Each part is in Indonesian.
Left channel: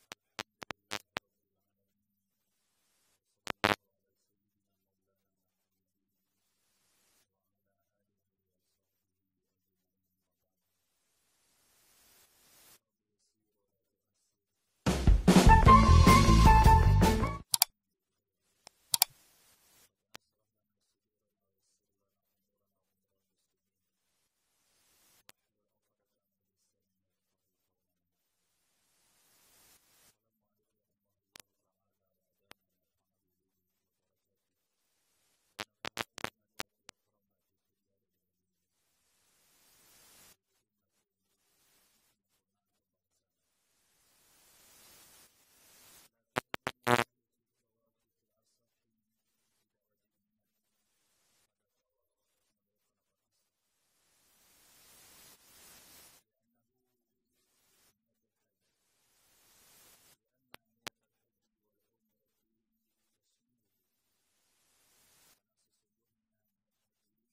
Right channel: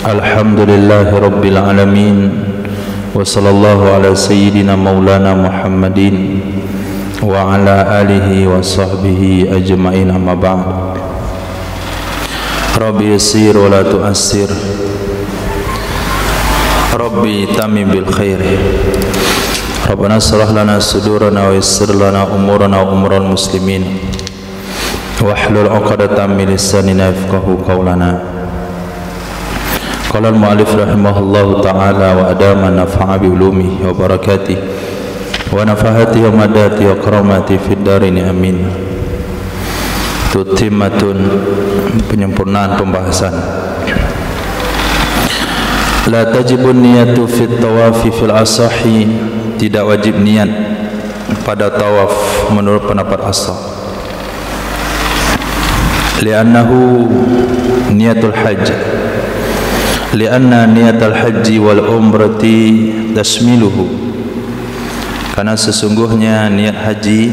Alhamdulillahi Rabbil Alamin. Wa sallallahu ala sayyidina maulana Muhammadin wa ala alihi wa sahbihi ajma'in, amma ba'd. Rabbi yassir wa la tu'assir, Rabbi tamim bil khair. Rabbana shrah lana sudurana wa yassir lana umurana wa umural muslimin, wahlul 'uqdatam min lisanina yafqahu qawlana. Qala al-mu'allif rahimahullahu ta'ala wa adama nafa'a bi ulumihi wa barakatihi wa nafahatihi wa madati wa karamati fid darin, amin. Tutimmatun, penyempurnaan pembahasan. La tajibun niyatu fit tawafi fil asahi, tidak wajib niat pada tawaf menurut pendapat ashah. Li'annahu niyatul hajj, li'anna niyatul haji wal umrati tashmiluhu, karena sesungguhnya niat haji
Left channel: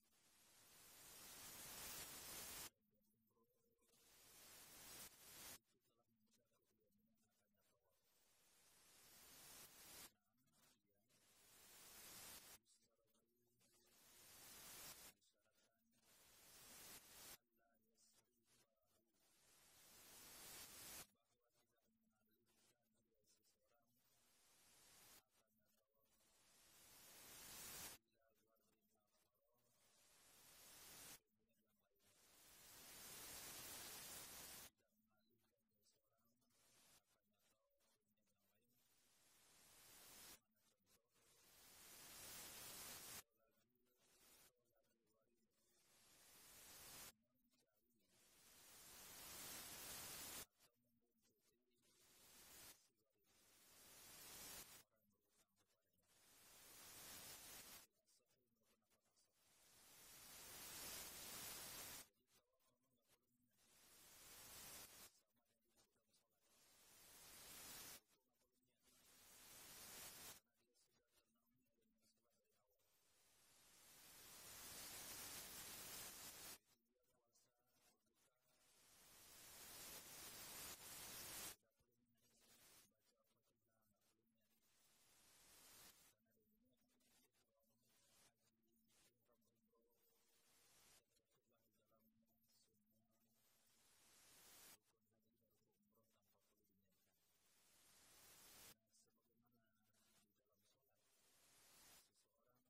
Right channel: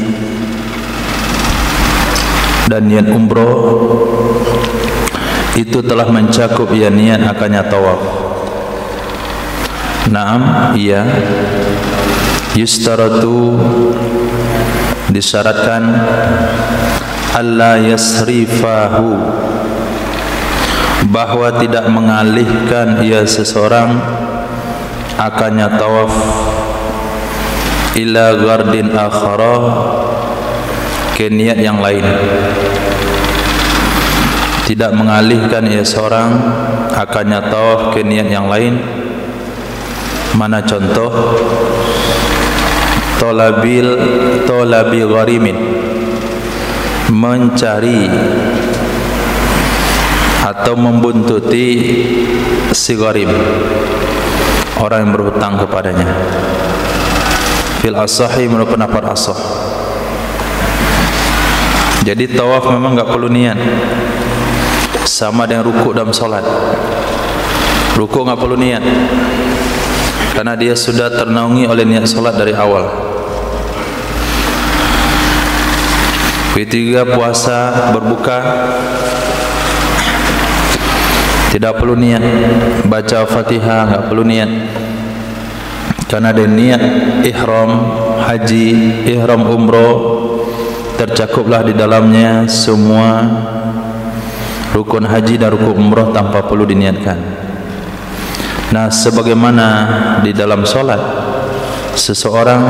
dan niat umroh itu telah mencakup ya niat akannya tawaf. Naam, iya, yustaratu, disyaratkan, alla yasrifahu, bahwa tidak mengalihkan ia seseorang akannya tawaf ila gardin akhara, ke niat yang lain. Tidak mengalihkan ia seorang akannya tawaf ke niat yang lain. Mana contoh? Tolabi gharimin, mencari atau membuntuti si gharim, orang yang berhutang kepadanya. Fil asahi, menurut pendapat ashah. Jadi tawaf memang enggak perlu niat, sama dengan rukuk dalam salat. Rukuk enggak perlu niat, karena dia sudah ternaungi oleh niat salat dari awal. Ketiga, puasa, berbuka, tidak perlu niat. Baca Fatihah enggak perlu niat, karena ada niat ihram haji, ihram umroh, tercakuplah di dalamnya semua rukun haji dan rukun umroh tanpa perlu diniatkan. Nah, sebagaimana di dalam solat, seseorang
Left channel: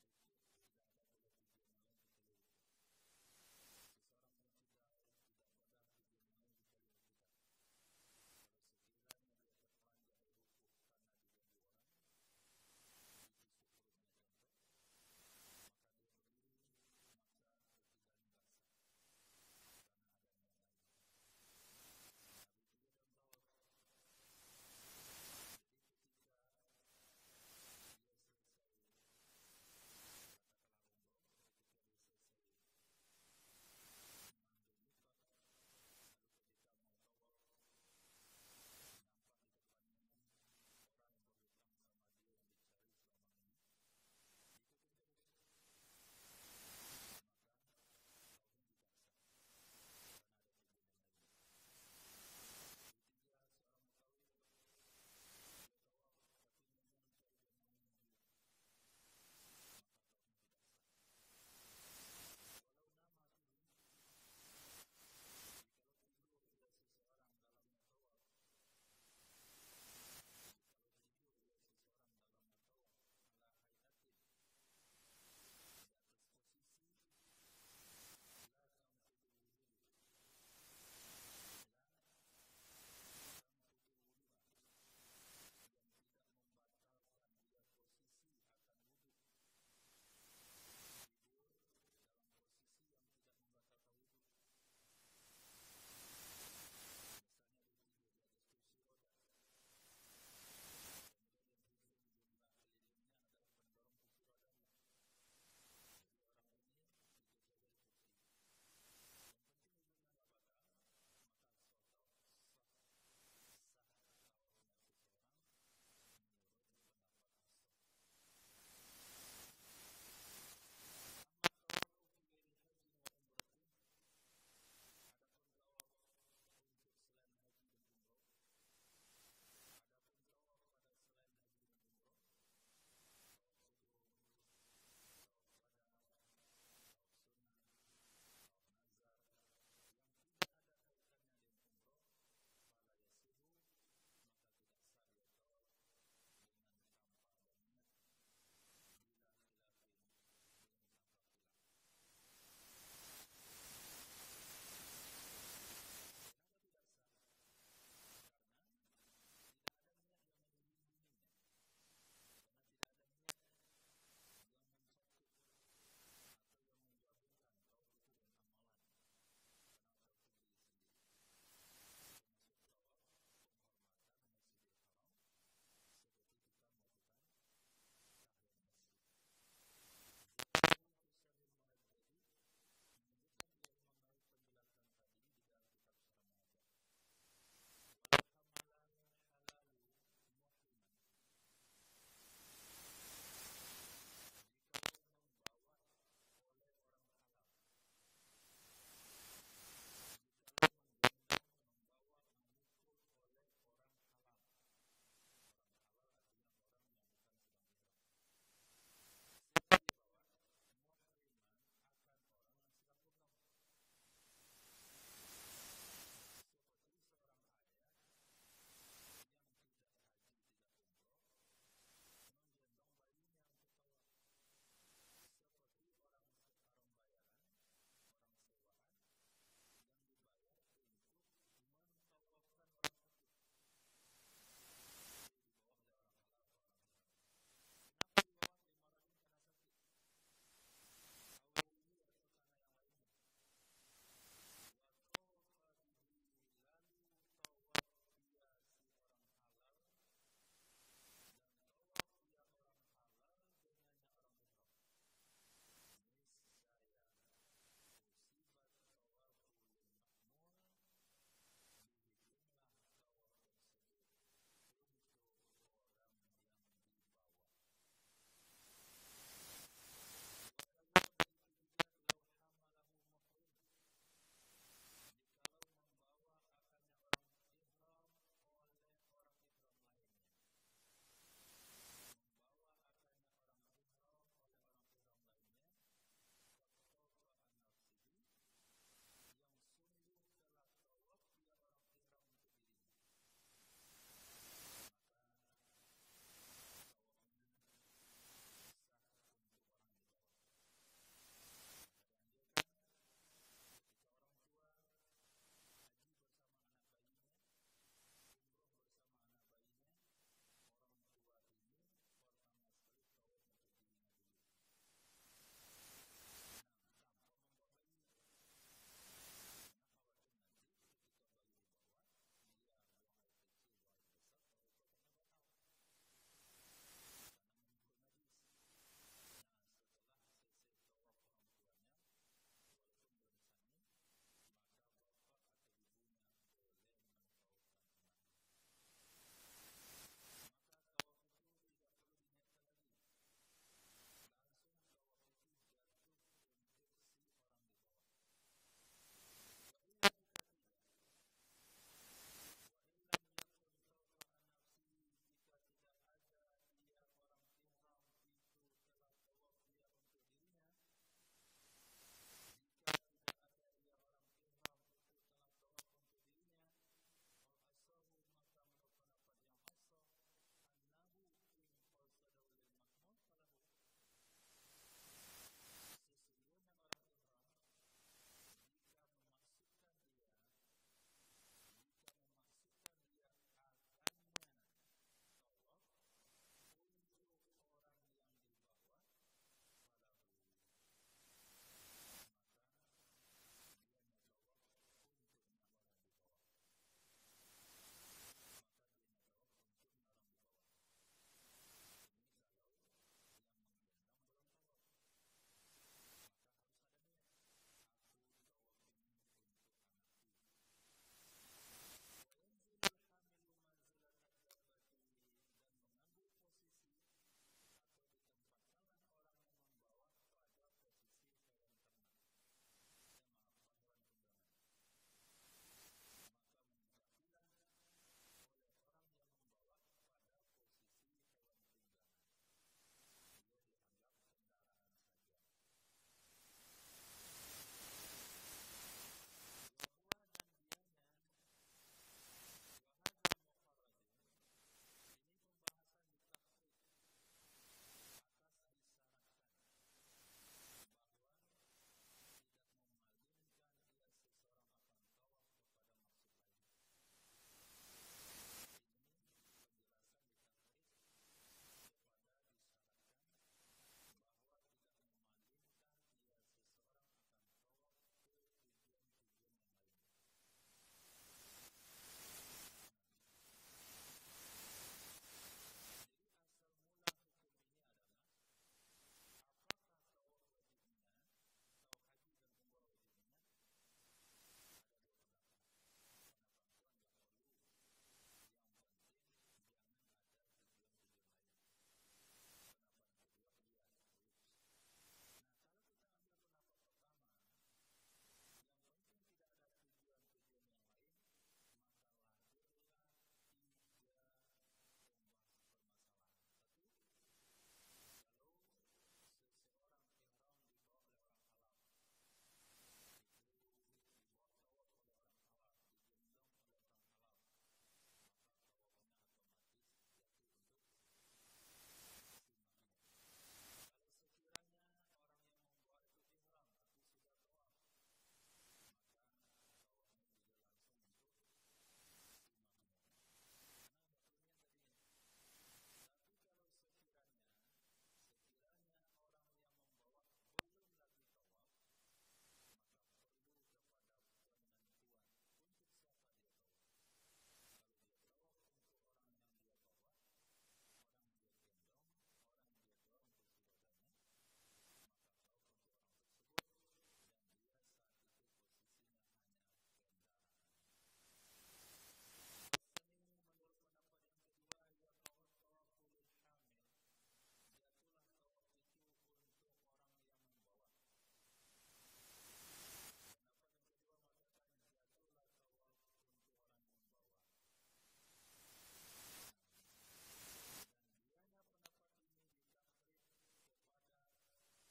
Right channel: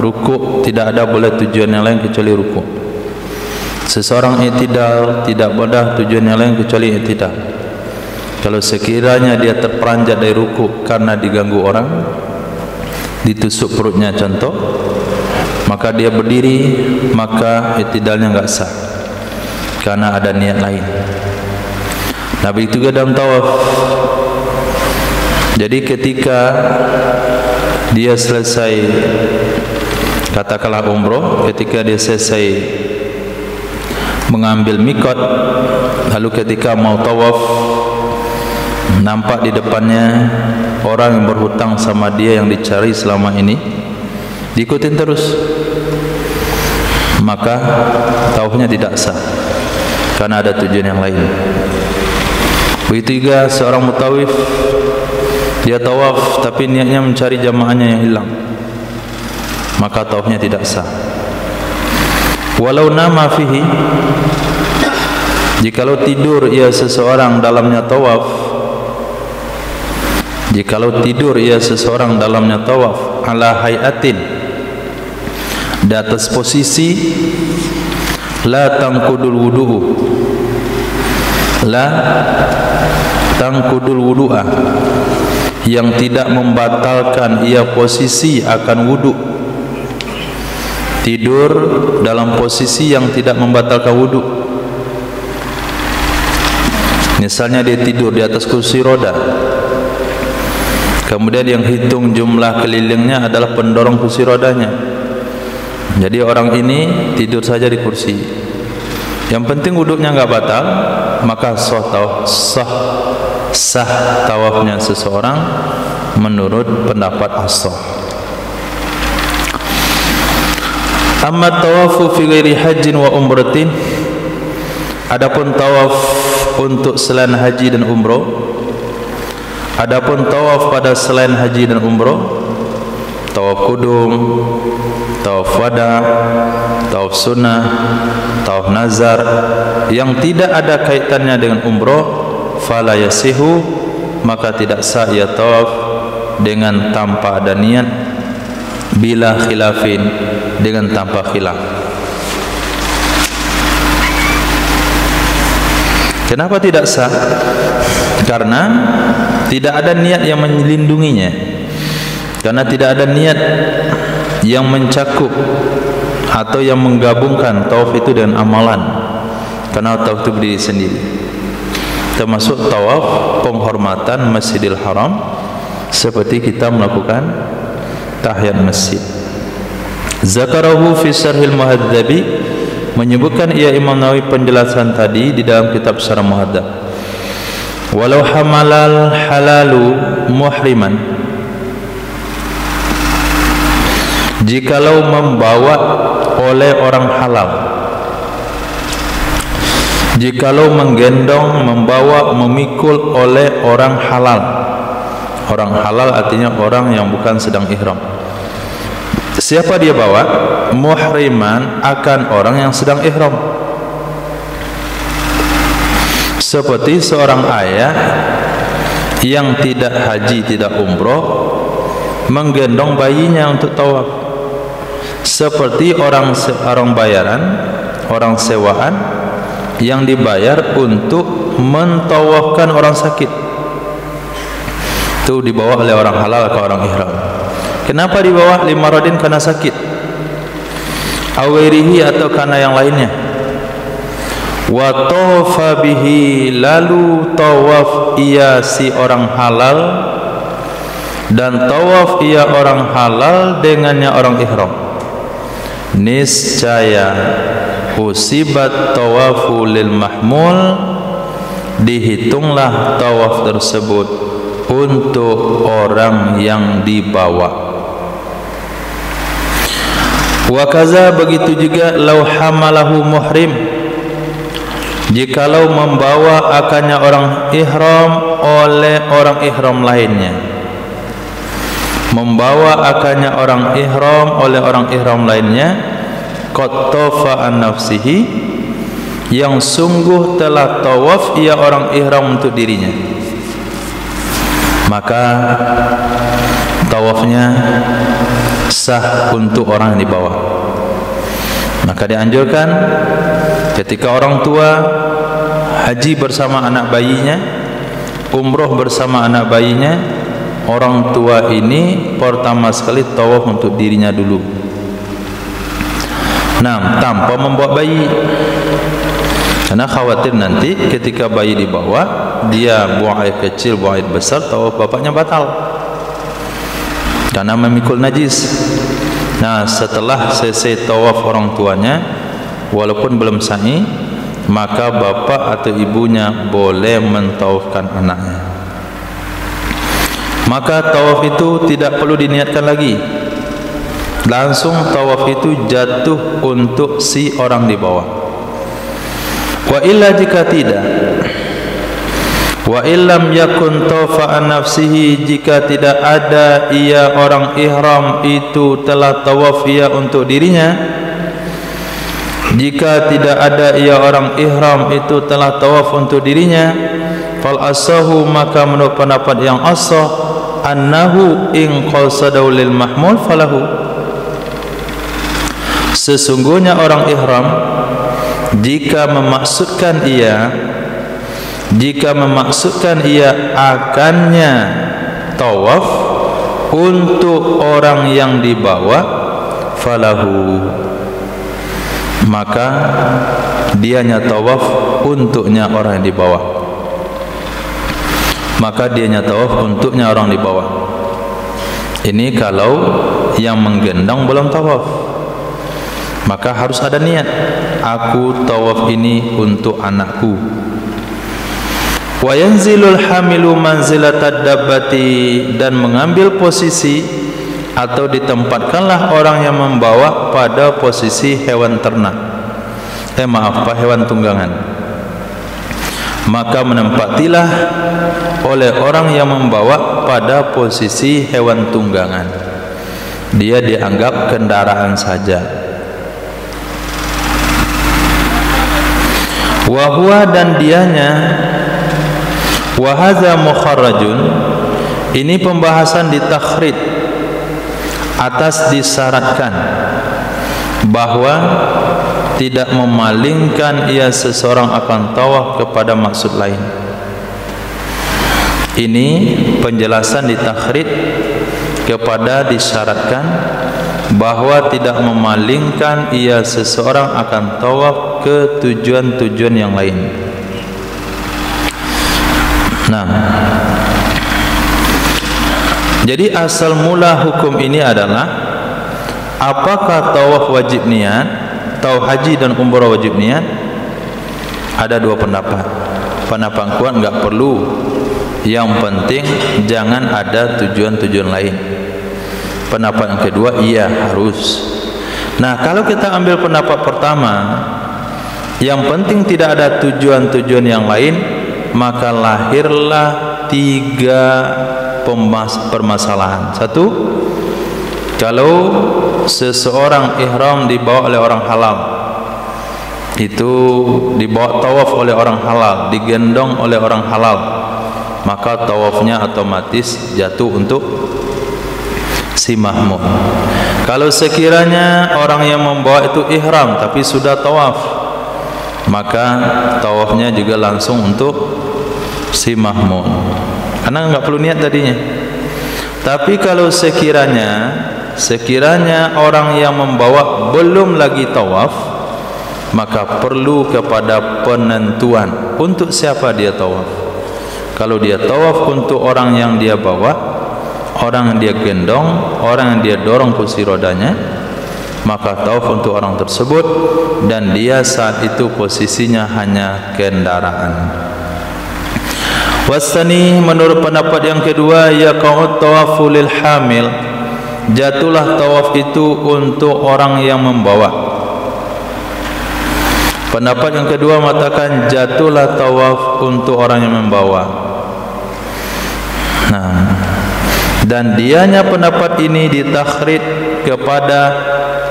rukuk tidak ada boleh tujuan yang lain kecuali rukuk. Seseorang i'tidal tidak boleh tujuan yang lain kecuali i'tidal. Kalau sekiranya dia terperanjat dari rukuk karena diganggu orang, ditusuk perutnya contoh, maka dia berdiri, maka i'tidalnya enggak sah, karena ada niat lain. Nabi itu juga dalam tawaf. Jadi ketika dia selesai, katakanlah umroh, ketika dia selesai mengambil mikot, lalu ketika mau tawaf, nampak di depannya orang yang berhutang sama dia yang dicari selama ini, diikutin terus, maka tawafnya tidak sah, karena ada tujuan yang lain. Begitu juga seorang mutawif, dia tawaf tapi niatnya mencari jamaahnya yang hilang, maka tawafnya tidak sah. Walau nama fihi, jikalau tidur ia seseorang dalamnya tawaf, jikalau tidur ia seseorang dalamnya tawaf, ala hayatin, di atas posisi, la tangkudul wudu'u, la tangkudul wudu'a, yang tidak membatalkan ia posisi akan wudu. Tidur dalam posisi yang tidak membatalkan wudu. Misalnya dia tidur di atas kursi roda, kemudian yang hitung jumlah kelilingnya adalah pendorong kursi rodanya. Jadi orang ini tidur saja di kursi, yang penting wudunya enggak batal, maka sah tawafnya seseorang menurut pendapat ashah. Amma tawafu fi ghairi hajjin wa umratin, adapun tawaf untuk selain haji dan umrah, Adapun tawaf pada selain haji dan umroh, tawaf kudum, tawaf wada, tawaf sunnah, tawaf nazar yang tidak ada kaitannya dengan umroh, fala yasihu, maka tidak sah ia tawaf dengan tanpa ada niat, bila khilafin, dengan tanpa khilaf. Kenapa tidak sah? Karena tidak ada niat yang melindunginya, karena tidak ada niat yang mencakup atau yang menggabungkan tawaf itu dengan amalan. Karena tawaf itu berdiri sendiri, termasuk tawaf penghormatan Masjidil Haram, seperti kita melakukan tahiyat masjid. Zakarahu fi Syarhil Muhadzabi, menyebutkan ia Imam Nawawi penjelasan tadi di dalam kitab Syarah Muhadzab. Walau hamalal halalu muhriman, jikalau membawa oleh orang halal, jikalau menggendong, membawa, memikul oleh orang halal. Orang halal artinya orang yang bukan sedang ihram. Siapa dia bawa? Muhriman, akan orang yang sedang ihram. Seperti seorang ayah yang tidak haji, tidak umroh, menggendong bayinya untuk tawaf. Seperti orang bayaran, orang sewaan yang dibayar untuk mentawafkan orang sakit, itu dibawa oleh orang halal ke orang ihram. Kenapa dibawa? Limaradin, karena sakit, awirihi, atau karena yang lainnya. Wa tawafa bihi, lalu tawaf ia si orang halal, dan tawaf ia orang halal dengannya orang ihram. Niscaya usibat tawafu lil mahmul, dihitunglah tawaf tersebut untuk orang yang dibawa. Wa kaza, begitu juga lau hamalahu muhrim, jikalau membawa akannya orang ihram oleh orang ihram lainnya, membawa akannya orang ihram oleh orang ihram lainnya, qad tafa an nafsihi, yang sungguh telah tawaf ia orang ihram untuk dirinya, maka tawafnya sah untuk orang yang dibawa. Maka dianjurkan ketika orang tua haji bersama anak bayinya, umroh bersama anak bayinya, orang tua ini pertama sekali tawaf untuk dirinya dulu. Nah, tanpa membawa bayi, karena khawatir nanti ketika bayi dibawa, dia buang air kecil, buang air besar, tawaf bapaknya batal karena memikul najis. Nah, setelah selesai tawaf orang tuanya, walaupun belum sa'i, maka bapak atau ibunya boleh mentawafkan anaknya. Maka tawaf itu tidak perlu diniatkan lagi, langsung tawaf itu jatuh untuk si orang di bawah. Wa illa, jika tidak, wa illam yakun tawafa an nafsihi, jika tidak ada ia orang ihram itu telah tawaf ia untuk dirinya, jika tidak ada ia orang ihram itu telah tawaf untuk dirinya, fal asahu, maka menurut pendapat yang asah, annahu in qasadahu lil mahmul falahu, sesungguhnya orang ihram jika memaksudkan ia akannya tawaf untuk orang yang dibawa, falahu, maka dianya tawaf untuknya orang yang dibawa, maka dianya tawaf untuknya orang dibawa. Ini kalau yang menggendong belum tawaf, maka harus ada niat, aku tawaf ini untuk anakku. Wa yanzilul hamilu manzilatad dabbati, dan mengambil posisi atau ditempatkanlah orang yang membawa pada posisi hewan ternak, hewan tunggangan. maka menempatilah oleh orang yang membawa pada posisi hewan tunggangan. Dia dianggap kendaraan saja. Wa huwa, dan dianya, wa hadza mukharrajun, ini pembahasan di takhrid atas disyaratkan bahwa tidak memalingkan ia seseorang akan tawaf kepada maksud lain. Ini penjelasan di takhrid kepada disyaratkan bahwa tidak memalingkan ia seseorang akan tawaf ke tujuan-tujuan yang lain. Nah, jadi asal mula hukum ini adalah apakah tawaf wajib niat, tawaf haji dan umrah wajib niat? Ada dua pendapat. Pendapat kuat enggak perlu. Yang penting jangan ada tujuan-tujuan lain. Pendapat yang kedua, iya harus. Nah, kalau kita ambil pendapat pertama, yang penting tidak ada tujuan-tujuan yang lain, maka lahirlah tiga permasalahan. Satu, kalau seseorang ihram dibawa oleh orang halal, itu dibawa tawaf oleh orang halal, digendong oleh orang halal, maka tawafnya otomatis jatuh untuk si mahmum. Kalau sekiranya orang yang membawa itu ihram tapi sudah tawaf, maka tawafnya juga langsung untuk si mahmum, karena enggak perlu niat tadinya. Tapi kalau sekiranya orang yang membawa belum lagi tawaf, maka perlu kepada penentuan untuk siapa dia tawaf. Kalau dia tawaf untuk orang yang dia bawa, orang yang dia gendong, orang yang dia dorong kursi rodanya, maka tawaf untuk orang tersebut, dan dia saat itu posisinya hanya kendaraan. Wasani, menurut pendapat yang kedua, yaqa'ut tawafu lil hamil, jatuhlah tawaf itu untuk orang yang membawa. Pendapat yang kedua mengatakan jatuhlah tawaf untuk orang yang membawa. Nah, dan dianya pendapat ini ditakhrid kepada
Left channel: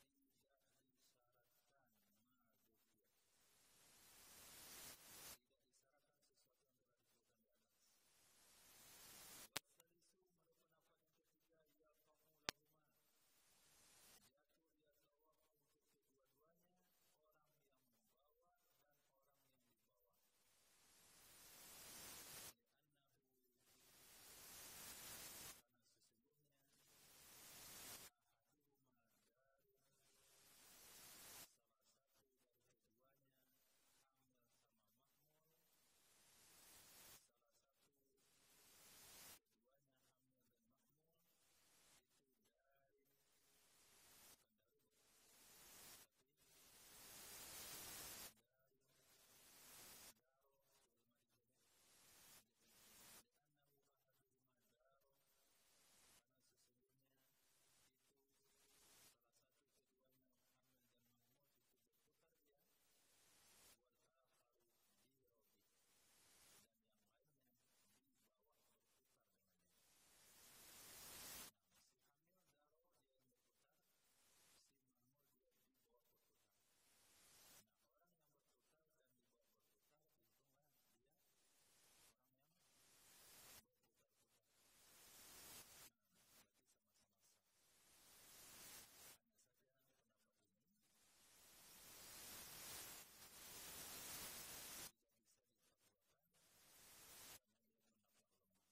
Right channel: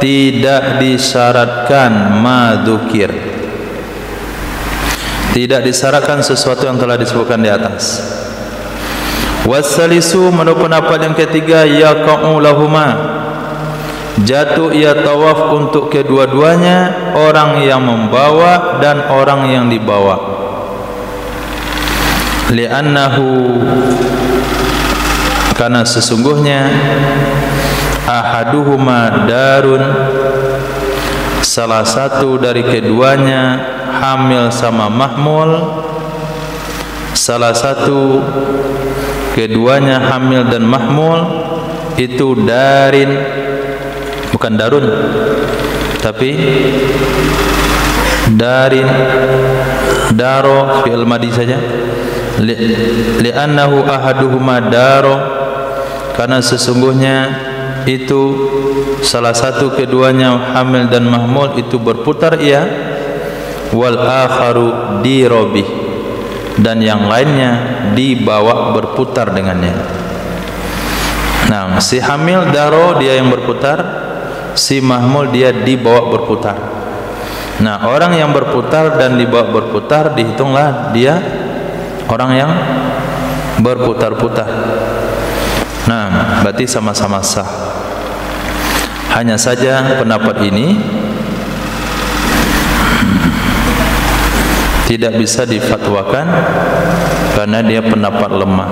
tidak disyaratkan madzukir, tidak disyaratkan sesuatu yang telah disebutkan di atas. Wasalisu, menurut pendapat yang ketiga, yaqa'u lahuma, jatuh ia tawaf untuk kedua-duanya, orang yang membawa dan orang yang dibawa. Li'annahu, karena sesungguhnya ahaduhuma darun, salah satu dari keduanya hamil sama mahmul, salah satu keduanya hamil dan mahmul itu darin, bukan darun, tapi darin, daro, fi'il madi saja. Li'annahu ahaduhuma daro, karena sesungguhnya itu salah satu keduanya hamil dan mahmul itu berputar ia, wal akharu dirobih, dan yang lainnya dibawa berputar dengannya. Nah, si hamil daro dia yang berputar, si mahmul dia dibawa berputar. Nah, orang yang berputar dan dibawa berputar dihitunglah dia orang yang berputar-putar. Nah, berarti sama-sama sah. Hanya saja pendapat ini tidak bisa difatwakan karena dia pendapat lemah.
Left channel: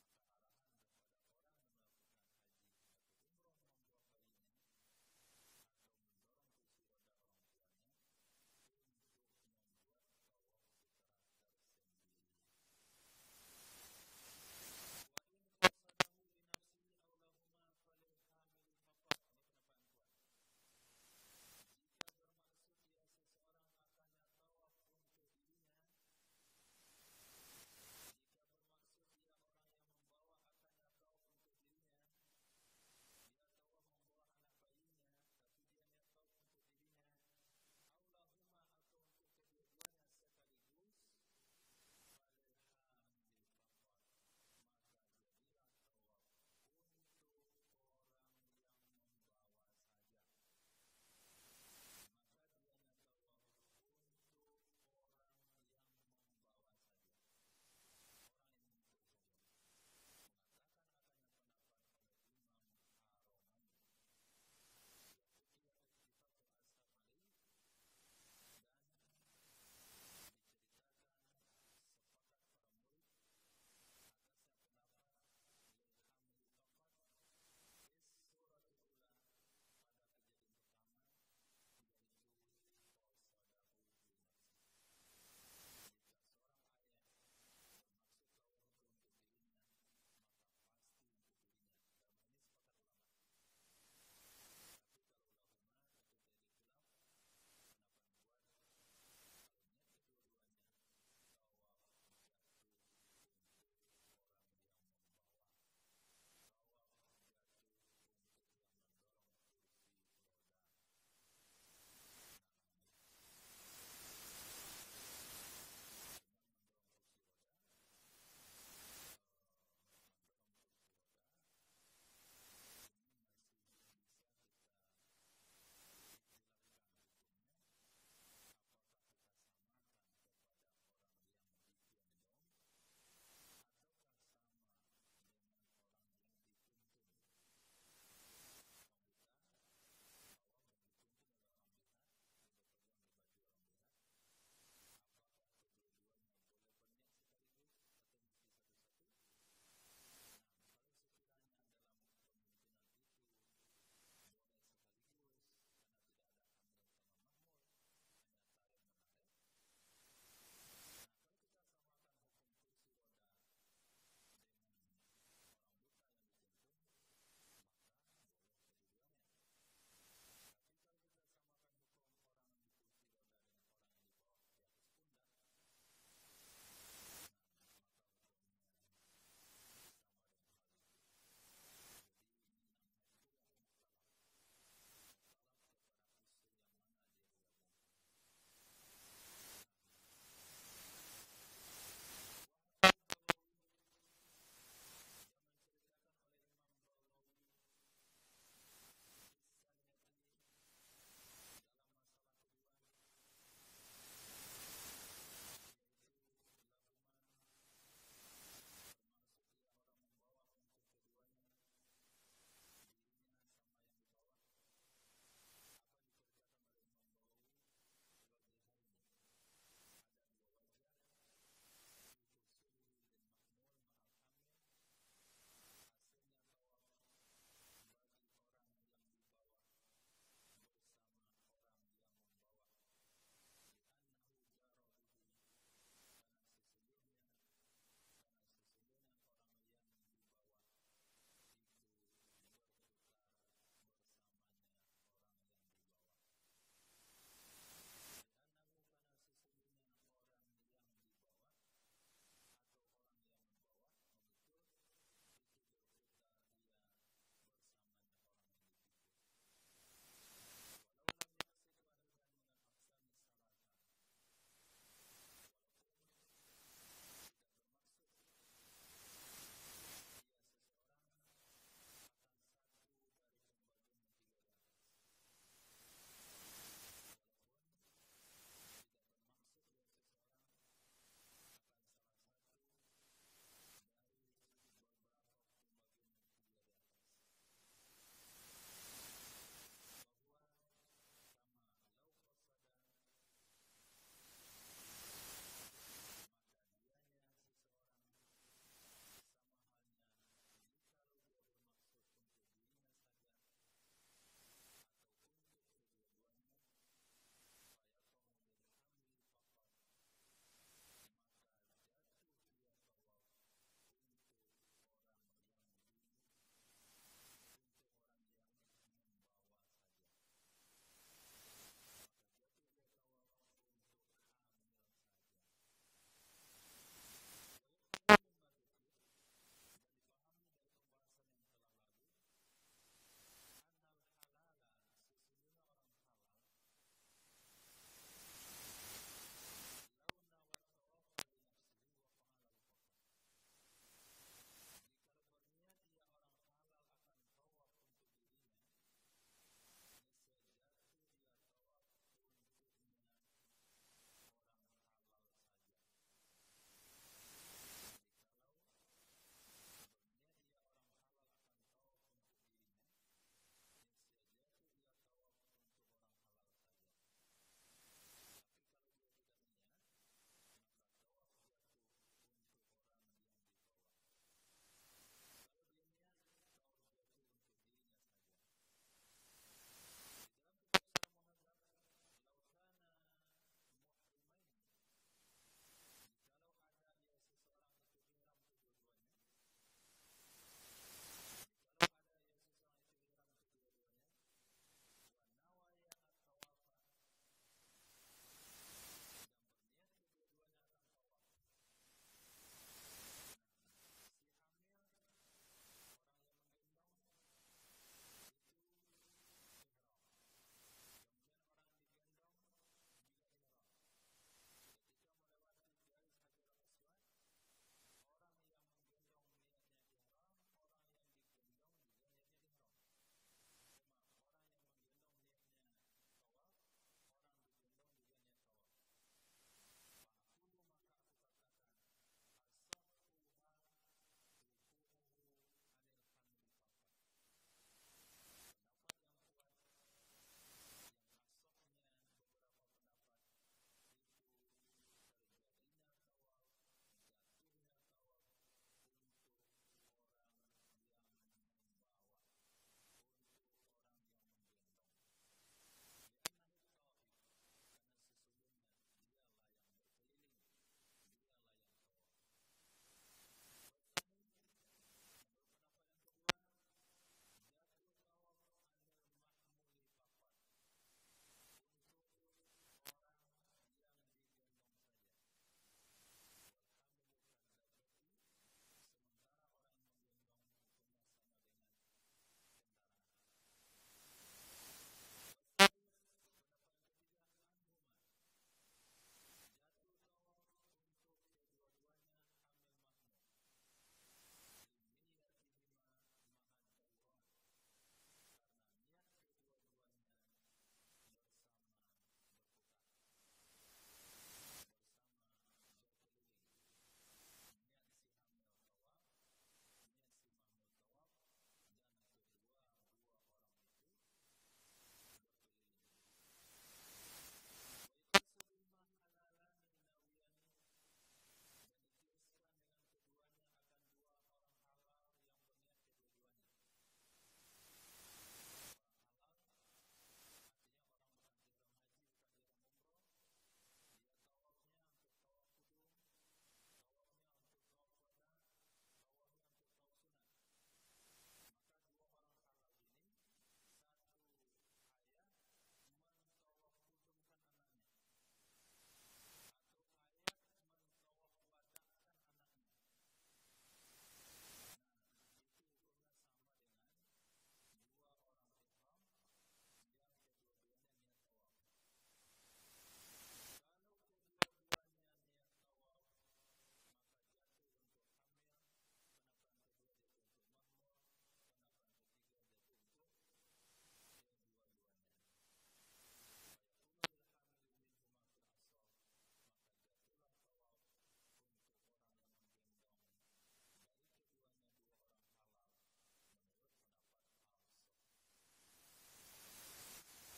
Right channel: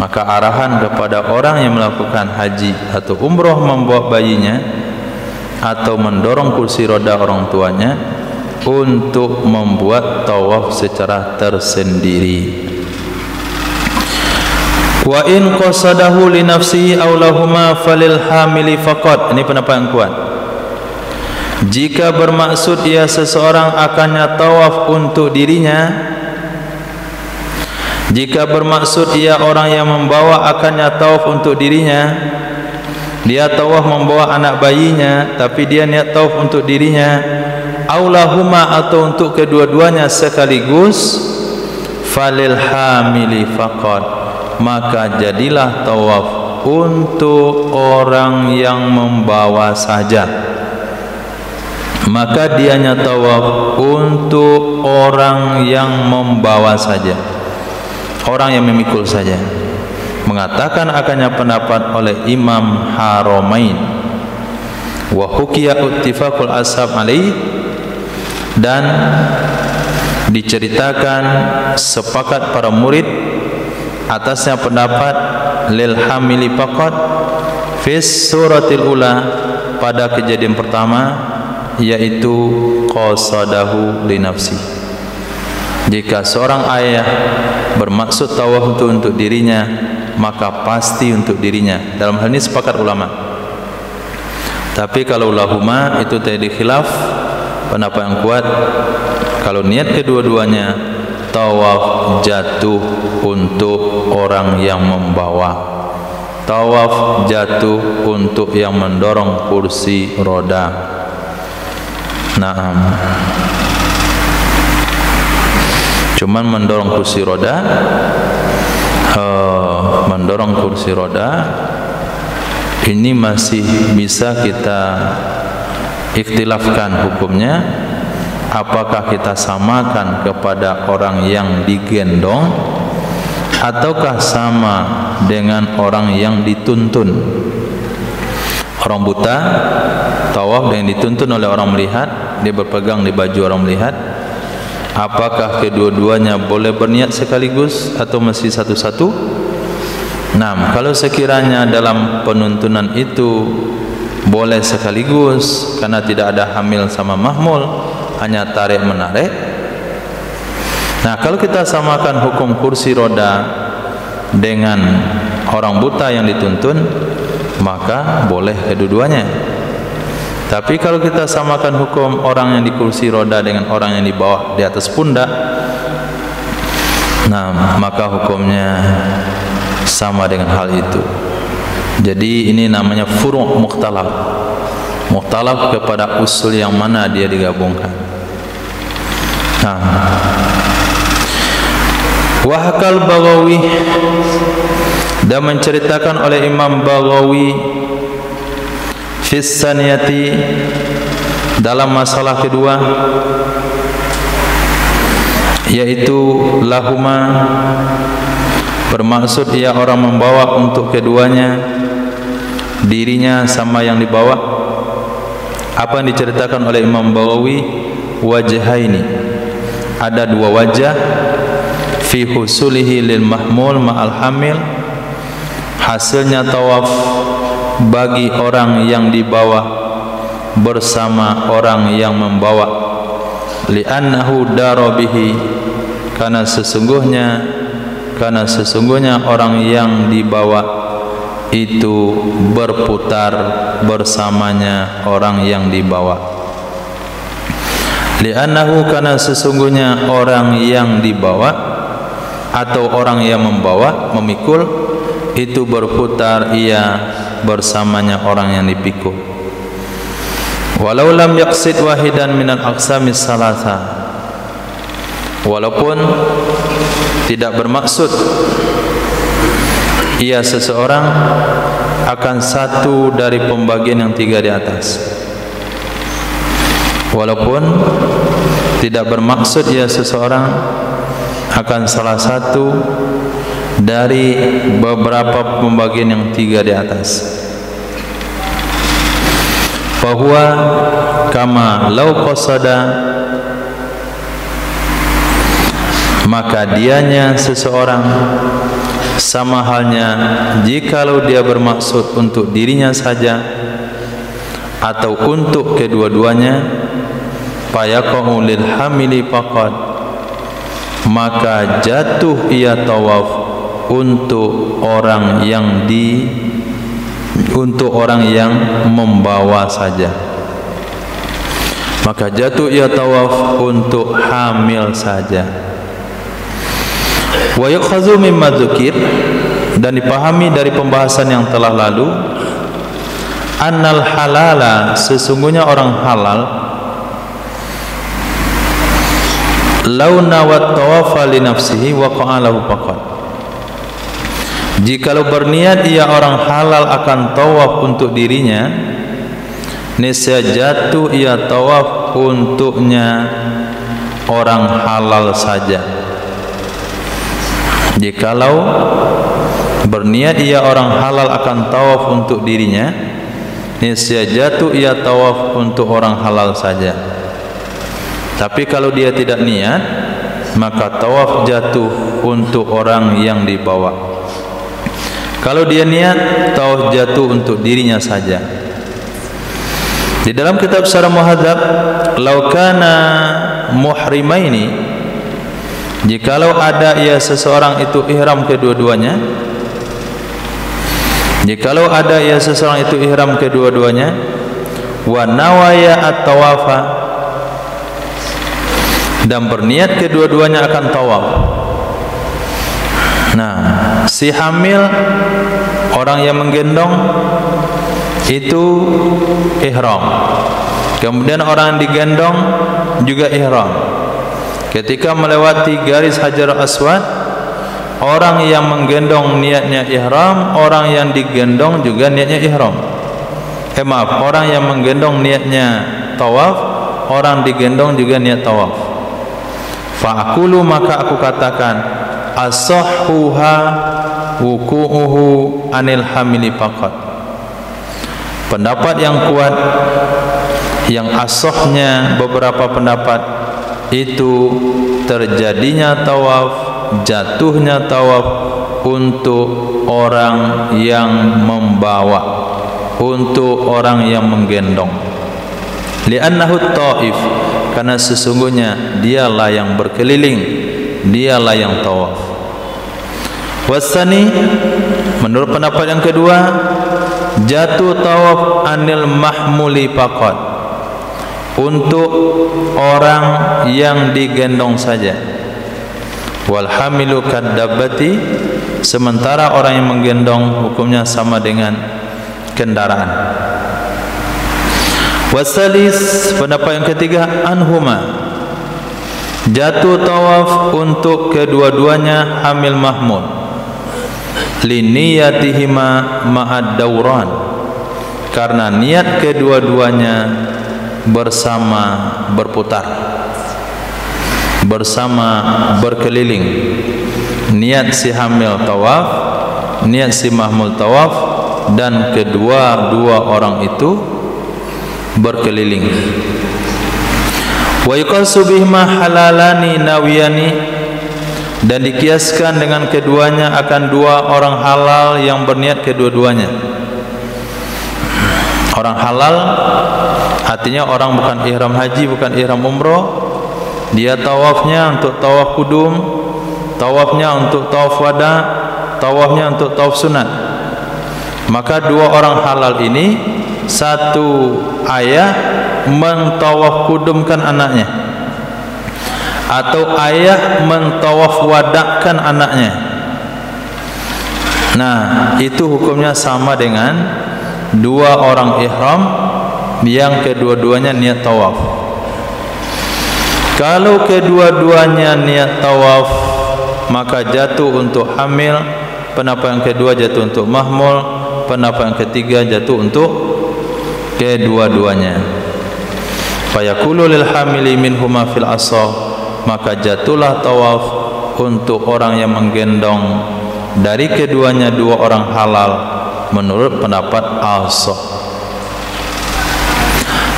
Maka arahan kepada orang yang melakukan haji atau umroh membawa bayinya atau mendorong kursi roda orang tuanya untuk membuat tawaf secara tersendiri. Wa in qasadahu li nafsihi aw lahuma falil hamili faqat. Ini pendapat yang kuat. Jika bermaksud ia seseorang akannya tawaf untuk dirinya, jika bermaksud ia orang yang membawa akannya tawaf untuk dirinya, dia tawaf membawa anak bayinya tapi dia niat tawaf untuk dirinya, aulahuma atau untuk kedua-duanya sekaligus, falil hamili faqat, maka jadilah tawaf untuk orang yang membawa saja. Maka dianya tawaf untuk orang yang membawa saja, orang yang memikul saja. Mengatakan akannya pendapat oleh Imam Haramain, wa hukiya ittifaqul ashab alaih, dan diceritakan sepakat para murid atasnya pendapat lil hamili faqat fis suratil ula, pada kejadian pertama, yaitu qasadahu li nafsi. Jika seorang ayah bermaksud tawaf untuk dirinya, maka pasti untuk dirinya. Dalam hal ini sepakat ulama. Tapi kalau lahuma itu tadi khilaf, pendapat yang kuat kalau niat kedua-duanya tawaf jatuh untuk orang yang membawa, tawaf jatuh untuk yang mendorong kursi roda. Naam. Cuman mendorong kursi roda, ini masih bisa kita ikhtilafkan hukumnya. Apakah kita samakan kepada orang yang digendong ataukah sama dengan orang yang dituntun? Orang buta tawaf yang dituntun oleh orang melihat, dia berpegang di baju orang melihat. Apakah kedua-duanya boleh berniat sekaligus atau mesti satu-satu? Nah, kalau sekiranya dalam penuntunan itu boleh sekaligus karena tidak ada hamil sama mahmul, hanya tarik menarik. Nah, kalau kita samakan hukum kursi roda dengan orang buta yang dituntun, maka boleh kedua-duanya. Tapi kalau kita samakan hukum orang yang di kursi roda dengan orang yang dibawa di atas pundak, nah maka hukumnya sama dengan hal itu. Jadi ini namanya furu' mukhtalaf. Mukhtalaf kepada usul yang mana dia digabungkan. Nah, Wahakal Baghawi, dan menceritakan oleh Imam Baghawi fis saniyati, dalam masalah kedua, yaitu lahuma, bermaksud ia orang membawa untuk keduanya, dirinya sama yang dibawa. Apa yang diceritakan oleh Imam Baghawi, wajhaini, ada dua wajah, fi husulihi lil mahmul ma'al hamil, hasilnya tawaf bagi orang yang dibawa bersama orang yang membawa, li'annahu darabihi, karena sesungguhnya orang yang dibawa itu berputar bersamanya orang yang dibawa. Li'annahu, karena sesungguhnya orang yang dibawa atau orang yang membawa, memikul, itu berputar ia bersamanya orang yang dipikul. Walau lam yaqsid wahidan minal aqsamis salasa, walaupun tidak bermaksud ia seseorang akan satu dari pembagian yang tiga di atas. Walaupun tidak bermaksud ia seseorang akan salah satu dari beberapa pembagian yang tiga di atas. Fahuwa kama lau qasada, maka dianya seseorang sama halnya jikalau dia bermaksud untuk dirinya saja atau untuk kedua-duanya, fayaqa'u lil hamili faqad, maka jatuh ia tawaf untuk orang yang membawa saja. Maka jatuh ia tawaf untuk hamil saja. Wa yukhadhu mimma dzukir, dan dipahami dari pembahasan yang telah lalu, annal halala, sesungguhnya orang halal, Lau nawat tawafa li nafsihi waqa'a lahu faqat. Jikalau berniat ia orang halal akan tawaf untuk dirinya, niscaya jatuh ia tawaf untuknya orang halal saja. Jikalau berniat ia orang halal akan tawaf untuk dirinya, niscaya jatuh ia tawaf untuk orang halal saja. Tapi kalau dia tidak niat, maka tawaf jatuh untuk orang yang dibawa. Kalau dia niat, tawaf jatuh untuk dirinya saja. Di dalam kitab Syarah Muhadzab, "Lau kana muhrimaini", jikalau ada ia seseorang itu ihram kedua-duanya, jikalau ada ia seseorang itu ihram kedua-duanya, wa nawaya at-tawafa, dan berniat kedua-duanya akan tawaf. Nah, si hamil, orang yang menggendong itu ihram. Kemudian orang yang digendong juga ihram. Ketika melewati garis Hajar Aswad, orang yang menggendong niatnya ihram, orang yang digendong juga niatnya ihram. Orang yang menggendong niatnya tawaf, orang digendong juga niat tawaf. Fa'akulu, maka aku katakan, asahhuha wuku'uhu anil hamili faqat. Pendapat yang kuat, yang asahnya beberapa pendapat, itu terjadinya tawaf, jatuhnya tawaf untuk orang yang membawa, untuk orang yang menggendong. Li'annahu ta'if, karena sesungguhnya dialah yang berkeliling, dialah yang tawaf. Wasani, menurut pendapat yang kedua, jatuh tawaf anil mahmuli faqat, untuk orang yang digendong saja. Wal hamilu kadabbati, sementara orang yang menggendong hukumnya sama dengan kendaraan. Wasalis, pendapat yang ketiga, anhuma, jatuh tawaf untuk kedua-duanya hamil mahmul, liniyatihima ma'ad dawran, karena niat kedua-duanya bersama berputar, bersama berkeliling. Niat si hamil tawaf, niat si mahmul tawaf, dan kedua-dua orang itu berkeliling. Wa yuqasu bihima halalani nawiyani, dan dikiaskan dengan keduanya akan dua orang halal yang berniat kedua-duanya. Orang halal artinya orang bukan ihram haji, bukan ihram umroh, dia tawafnya untuk tawaf kudum, tawafnya untuk tawaf wada, tawafnya untuk tawaf sunat. Maka dua orang halal ini, satu ayah mentawaf kudumkan anaknya, atau ayah mentawaf wadakkan anaknya. Nah, itu hukumnya sama dengan dua orang ihram yang kedua-duanya niat tawaf. Kalau kedua-duanya niat tawaf, maka jatuh untuk hamil. Pendapat yang kedua jatuh untuk mahmul. Pendapat yang ketiga jatuh untuk kedua-duanya. Fayaqulu lil hamili minhuma fil asah, maka jatuhlah tawaf untuk orang yang menggendong dari keduanya dua orang halal menurut pendapat asah.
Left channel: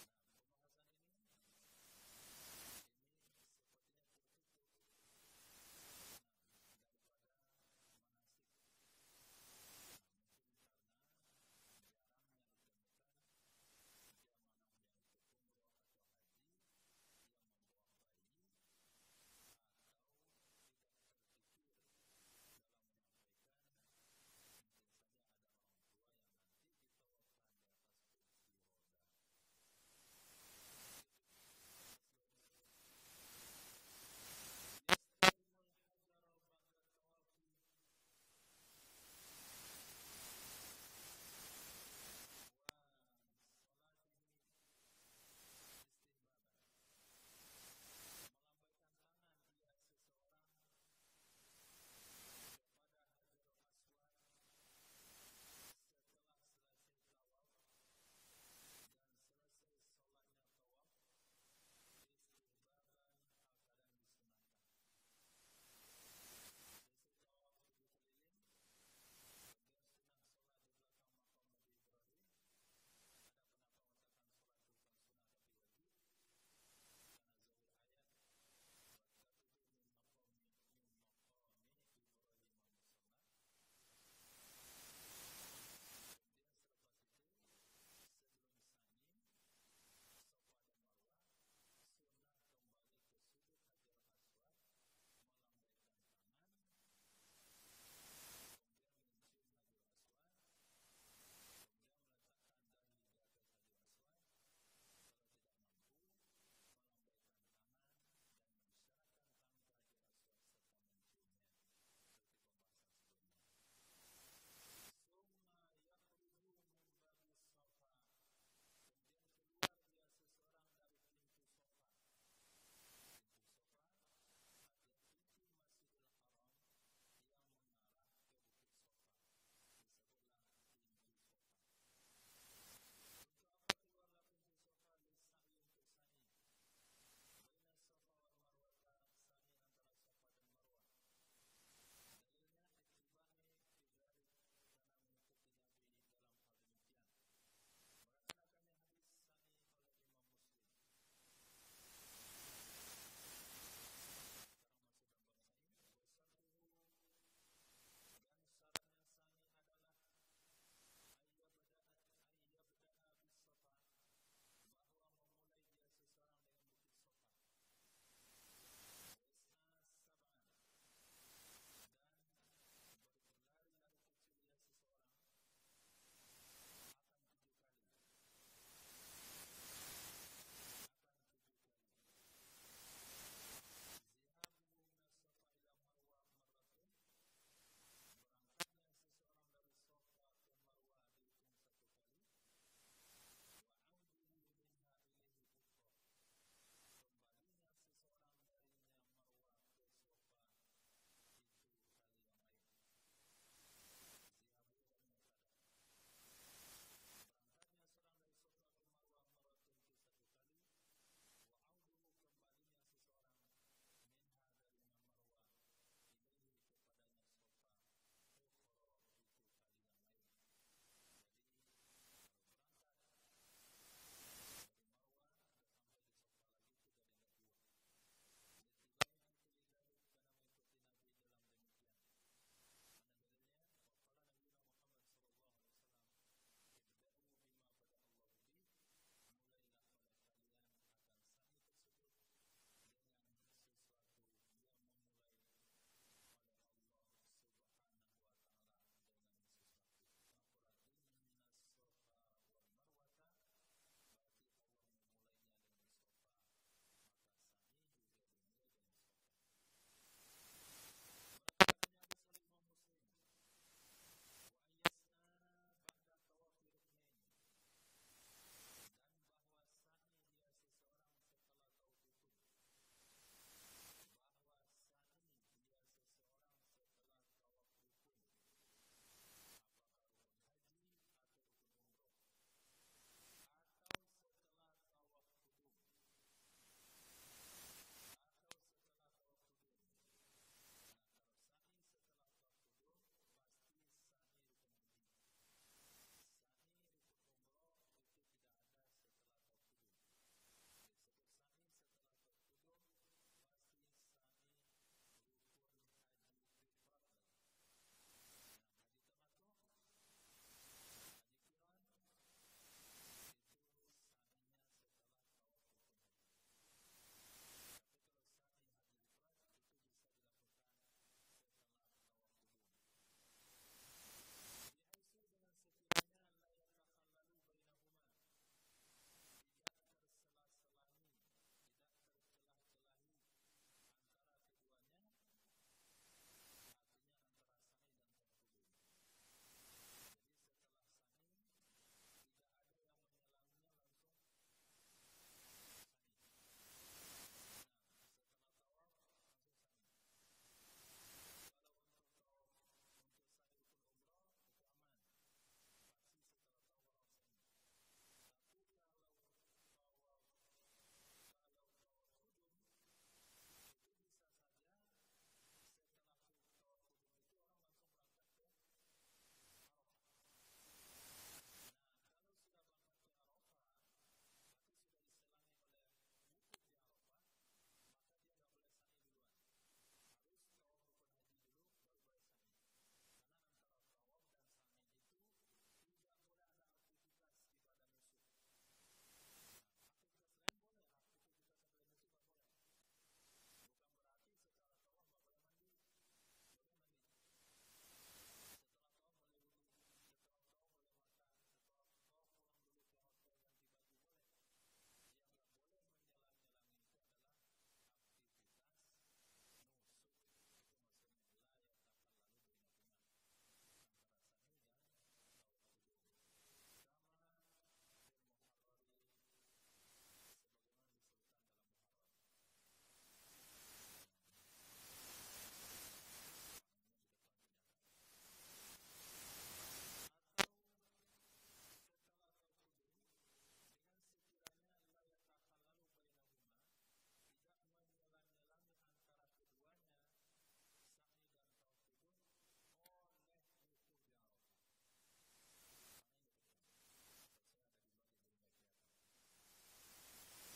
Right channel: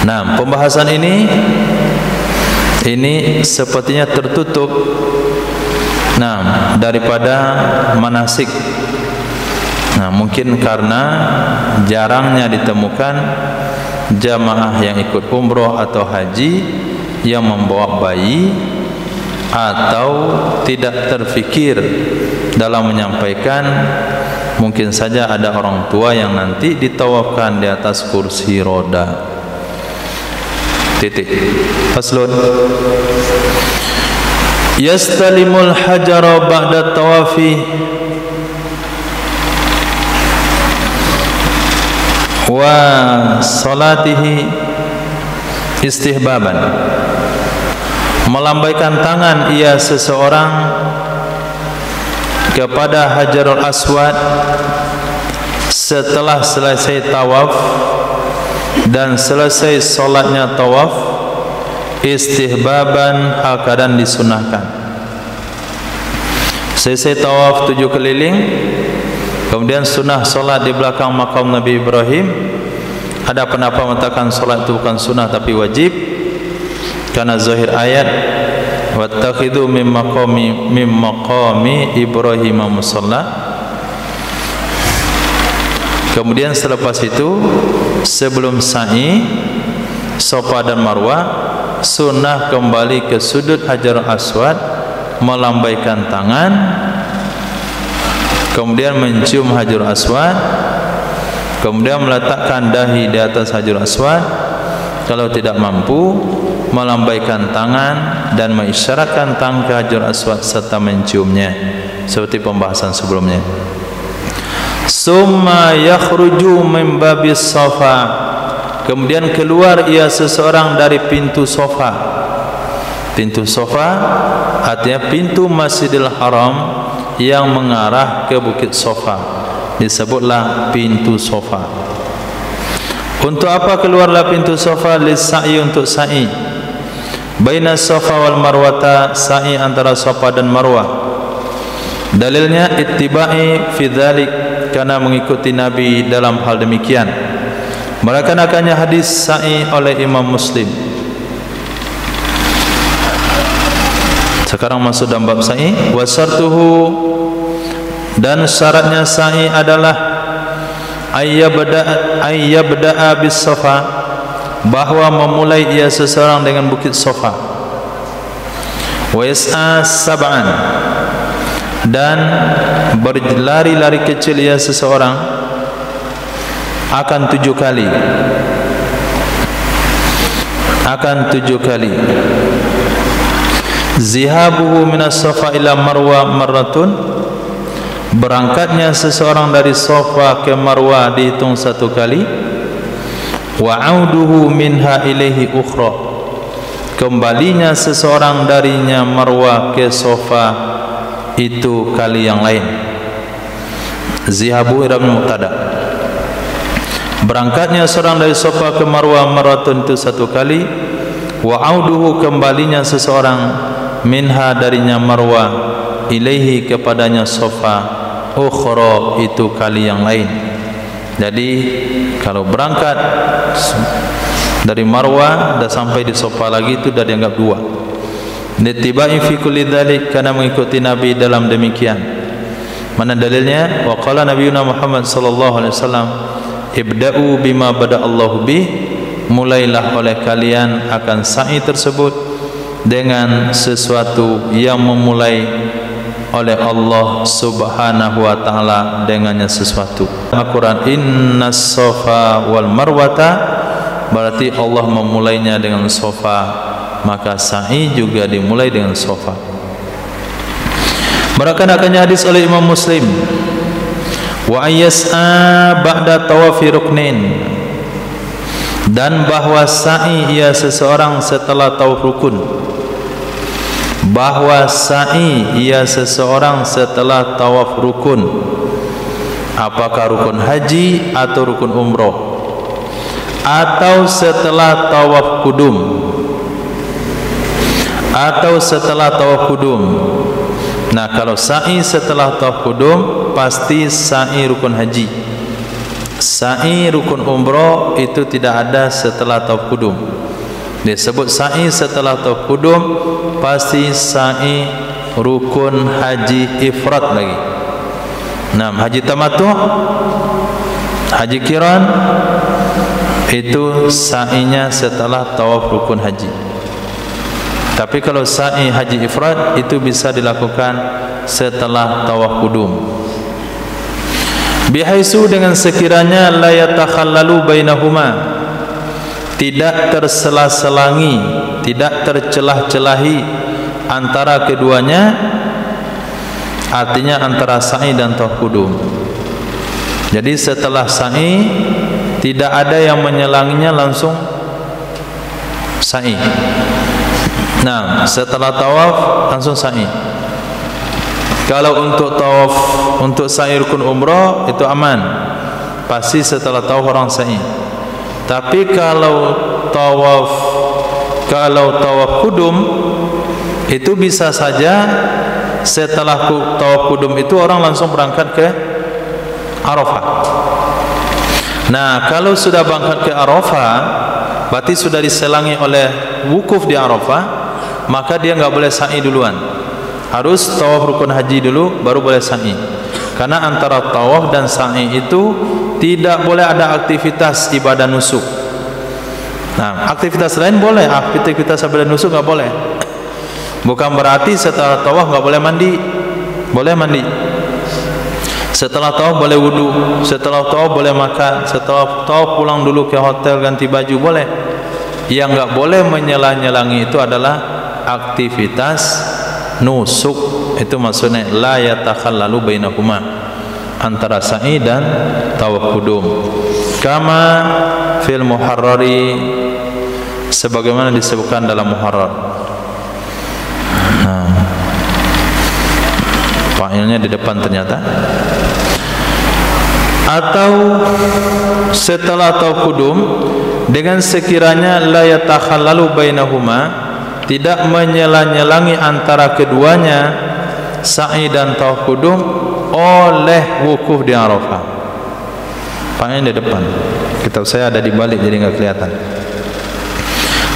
Nah, pembahasan ini sepertinya tertutup. Nah, daripada manasik. Nah, mungkin karena jarangnya ditemukan jamaah yang ikut umroh atau haji yang membawa bayi, atau tidak terfikir dalam menyampaikan. Mungkin saja ada orang tua yang nanti ditawafkan di atas kursi roda. Titik. Faslun. Yastalimul hajara ba'da tawafi wa salatihi istihbaban, melambaikan tangan ia seseorang kepada Hajarul Aswad setelah selesai tawaf dan selesai solatnya tawaf, istihbaban hal keadaan disunahkan. Selesai tawaf 7 keliling, kemudian sunnah solat di belakang makam Nabi Ibrahim. Ada pendapat mengatakan solat itu bukan sunnah tapi wajib, karena zahir ayat wattakhidhu min maqami Ibrahim musalla. Kemudian selepas itu, sebelum sa'i Safa dan Marwah, sunnah kembali ke sudut Hajarul Aswad, melambaikan tangan, kemudian mencium Hajarul Aswad, kemudian meletakkan dahi di atas Hajarul Aswad. Kalau tidak mampu, melambaikan tangan dan mengisyaratkan tangan ke Hajarul Aswad serta menciumnya, seperti pembahasan sebelumnya. Summa yakhruju min babis Safa, kemudian keluar ia seseorang dari pintu Safa. Pintu Safa artinya pintu Masjidil Haram yang mengarah ke Bukit Safa, disebutlah pintu Safa. Untuk apa keluarlah pintu Safa? Lis-sa'i, untuk sa'i. Baina Safa wal Marwata, sa'i antara Safa dan Marwah. Dalilnya ittiba'i fi dzalik, karena mengikuti Nabi dalam hal demikian. Merakan-akannya hadis sa'i oleh Imam Muslim. Sekarang masuk dalam bab sa'i. Wa syartuhu, dan syaratnya sa'i adalah ayyabda'a bis Safa, bahwa memulai ia seseorang dengan Bukit Safa. Wa yas'a sab'an, dan berlari-lari kecil ia seseorang akan 7 kali. Akan 7 kali. Zihabuhu minas Safa ila Marwa marratun, berangkatnya seseorang dari Safa ke Marwa dihitung 1 kali. Wa auduhu minha ilaihi ukhra, kembalinya seseorang darinya Marwa ke Safa itu kali yang lain. Zihabu ila mubtada, berangkatnya seorang dari Safa ke Marwa marratun itu 1 kali. Wa auduhu, kembalinya seseorang minha darinya Marwa ilaihi kepadanya Safa ukhra itu kali yang lain. Jadi kalau berangkat dari Marwah dan sampai di Safa lagi itu dah dianggap 2. Nittiba'i fi kulli dzalik, karena mengikuti Nabi dalam demikian. Mana dalilnya? Wa qala nabiyuna Muhammad sallallahu alaihi wasallam, ibda'u bima bada'allahu bih, mulailah oleh kalian akan sa'i tersebut dengan sesuatu yang memulai oleh Allah subhanahu wa ta'ala dengannya sesuatu. Al-Quran, innas Safa wal Marwata, berarti Allah memulainya dengan Safa, maka sa'i juga dimulai dengan Safa. Merakan-akannya hadis oleh Imam Muslim. Wa ayyas'a ba'da tawafi ruknin, dan bahwa sa'i ia seseorang setelah tawaf rukun. Bahwa sa'i ia seseorang setelah tawaf rukun, apakah rukun haji atau rukun umroh, atau setelah tawaf kudum, atau setelah tawaf kudum. Nah, kalau sa'i setelah tawaf kudum pasti sa'i rukun haji. Sa'i rukun umroh itu tidak ada setelah tawaf kudum. Disebut sa'i setelah tawaf kudum pasti sa'i rukun haji ifrat lagi. Nah, haji tamattu, haji qiran itu sa'inya setelah tawaf rukun haji. Tapi kalau sa'i haji ifrat itu bisa dilakukan setelah tawaf kudum. Bihaisu, dengan sekiranya la yatakhallalu bainahuma, tidak tersela-selangi, tidak tercelah-celahi antara keduanya, artinya antara sa'i dan tawaf kudum. Jadi setelah sa'i tidak ada yang menyelanginya, langsung sa'i. Nah, setelah tawaf langsung sa'i. Kalau untuk tawaf, untuk sa'i rukun umrah itu aman, pasti setelah tawaf orang sa'i. Tapi kalau tawaf kudum itu bisa saja setelah tawaf kudum itu orang langsung berangkat ke Arafah. Nah, kalau sudah berangkat ke Arafah, berarti sudah diselangi oleh wukuf di Arafah, maka dia enggak boleh sa'i duluan. Harus tawaf rukun haji dulu baru boleh sa'i. Karena antara tawaf dan sa'i itu tidak boleh ada aktivitas ibadah nusuk. Nah, aktivitas lain boleh, aktivitas ibadah nusuk enggak boleh. Bukan berarti setelah tawaf enggak boleh mandi. Boleh mandi. Setelah tawaf boleh wudu, setelah tawaf boleh makan, setelah tawaf pulang dulu ke hotel ganti baju boleh. Yang enggak boleh menyelang-nyelangi itu adalah aktivitas nusuk. Itu maksudnya la yatakhallalu bainahuma, antara sa'i dan tawaf kudum. Kama fil muharrari, sebagaimana disebutkan dalam muharrar. Nah, failnya di depan ternyata. Atau setelah tawaf kudum dengan sekiranya la yatakhallalu bainahuma, tidak menyela-nyelangi antara keduanya, sa'i dan tawaf kudum, oleh wukuf di Arafah. Failnya di depan. Kitab saya ada di balik jadi enggak kelihatan.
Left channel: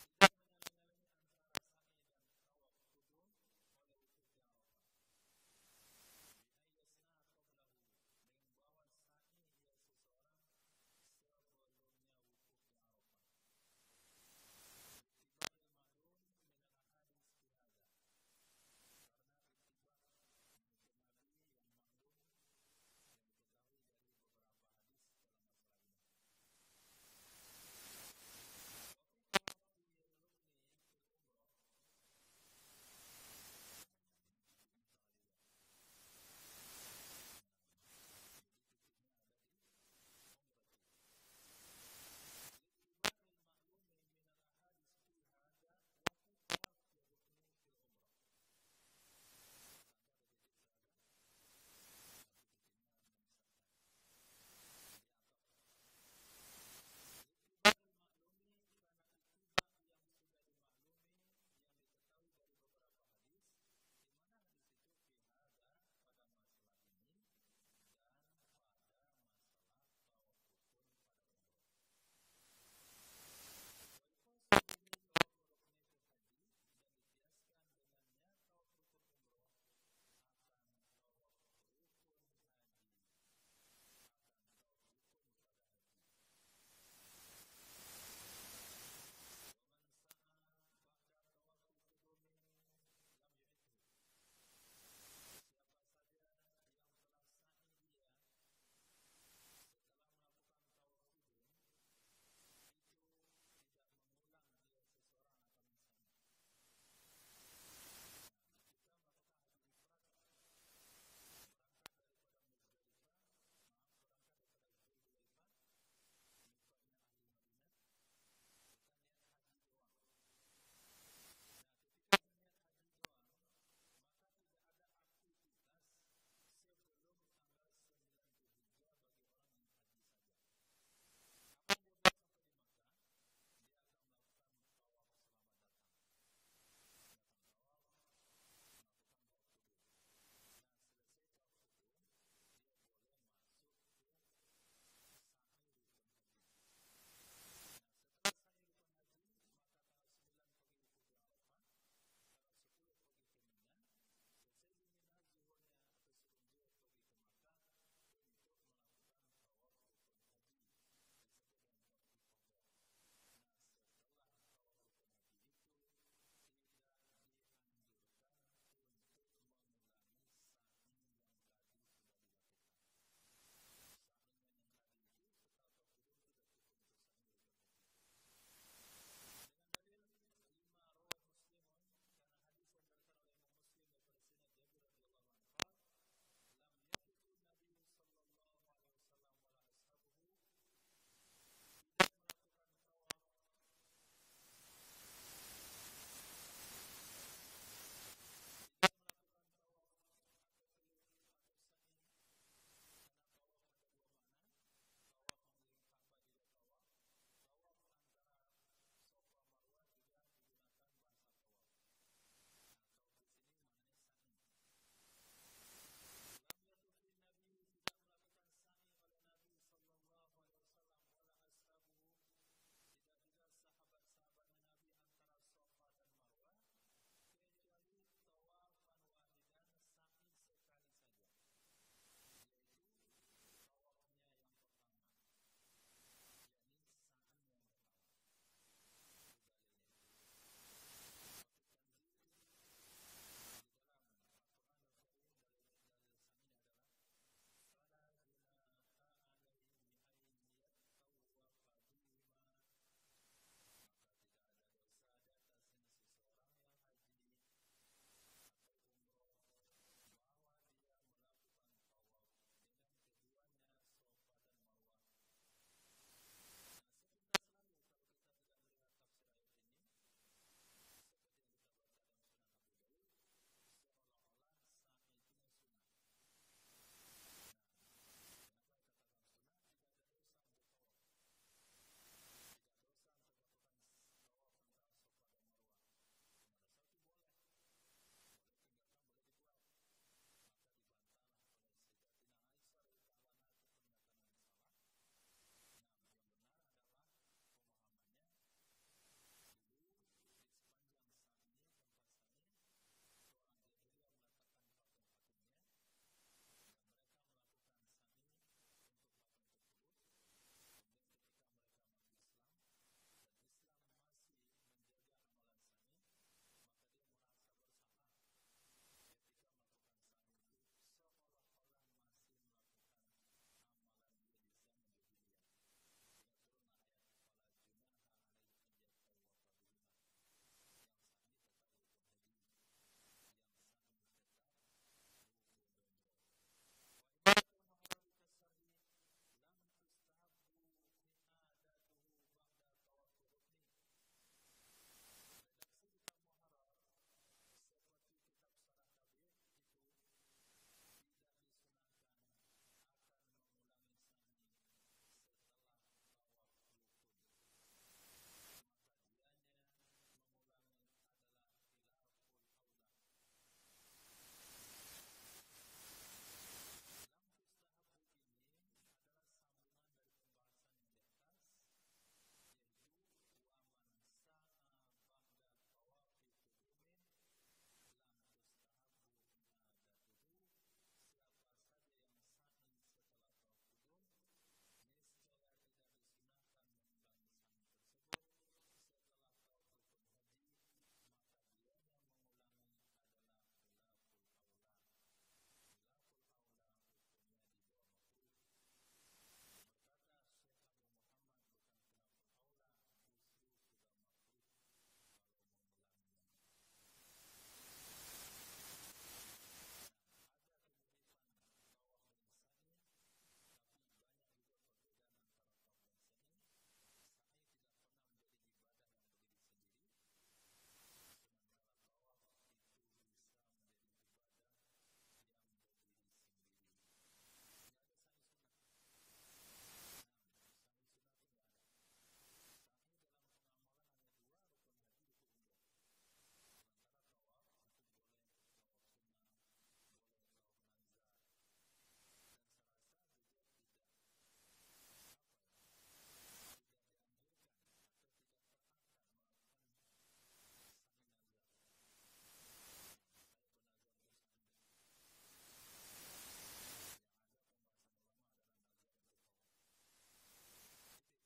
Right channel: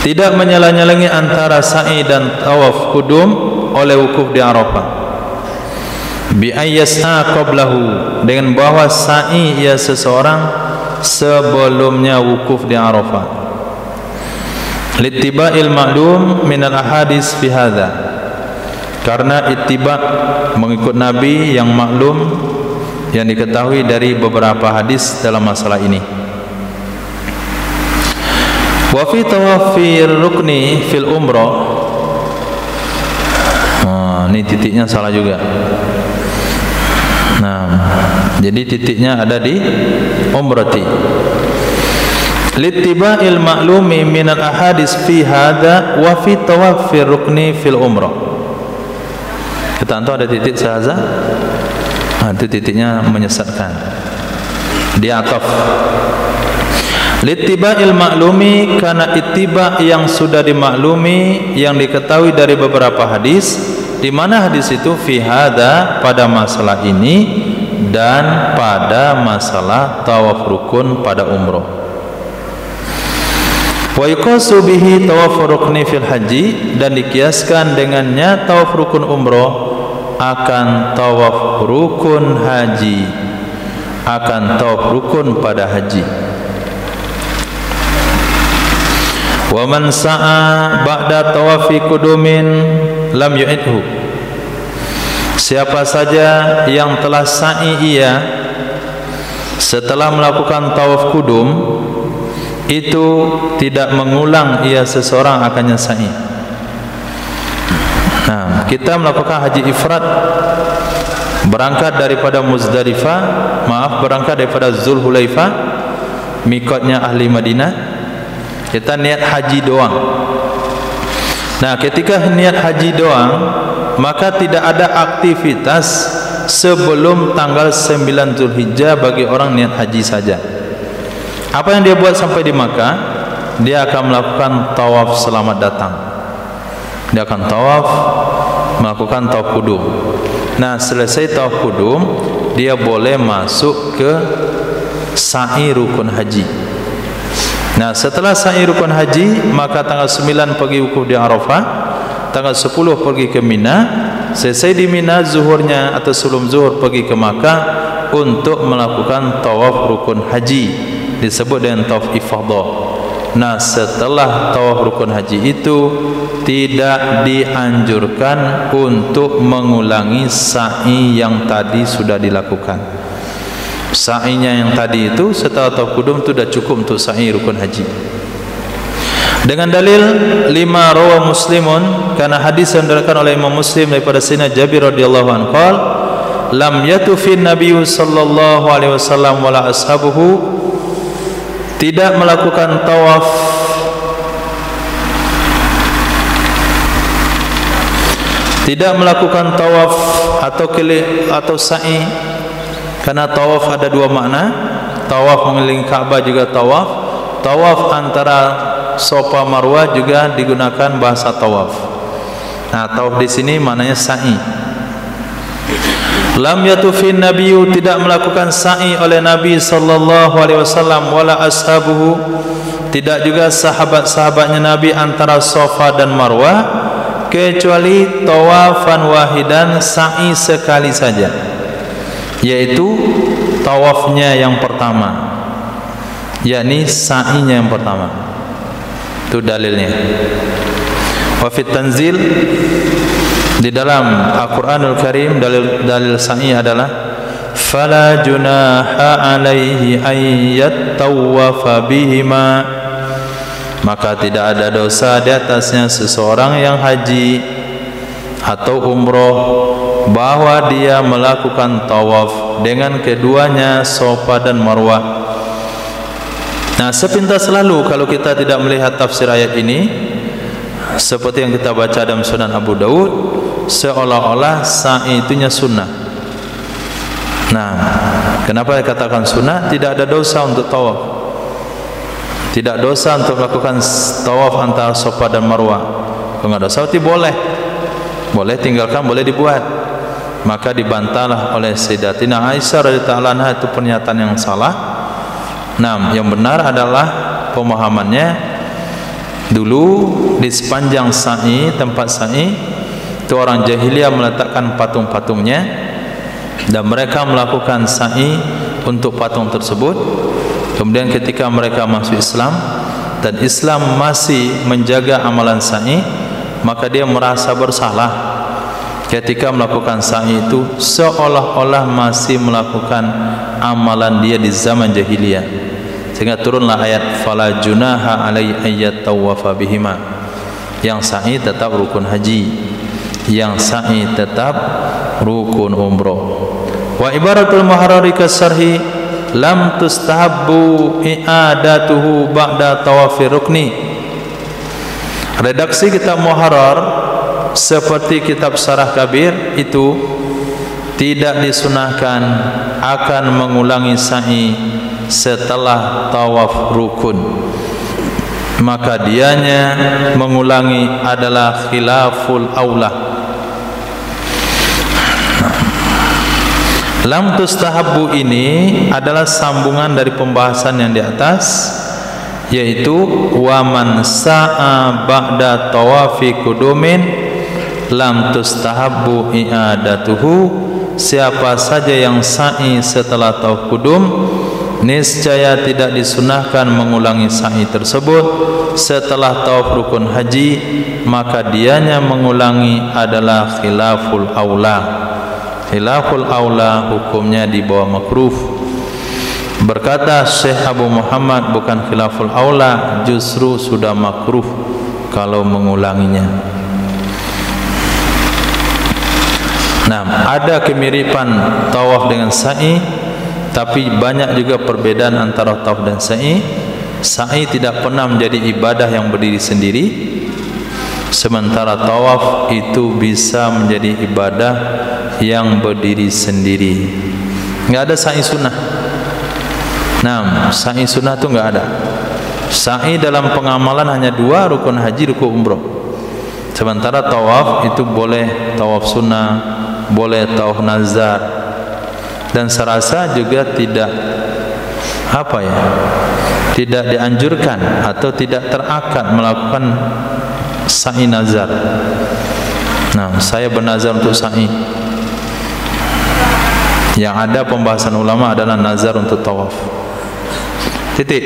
Tidak menyela-nyelangi antara sa'i dan tawaf kudum oleh wukuf di Arafah. Bi ayyas'a qablahu, dengan bahwa sa'i ia seseorang sebelumnya wukuf di Arafah. Littiba'il ma'lum minal ahadis fi hadza, karena ittiba' mengikut Nabi yang maklum, yang diketahui dari beberapa hadis dalam masalah ini. Wa fi tawafir rukni fil umrah, ini titiknya salah juga. Nah, jadi titiknya ada di umrati. Littiba'il ma'lumi minal ahadis fi hadza wa fi tawafir rukni fil umrah. Kita antum ada titik sahaza. Nah, itu titiknya menyesatkan. Di ataf. Littiba'il ma'lumi, karena ittiba' yang sudah dimaklumi, yang diketahui dari beberapa hadis. Di mana hadis itu? Fi hadza, pada masalah ini, dan pada masalah tawaf rukun pada umrah. Wa yuqasu bihi tawaf rukni fil haji, dan dikiaskan dengannya tawaf rukun umrah akan tawaf rukun haji, akan tawaf rukun pada haji. Wa man sa'a ba'da tawafi kudumin lam yu'idhu, siapa saja yang telah sa'i ia setelah melakukan tawaf kudum, itu tidak mengulang ia seseorang akannya sa'i. Nah, kita melakukan haji ifrad, berangkat daripada Muzdalifah, berangkat daripada Zulhulaifah, mikotnya ahli Madinah. Kita niat haji doang. Nah, ketika niat haji doang, maka tidak ada aktivitas sebelum tanggal 9 Zulhijjah bagi orang niat haji saja. Apa yang dia buat sampai di Makkah? Dia akan melakukan tawaf selamat datang. Dia akan tawaf, melakukan tawaf kudum. Nah, selesai tawaf kudum, dia boleh masuk ke sa'i rukun haji. Nah, setelah sa'i rukun haji, maka tanggal 9 pergi wukuf di Arafah, tanggal 10 pergi ke Mina, selesai di Mina zuhurnya atau sebelum zuhur pergi ke Makkah untuk melakukan tawaf rukun haji, disebut dengan tawaf ifadah. Nah, setelah tawaf rukun haji itu tidak dianjurkan untuk mengulangi sa'i yang tadi sudah dilakukan. Sa'inya yang tadi itu setelah tawaf kudum itu sudah cukup untuk sa'i rukun haji. Dengan dalil 5 rawa Muslimun, karena hadis yang diriwayatkan oleh Imam Muslim daripada Sayyidina Jabir radhiyallahu anhu qala lam yatufin nabiyyu sallallahu alaihi wasallam wala ashabuhu, tidak melakukan tawaf Tidak melakukan tawaf atau sa'i, karena tawaf ada dua makna. Tawaf mengelilingi Ka'bah juga tawaf. Tawaf antara Safa Marwah juga digunakan bahasa tawaf. Nah, tawaf di sini maknanya sa'i. Lam yatufin nabiyyu, tidak melakukan sa'i oleh Nabi sallallahu alaihi wasallam, wala ashabuhu, tidak juga sahabat-sahabatnya Nabi antara Safa dan Marwah, kecuali tawafan wahidan, sa'i sekali saja, yaitu tawafnya yang pertama, yakni sa'inya yang pertama. Itu dalilnya. Wa fit tanzil, di dalam Al-Qur'anul Karim dalil sa'i adalah fala junaha alaihi ayyattawafa bihima, maka tidak ada dosa di atasnya seseorang yang haji atau umroh bahwa dia melakukan tawaf dengan keduanya Safa dan Marwah. Nah, sepintas lalu kalau kita tidak melihat tafsir ayat ini, seperti yang kita baca dalam Sunan Abu Daud, seolah-olah sa'i itunya sunnah. Nah, kenapa dikatakan sunnah? Tidak ada dosa untuk tawaf, tidak dosa untuk melakukan tawaf antara Safa dan Marwah. Kalau nggak dosa, itu boleh tinggalkan, boleh dibuat. Maka dibantahlah oleh Sayyidatina Aisyah radhiyallahu anha, itu pernyataan yang salah. Nah, yang benar adalah pemahamannya, dulu di sepanjang sa'i, tempat sa'i itu orang jahiliyah meletakkan patung-patungnya, dan mereka melakukan sa'i untuk patung tersebut. Kemudian ketika mereka masuk Islam dan Islam masih menjaga amalan sa'i, maka dia merasa bersalah ketika melakukan sa'i itu, seolah-olah masih melakukan amalan dia di zaman jahiliyah. Sehingga turunlah ayat fala junaha alaihi ayyattawafa bihima. Yang sa'i tetap rukun haji, yang sa'i tetap rukun umroh. Wa ibaratul muharrari kasarhi lam tustahabbu i'adatuhu ba'da tawafi rukni. Redaksi kitab Muharrar seperti kitab Syarah Kabir itu tidak disunahkan akan mengulangi sa'i setelah tawaf rukun, maka dianya mengulangi adalah khilaful aula. Lam tustahabbu ini adalah sambungan dari pembahasan yang di atas, yaitu waman sa'a ba'da tawafi kudumin lam tustahabbu i'adatuhu, siapa saja yang sa'i setelah tawaf kudum, niscaya tidak disunahkan mengulangi sa'i tersebut setelah tawaf rukun haji, maka dianya mengulangi adalah khilaful aula. Khilaful aula hukumnya di bawah makruh. Berkata Syekh Abu Muhammad, bukan khilaful aula, justru sudah makruh kalau mengulanginya. Nah, ada kemiripan tawaf dengan sa'i, tapi banyak juga perbedaan antara tawaf dan sa'i. Sa'i tidak pernah menjadi ibadah yang berdiri sendiri, sementara tawaf itu bisa menjadi ibadah yang berdiri sendiri. Enggak ada sa'i sunnah. Nah, sa'i sunnah itu enggak ada. Sa'i dalam pengamalan hanya dua, rukun haji, rukun umroh. Sementara tawaf itu boleh tawaf sunnah, boleh tawaf nazar, dan serasa juga tidak tidak dianjurkan atau tidak terakad melakukan sa'i nazar. Nah, saya bernazar untuk sa'i. Yang ada pembahasan ulama adalah nazar untuk tawaf. Titik.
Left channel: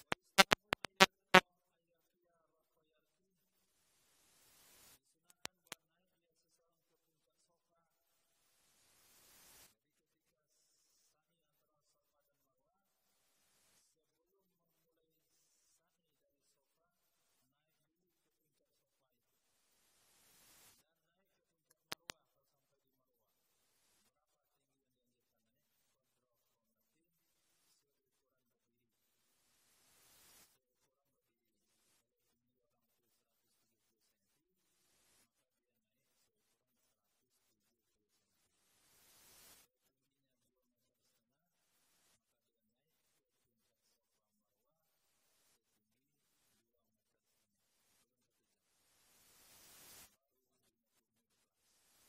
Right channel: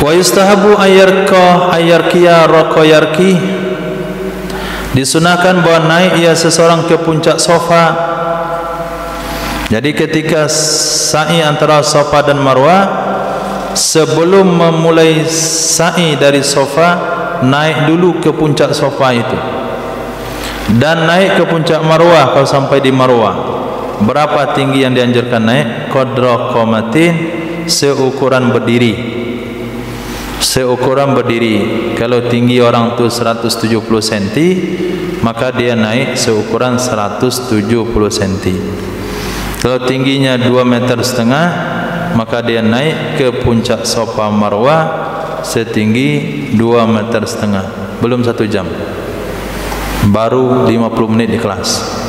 Wa yustahabu ayyarkiya raqayarki, disunahkan bahwa naik ia seseorang ke puncak Safa. Jadi ketika sa'i antara Safa dan Marwah, sebelum memulai sa'i dari Safa, naik dulu ke puncak Safa itu, dan naik ke puncak Marwah. Kalau sampai di Marwah, berapa tinggi yang dianjurkan naik? Qadra qamatin, seukuran berdiri. seukuran berdiri. Kalau tinggi orang tu 170 cm, maka dia naik seukuran 170 cm. Kalau tingginya 2,5 meter, maka dia naik ke puncak Safa Marwah setinggi 2,5 meter. Belum 1 jam, baru 50 menit di kelas.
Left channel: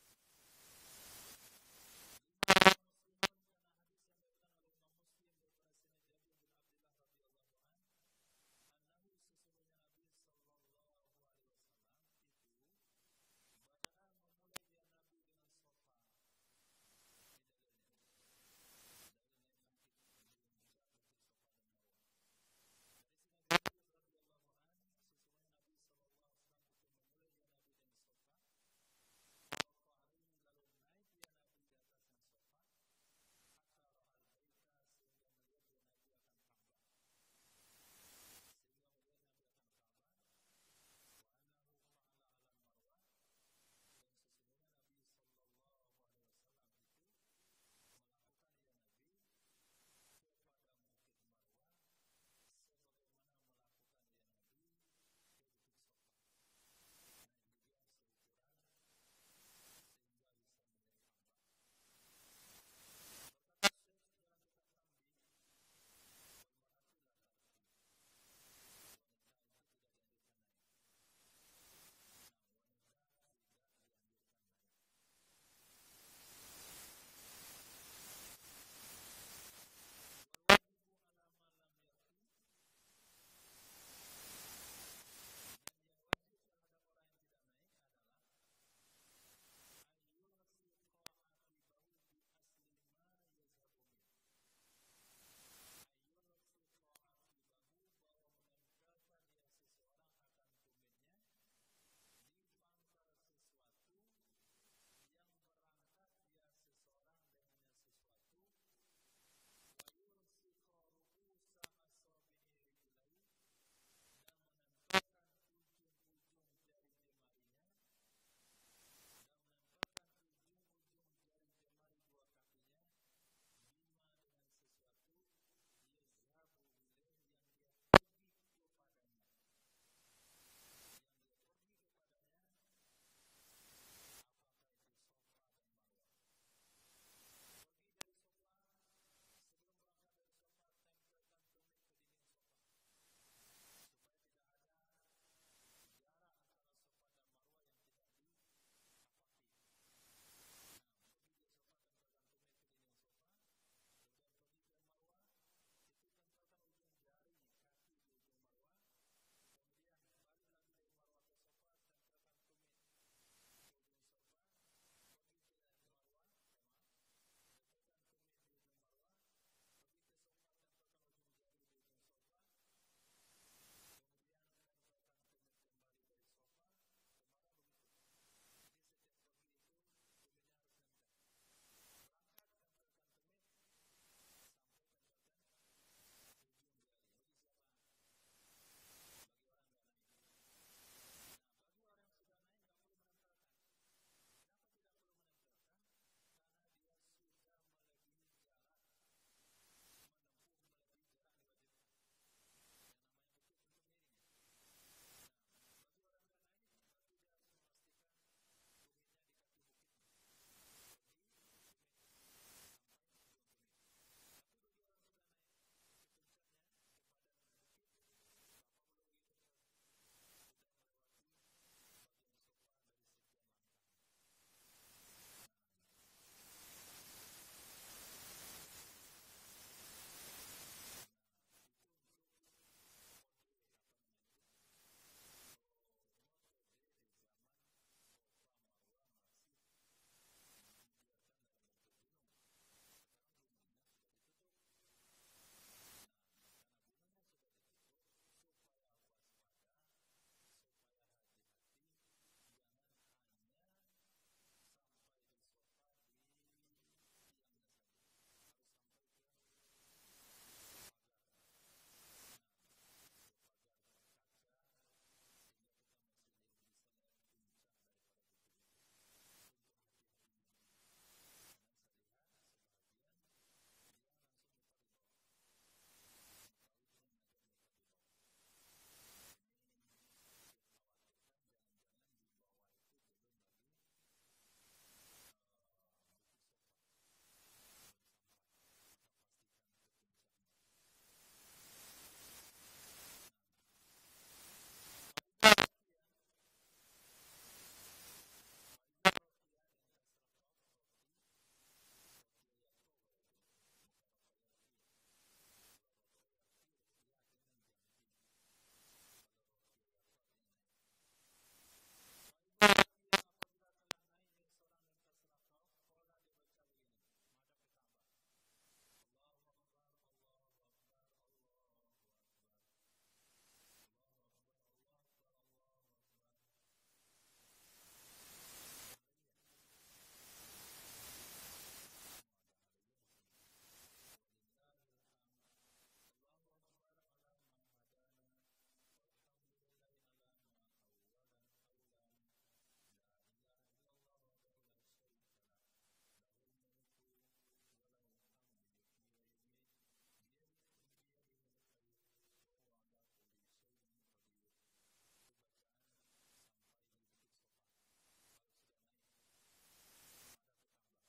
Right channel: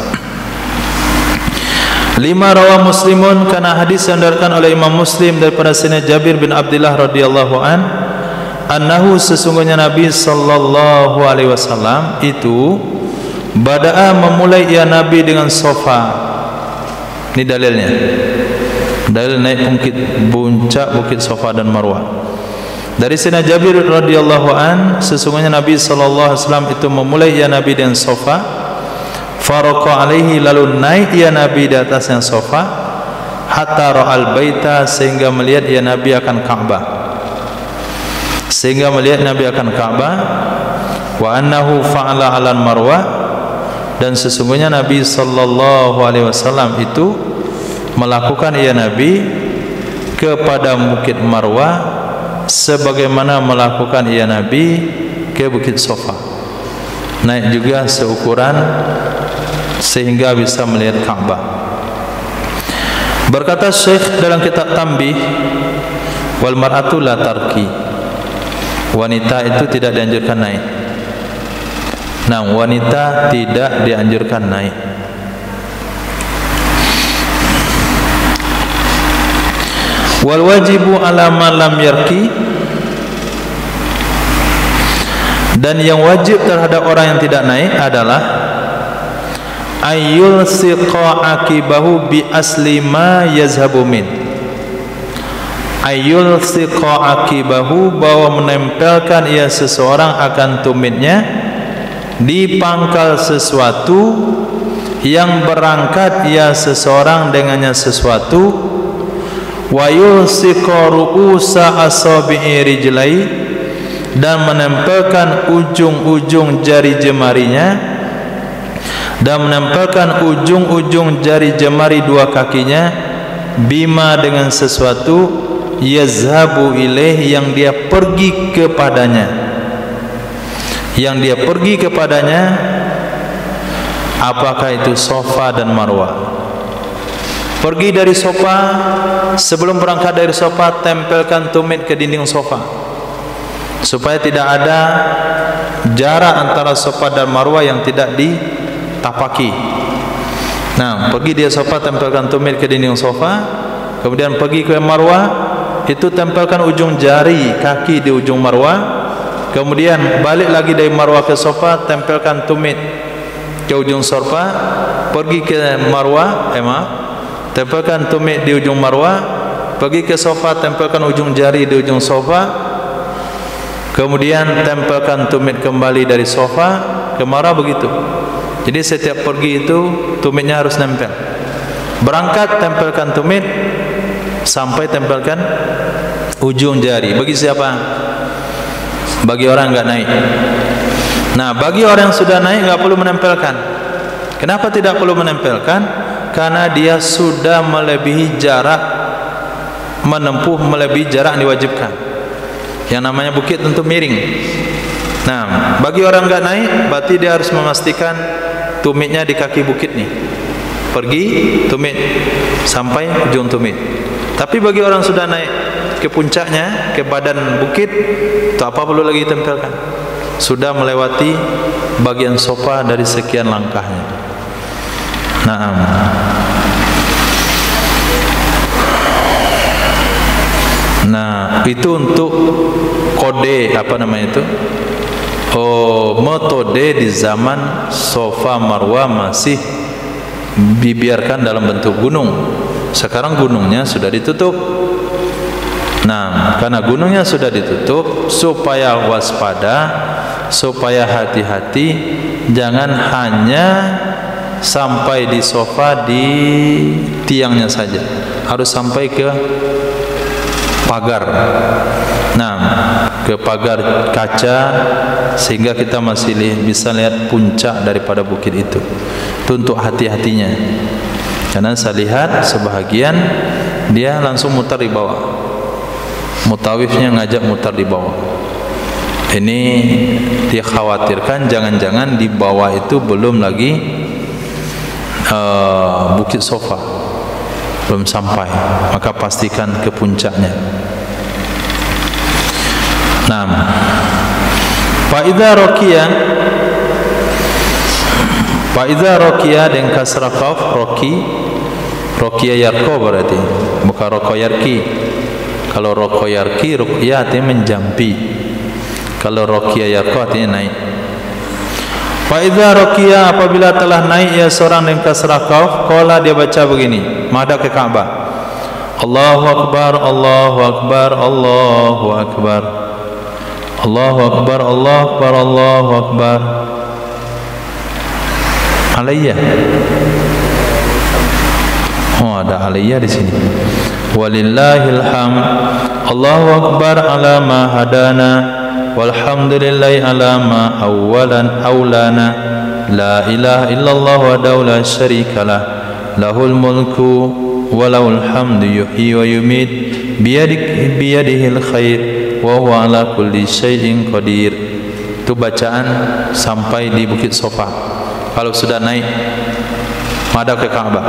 5 rawah Muslimun, karena hadis yang diriwayatkan oleh Imam Muslim daripada Sayyidina Jabir bin Abdullah radhiyallahu an, annahu, sesungguhnya Nabi sallallahu alaihi wasallam itu bada'a, memulai ia Nabi dengan Safa. Ini dalilnya, dalil naik puncak bukit Safa dan Marwah. Dari Sayyidina Jabir radhiyallahu an, sesungguhnya Nabi sallallahu alaihi wasallam itu memulai ia Nabi dengan Safa. Faraqa alaihi, lalu naik ia Nabi di atasnya Safa, hatta ra'al baita, sehingga melihat ia Nabi akan Ka'bah. Sehingga melihat Nabi akan Ka'bah. Wa annahu fa'ala 'alan Marwah, dan sesungguhnya Nabi sallallahu alaihi wasallam itu melakukan ia Nabi kepada bukit Marwah sebagaimana melakukan ia Nabi ke bukit Safa. Naik juga seukuran sehingga bisa melihat Ka'bah. Berkata Syekh dalam kitab Tanbih, wal mar'atu la tarki, wanita itu tidak dianjurkan naik. Nah, wanita tidak dianjurkan naik. Wal wajibu ala man lam yarki, dan yang wajib terhadap orang yang tidak naik adalah ayyul siqa akibahu bi asli ma yazhabu min. Ayyul siqa akibahu, bahwa menempelkan ia seseorang akan tumitnya di pangkal sesuatu yang berangkat ia seseorang dengannya sesuatu. Wa yulsiqa ru'usa asabi'i rijlai, dan menempelkan ujung-ujung jari jemarinya, dan menempelkan ujung-ujung jari jemari dua kakinya, bima, dengan sesuatu, yazhabu ilaih, yang dia pergi kepadanya. Yang dia pergi kepadanya, apakah itu Safa dan Marwah. Pergi dari Safa, sebelum berangkat dari Safa, tempelkan tumit ke dinding Safa, supaya tidak ada jarak antara Safa dan Marwah yang tidak ditapaki. Nah, pergi dia Safa, tempelkan tumit ke dinding Safa. Kemudian pergi ke Marwah, itu tempelkan ujung jari kaki di ujung Marwah. Kemudian balik lagi dari Marwah ke Safa, tempelkan tumit ke ujung Safa. Pergi ke Marwah, tempelkan tumit di ujung Marwah. Pergi ke Safa, tempelkan ujung jari di ujung Safa. Kemudian tempelkan tumit kembali dari Safa ke Marwah, begitu. Jadi setiap pergi itu tumitnya harus nempel. Berangkat tempelkan tumit, sampai tempelkan ujung jari. Bagi siapa? Bagi orang enggak naik. Nah, bagi orang yang sudah naik enggak perlu menempelkan. Kenapa tidak perlu menempelkan? Karena dia sudah melebihi jarak, menempuh melebihi jarak yang diwajibkan. Yang namanya bukit tentu miring. Nah, bagi orang enggak naik, berarti dia harus memastikan tumitnya di kaki bukit nih. Pergi tumit sampai ujung tumit. Tapi bagi orang sudah naik ke puncaknya, ke badan bukit, tak apa perlu lagi tempelkan. Sudah melewati bagian Safa dari sekian langkahnya. Naam. Nah, itu untuk kode apa namanya itu? Metode di zaman Safa Marwah masih dibiarkan dalam bentuk gunung. Sekarang gunungnya sudah ditutup. Nah, karena gunungnya sudah ditutup, supaya waspada, supaya hati-hati, jangan hanya sampai di Safa di tiangnya saja, harus sampai ke pagar. Nah, ke pagar kaca, sehingga kita masih bisa lihat puncak daripada bukit itu. Itu untuk hati-hatinya. Karena saya lihat sebahagian dia langsung mutar di bawah. Mutawifnya ngajak mutar di bawah. Ini dia khawatirkan jangan-jangan di bawah itu belum lagi Bukit Sofa, belum sampai, maka pastikan ke puncaknya. Nah, Fa idza raqiya dengan kasrah qaf, raqiya yarqa berarti, bukan raqa yarqi. Kalau raqa yarqi, ruqya artinya menjampi. Kalau raqiya yarqa artinya naik. Fa idza raqiya, apabila telah naik ia seorang dengan kasrah qaf, qala dia baca begini, menghadap ke Ka'bah. Allahu akbar, Allahu akbar, Allahu akbar. Allahu akbar, Allahu akbar, Allahu akbar. Alayya. Oh, ada alayya di sini. Walillahil hamd. Allahu akbar ala ma hadana. Walhamdulillahi ala ma awlana. La ilaha illallah wahdahu la syarikalah. Lahul mulku wa lahul hamdu yuhyi wa yumiit biyadihil khair wa huwa ala kulli syai'in qadir. Itu bacaan sampai di Bukit Sofa. Kalau sudah naik madhab ke Ka'bah.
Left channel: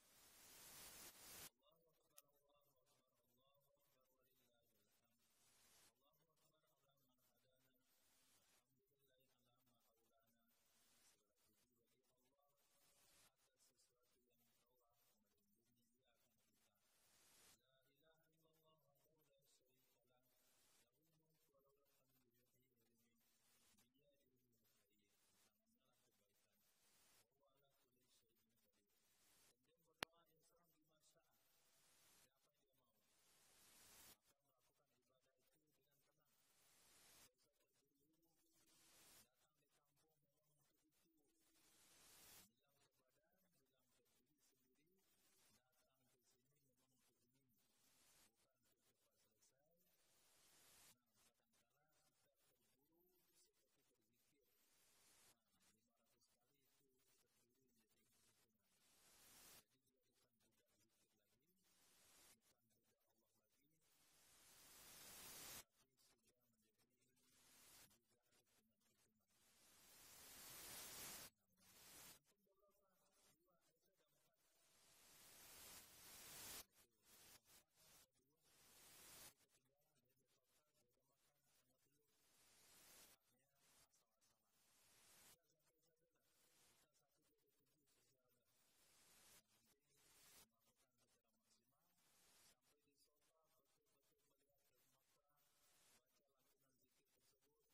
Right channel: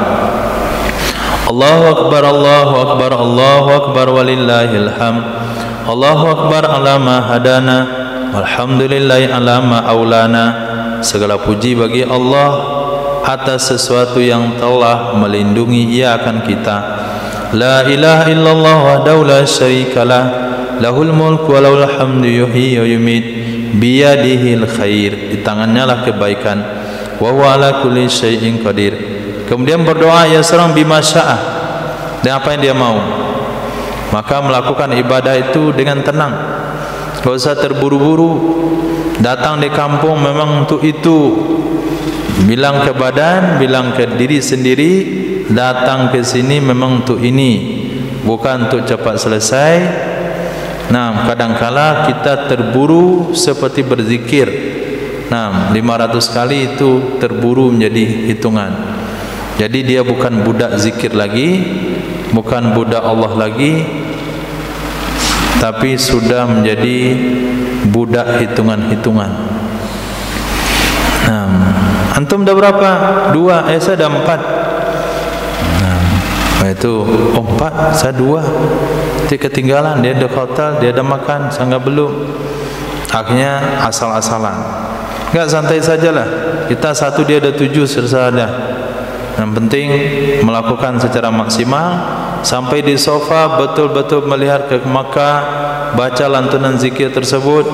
Allahu akbar, Allahu akbar, Allahu akbar walillahil hamd. Allahu akbar ala ma hadana. Walhamdulillahi ala ma aulana. Segala puji bagi Allah atas sesuatu yang telah melindungi ia akan kita. La ilaha illallah wahdahu la syarikalah. Lahul mulku wa lahul hamdu yuhyi wa yumiit biyadihil khair. Di tangannya lah kebaikan. Wa huwa ala kulli syai'in qadir. Kemudian berdoa ya seorang bima syaa, dengan apa yang dia mau. Maka melakukan ibadah itu dengan tenang. Tidak usah terburu-buru. Datang di kampung memang untuk itu. Bilang ke badan, bilang ke diri sendiri, datang ke sini memang untuk ini, bukan untuk cepat selesai. Nah, kadangkala kita terburu seperti berzikir. Nah, 500 kali itu terburu menjadi hitungan. Jadi dia bukan budak zikir lagi, bukan budak Allah lagi, tapi sudah menjadi budak hitungan-hitungan. Nah, antum dah berapa? 2, saya dah 4. Nah, itu 4, saya 2. Dia ketinggalan, dia ada hotel, dia ada makan, saya enggak belum. Akhirnya asal-asalan. Enggak, santai sajalah. Kita 1, dia ada 7, selesai dah. Yang penting melakukan secara maksimal sampai di sofa, betul-betul melihat ke Makkah, baca lantunan zikir tersebut.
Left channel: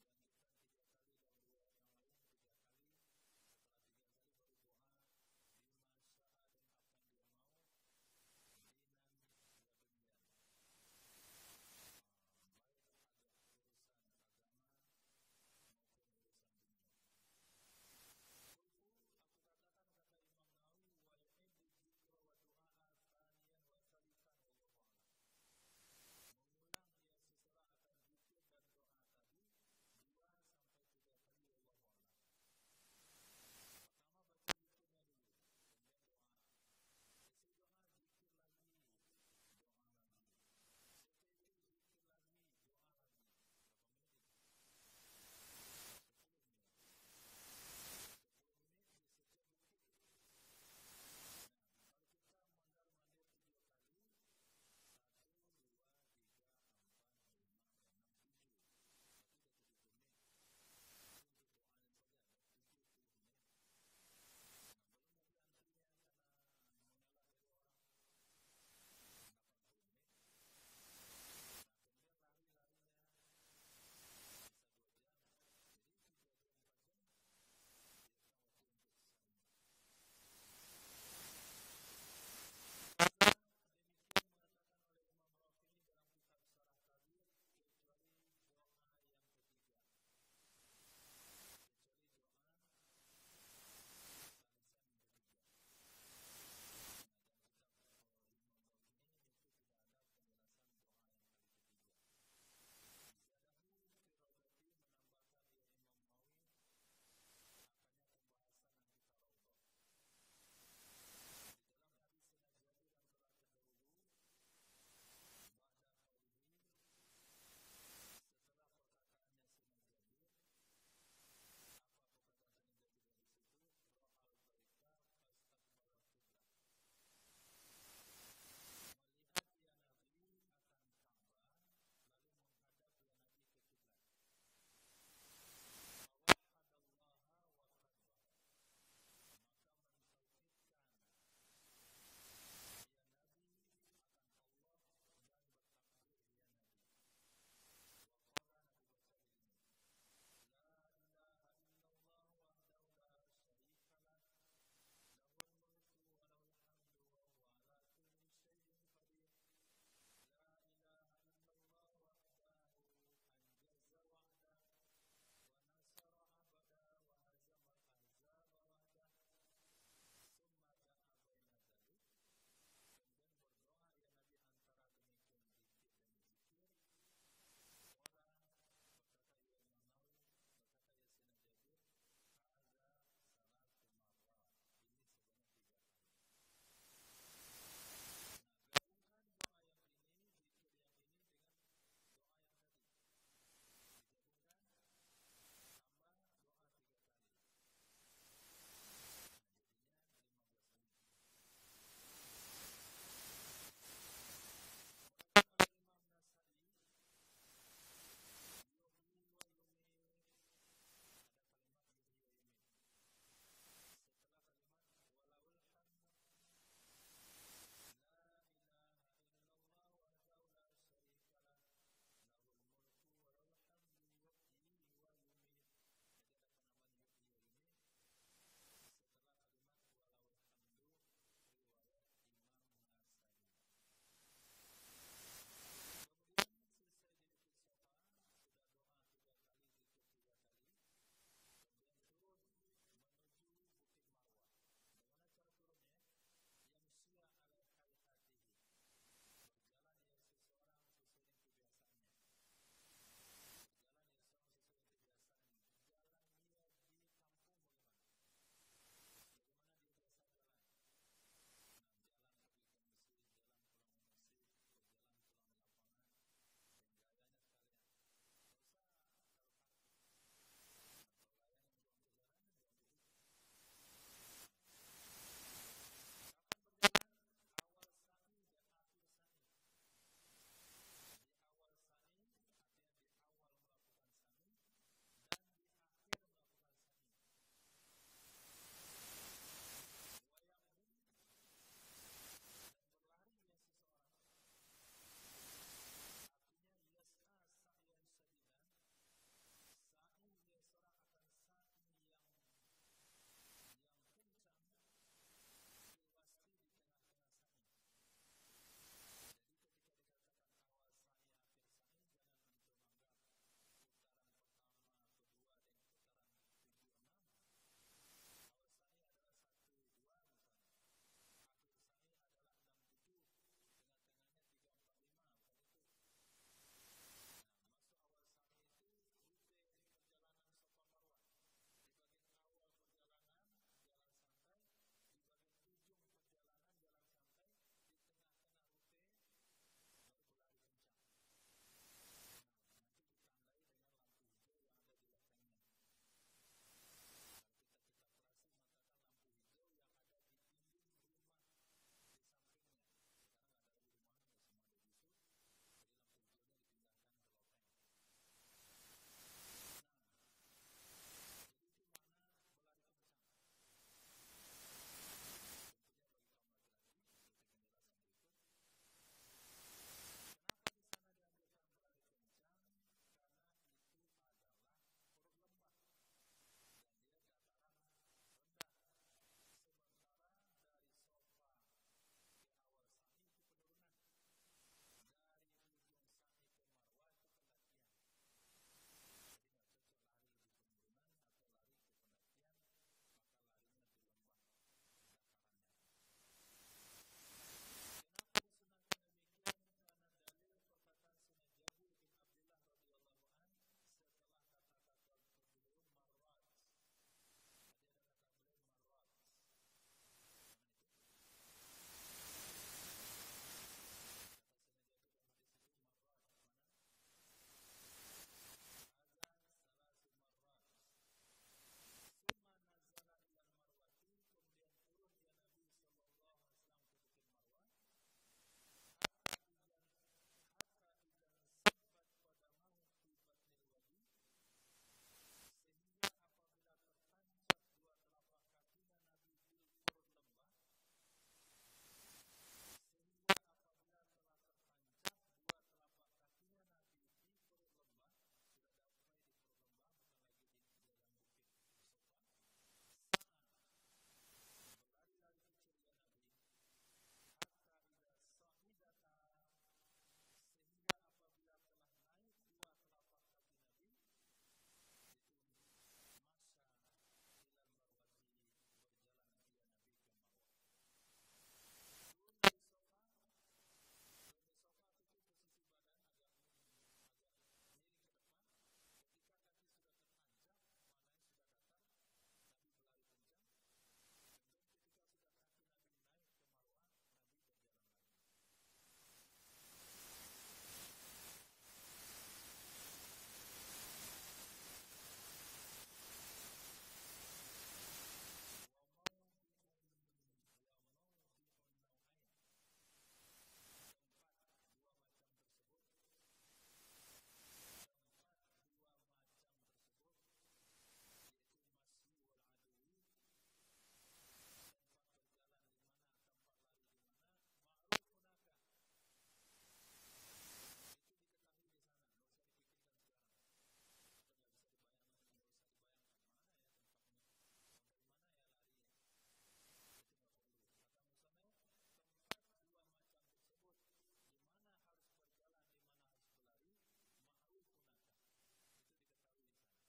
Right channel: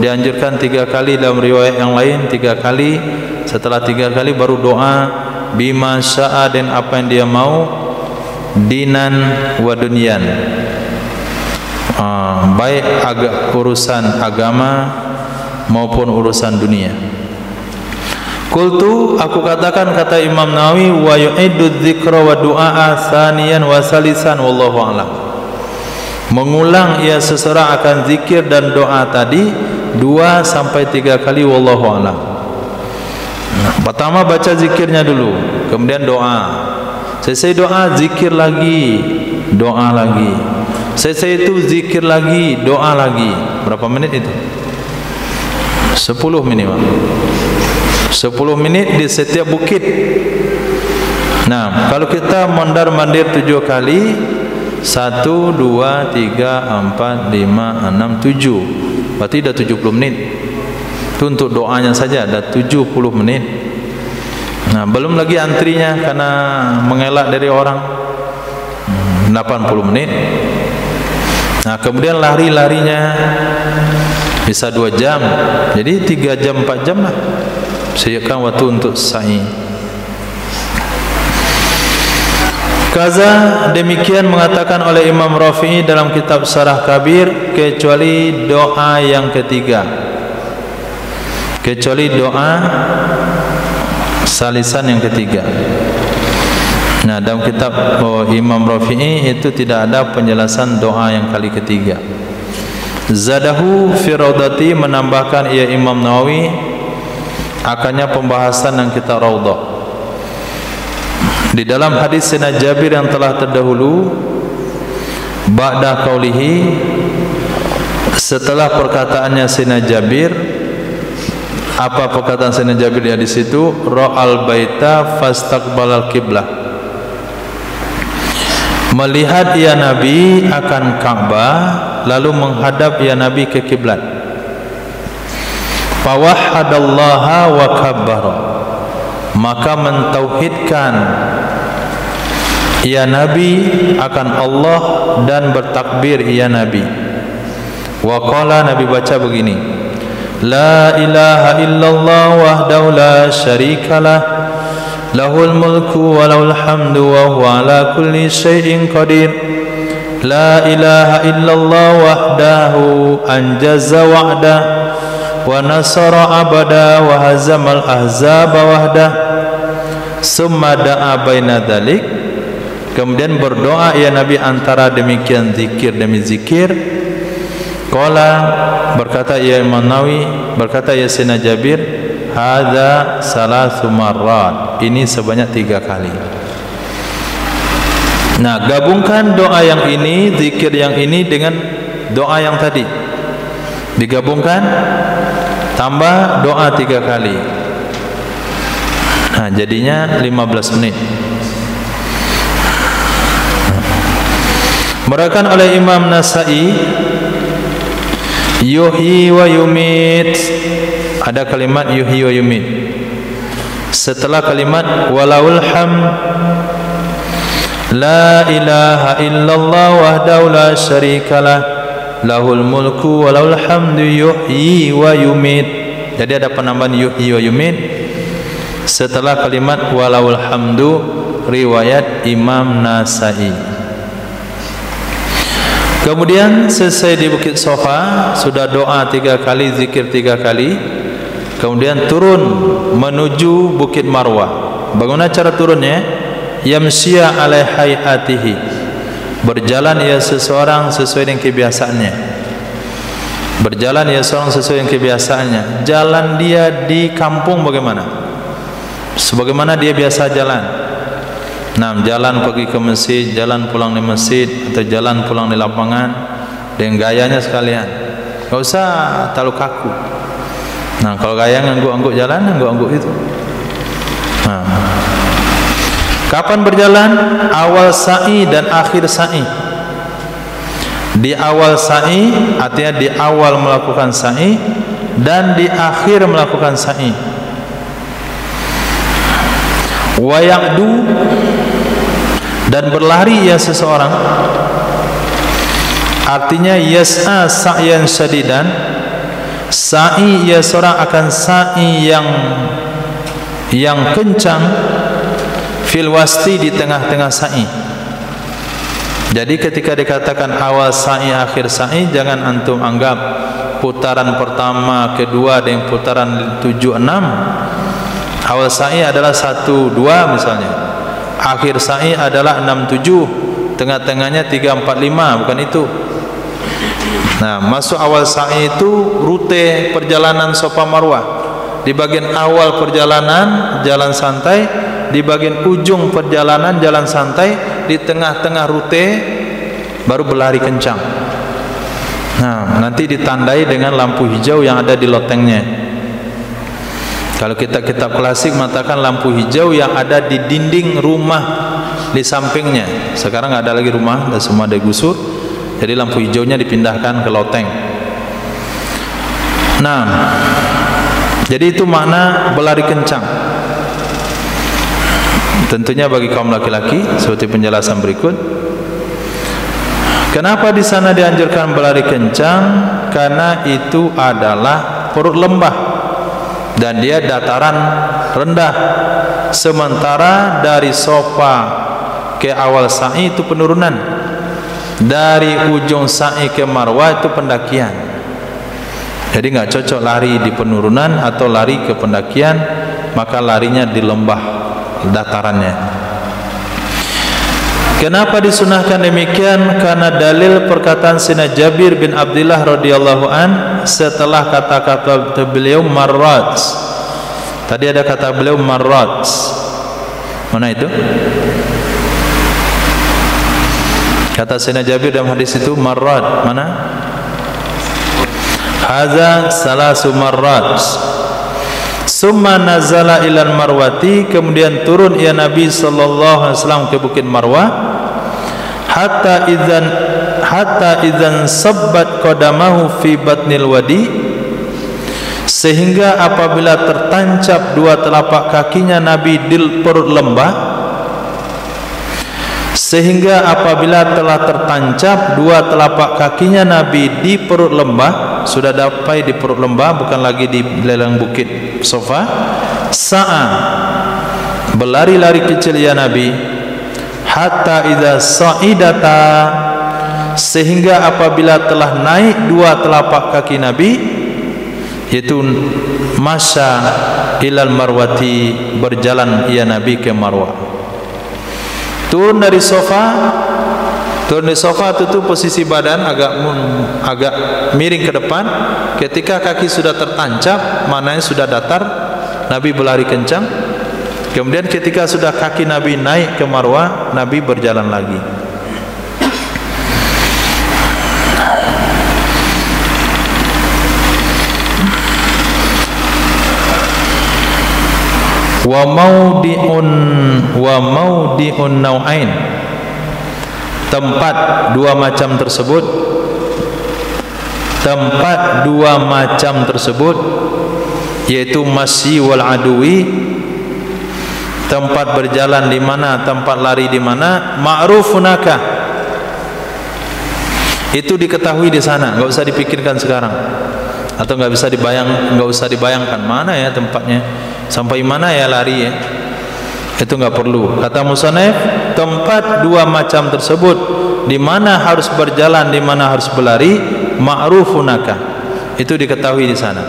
Dianjurkan 3 kali, dalam riwayat yang lain 3 kali. Setelah 3 kali baru doa bima syaa, dan apa yang dia mau, dinan wa dunyan, baik urusan agama maupun urusan dunia. Qultu, aku katakan, kata Imam Nawawi, wa yu'iddu dzikra wa du'a tsaniyan wa salisan wallahu a'lam. Mengulang ia seseorang akan zikir dan doa tadi 2 sampai 3 kali wallahu a'lam. Pertama baca zikirnya dulu, kemudian doa. Selesai doa, zikir lagi, doa lagi. Selesai itu zikir lagi, doa lagi. Berapa menit itu? 10 minimal. 10 menit di setiap bukit. Nah, kalau kita mondar-mandir 7 kali, 1, 2, 3, 4, 5, 6, 7, berarti dah 70 menit. Itu untuk doanya saja dah 70 menit. Nah, belum lagi antrinya karena mengelak dari orang, 80 menit. Nah, kemudian lari-larinya bisa 2 jam. Jadi 3 jam 4 jam lah. Siapkan waktu untuk sa'i. Kaza, demikian mengatakan oleh Imam Rafi'i dalam kitab Syarah Kabir, kecuali doa yang ketiga, kecuali doa salisan yang ketiga. Nah, dalam kitab Imam Rafi'i itu tidak ada penjelasan doa yang kali ketiga. Zadahu fi raudati, menambahkan ia Imam Nawawi akannya pembahasan yang kita Raudah. Di dalam hadis Sayyidina Jabir yang telah terdahulu, ba'da qaulihi, setelah perkataannya Sayyidina Jabir. Apa perkataan Sayyidina Jabir di situ? Ra'al baita fastaqbalal qiblah, melihat ya Nabi akan Ka'bah lalu menghadap ya Nabi ke kiblat. Fawahhadallaha wa kabbara, maka mentauhidkan ya Nabi akan Allah dan bertakbir ya Nabi. Wa qala, Nabi baca begini, la ilaha illallah wahdahu la syarikalah, lahul mulku wa lahul hamdu wa huwa ala kulli syai'in qadir. La ilaha illallah wahdahu anjaza wa'da wa nasara abada wa hazamal ahzaba wahda. Summa da'a baina dzalik, kemudian berdoa ya Nabi antara demikian zikir demi zikir. Qala, berkata ya Imam Nawawi, berkata ya Sayyidina Jabir, hadza salasu marrat, ini sebanyak 3 kali. Nah, gabungkan doa yang ini, zikir yang ini dengan doa yang tadi, digabungkan tambah doa 3 kali. Nah, jadinya 15 menit. Meriwayatkan oleh Imam Nasa'i, yuhyi wa yumit, ada kalimat yuhyi wa yumit. Setelah kalimat walaul hamd, la ilaha illallah wahdahu la syarikalah, lahul mulku wa lahul hamdu yuhyi wa yumit. Jadi ada penambahan yuhyi wa yumit setelah kalimat walaul hamdu, riwayat Imam Nasa'i. Kemudian selesai di Bukit Sofa, sudah doa 3 kali, zikir 3 kali. Kemudian turun menuju Bukit Marwah. Bagaimana cara turunnya? Yamshiya ala hayatihi, berjalan ya seseorang sesuai dengan kebiasaannya. Berjalan ya seseorang sesuai dengan kebiasaannya. Jalan dia di kampung bagaimana? Sebagaimana dia biasa jalan. Nah, jalan pergi ke masjid, jalan pulang di masjid, atau jalan pulang di lapangan, dengan gayanya sekalian. Gak usah terlalu kaku. Nah, kalau gaya ngangguk-ngangguk jalan, ngangguk-ngangguk itu. Nah, kapan berjalan? Awal sa'i dan akhir sa'i. Di awal sa'i artinya di awal melakukan sa'i, dan di akhir melakukan sa'i. Wa ya'du, dan berlari ya seseorang, artinya yas'a sa'yan syadidan, sa'i ya seorang akan sa'i yang kencang, fil wasti, di tengah-tengah sa'i. Jadi ketika dikatakan awal sa'i akhir sa'i, jangan antum anggap putaran pertama, kedua dan putaran 7, 6. Awal sa'i adalah 1, 2 misalnya. Akhir sa'i adalah 6, 7. Tengah-tengahnya 3, 4, 5, bukan itu. Nah, masuk awal sa'i itu rute perjalanan Safa Marwah. Di bagian awal perjalanan jalan santai, di bagian ujung perjalanan jalan santai, di tengah-tengah rute baru berlari kencang. Nah, nanti ditandai dengan lampu hijau yang ada di lotengnya. Kalau kita kitab klasik mengatakan lampu hijau yang ada di dinding rumah di sampingnya. Sekarang nggak ada lagi rumah, dan semua digusur. Jadi lampu hijaunya dipindahkan ke loteng. Nah, jadi itu makna berlari kencang. Tentunya bagi kaum laki-laki seperti penjelasan berikut. Kenapa di sana dianjurkan berlari kencang? Karena itu adalah perut lembah dan dia dataran rendah. Sementara dari Safa ke awal sa'i itu penurunan. Dari ujung sa'i ke Marwah itu pendakian. Jadi nggak cocok lari di penurunan atau lari ke pendakian, maka larinya di lembah datarannya. Kenapa disunahkan demikian? Karena dalil perkataan Sayyidina Jabir bin Abdullah radhiyallahu an setelah kata-kata beliau marrat. Tadi ada kata beliau marrat. Mana itu? Kata Sayyidina Jabir dalam hadis itu, marrat, mana? Hadza salasu marrat. Summa nazala ilal marwati, kemudian turun ia Nabi sallallahu alaihi wasallam ke Bukit Marwah, hatta idzan sabbat qadamahu fi batnil wadi, sehingga apabila tertancap dua telapak kakinya Nabi di perut lembah, sehingga apabila telah tertancap dua telapak kakinya Nabi di perut lembah, sudah dapat di perut lembah, bukan lagi di lelang bukit Safa, sa'a, berlari-lari kecil ya Nabi, hatta idza sa'idata, sehingga apabila telah naik dua telapak kaki Nabi, yaitu masya ilal marwati, berjalan ia Nabi ke Marwah. Turun dari sofa itu posisi badan agak miring ke depan. Ketika kaki sudah tertancap, maknanya sudah datar, Nabi berlari kencang. Kemudian ketika sudah kaki Nabi naik ke Marwah, Nabi berjalan lagi. Wa maudi'un nau'ain, tempat dua macam tersebut, yaitu masyi wal adwi, tempat berjalan di mana, tempat lari di mana, ma'rufunaka, itu diketahui di sana, enggak usah dipikirkan sekarang, atau enggak usah dibayangkan mana ya tempatnya, sampai mana ya lari ya, itu enggak perlu. Kata musannif, tempat dua macam tersebut, di mana harus berjalan, di mana harus berlari, ma'rufunaka, itu diketahui di sana.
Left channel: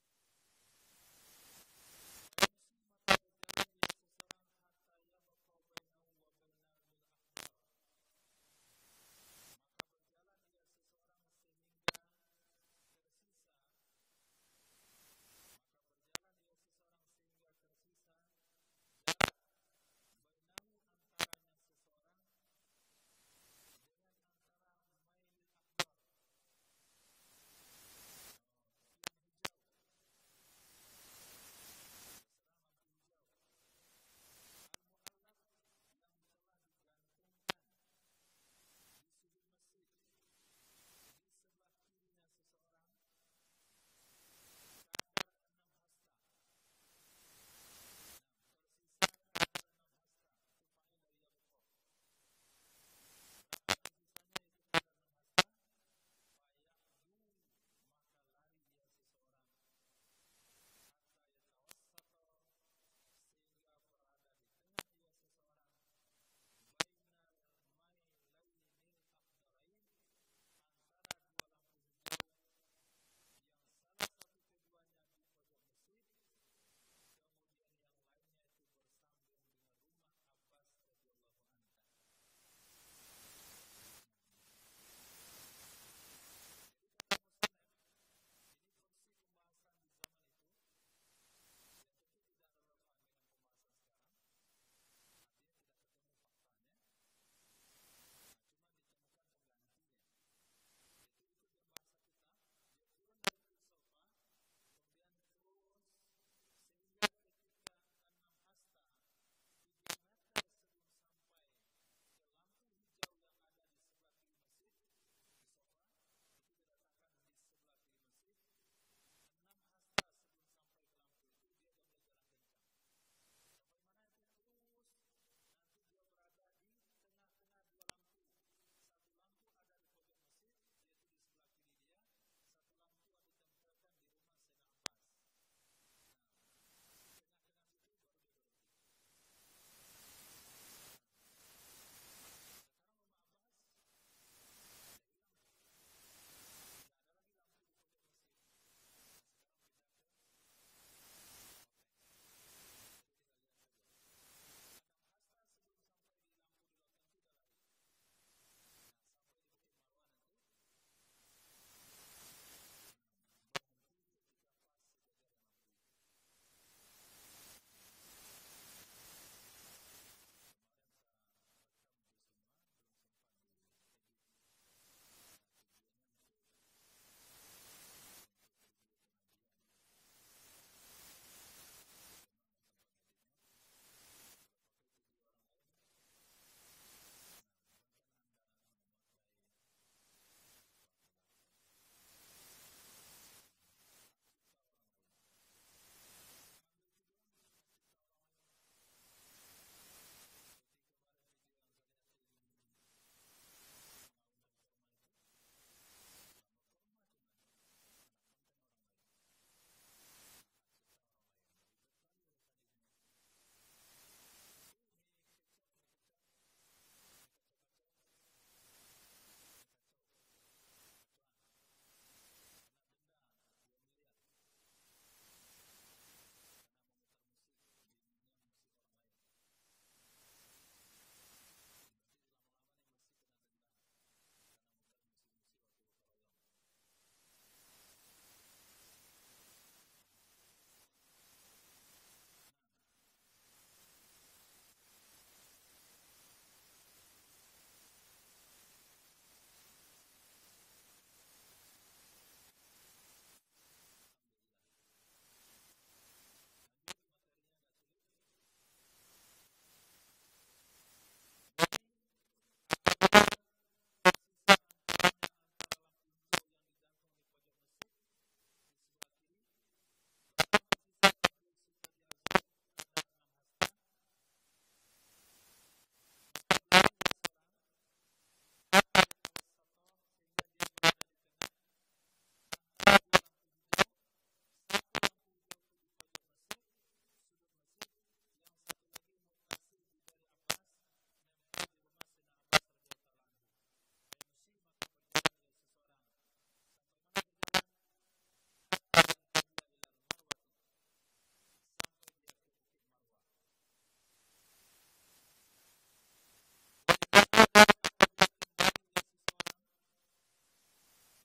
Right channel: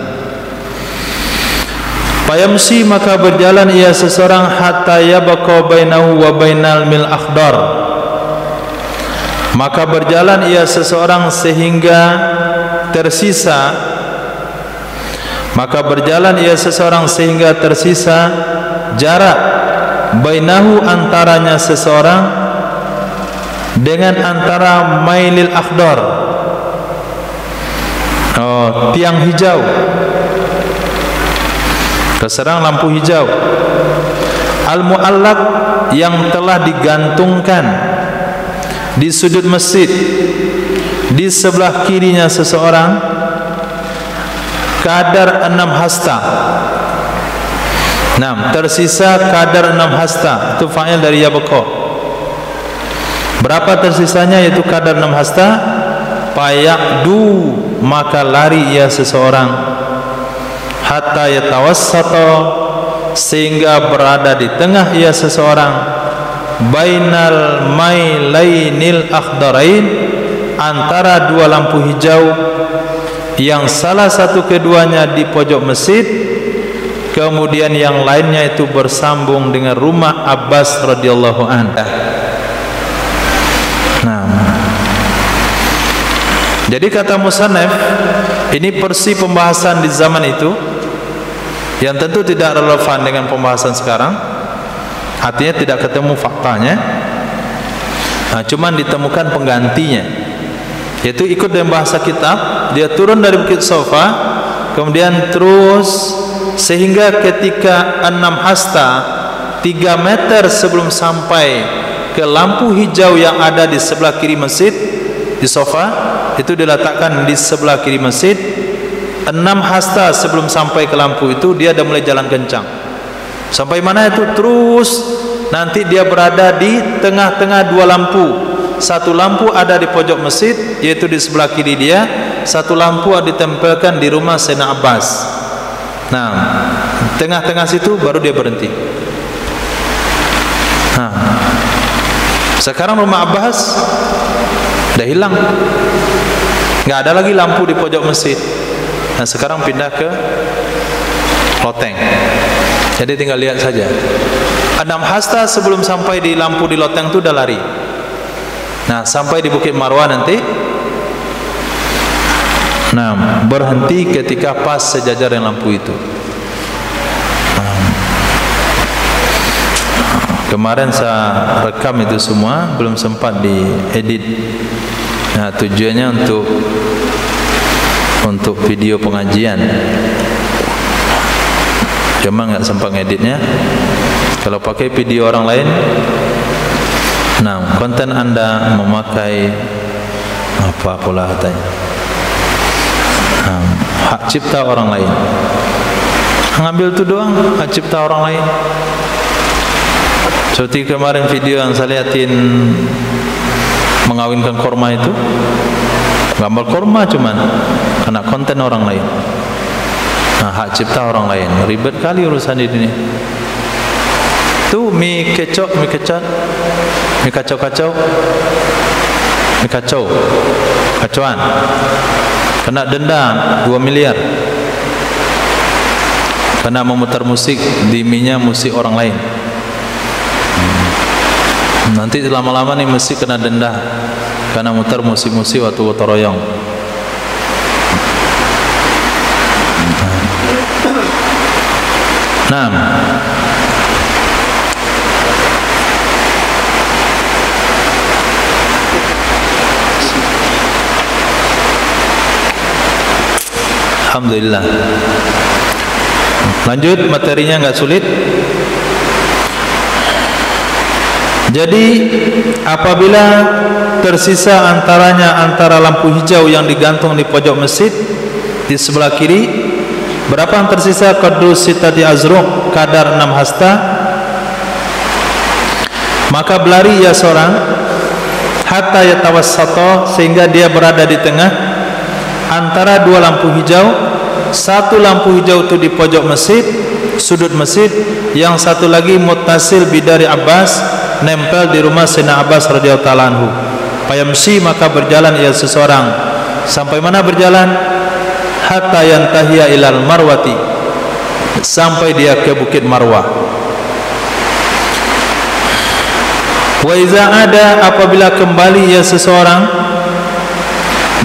Fayamsi, maka berjalan ia seseorang, hatta yabqa bainahu wa bainal mil akhdar, maka berjalan ia seseorang sehingga tersisa jarak bainahu, antaranya seseorang dengan antara mailil akhdar, tiang hijau, keserang lampu hijau, al-mu'allaq, yang telah digantungkan di sudut masjid, di sebelah kirinya seseorang, kadar 6 hasta. Nah, tersisa kadar 6 hasta, itu fa'il dari yabqa. Berapa tersisanya? Yaitu kadar 6 hasta. Fayaqdu, maka lari ia seseorang, hatta yatawassata, sehingga berada di tengah ia seseorang, bainal mailainil akhdarain, antara dua lampu hijau yang salah satu keduanya di pojok masjid, kemudian yang lainnya itu bersambung dengan rumah Abbas radhiyallahu anhu. Nah, jadi kata musannif, ini persi pembahasan di zaman itu yang tentu tidak relevan dengan pembahasan sekarang, artinya tidak ketemu faktanya. Nah, cuman ditemukan penggantinya, yaitu ikut dengan bahasa kitab. Dia turun dari Bukit Safa, kemudian terus sehingga ketika 6 hasta, 3 meter sebelum sampai ke lampu hijau yang ada di sebelah kiri masjid, di Safa itu diletakkan di sebelah kiri masjid. 6 hasta sebelum sampai ke lampu itu, dia dah mulai jalan kencang. Sampai mana itu? Terus nanti dia berada di tengah-tengah dua lampu. Satu lampu ada di pojok masjid, yaitu di sebelah kiri dia. Satu lampu ditempelkan di rumah Sayyidina Abbas. Nah, tengah-tengah situ baru dia berhenti. Nah, sekarang rumah Abbas dah hilang, nggak ada lagi lampu di pojok masjid. Nah, sekarang pindah ke loteng. Jadi tinggal lihat saja. 6 hasta sebelum sampai di lampu di loteng itu udah lari. Nah, sampai di Bukit Marwah nanti, nah, berhenti ketika pas sejajar dengan lampu itu. Kemarin saya rekam itu semua, belum sempat diedit. Nah, tujuannya untuk video pengajian. Cuma nggak sempat ngeditnya. Kalau pakai video orang lain, nah konten Anda memakai apa pula katanya, hak cipta orang lain. Ngambil itu doang, hak cipta orang lain. Seperti kemarin video yang saya lihatin mengawinkan korma itu, gambar korma cuman kena konten orang lain. Nah, hak cipta orang lain, ribet kali urusan di dunia. Tuh mie kacau, mie kacauan, kena denda 2 miliar karena memutar musik di mie-nya musik orang lain. Nanti lama-lama nih musik kena denda karena mutar musik-musik waktu gotong royong. Nah, alhamdulillah. Lanjut, materinya nggak sulit. Jadi apabila tersisa antara lampu hijau yang digantung di pojok masjid di sebelah kiri, berapa yang tersisa? Qadru sitati azruq, kadar 6 hasta. Maka berlari ia seorang hatta yatawassato, sehingga dia berada di tengah antara dua lampu hijau. Satu lampu hijau itu di pojok masjid, sudut masjid, yang satu lagi muttasil bidari Abbas, nempel di rumah Sayyidina Abbas radhiyallahu ta'ala anhu. Fayamshi, maka berjalan ia seseorang. Sampai mana berjalan? Hatta yantahiya ilal marwati, sampai dia ke Bukit Marwah. Wa iza ada, apabila kembali ia seseorang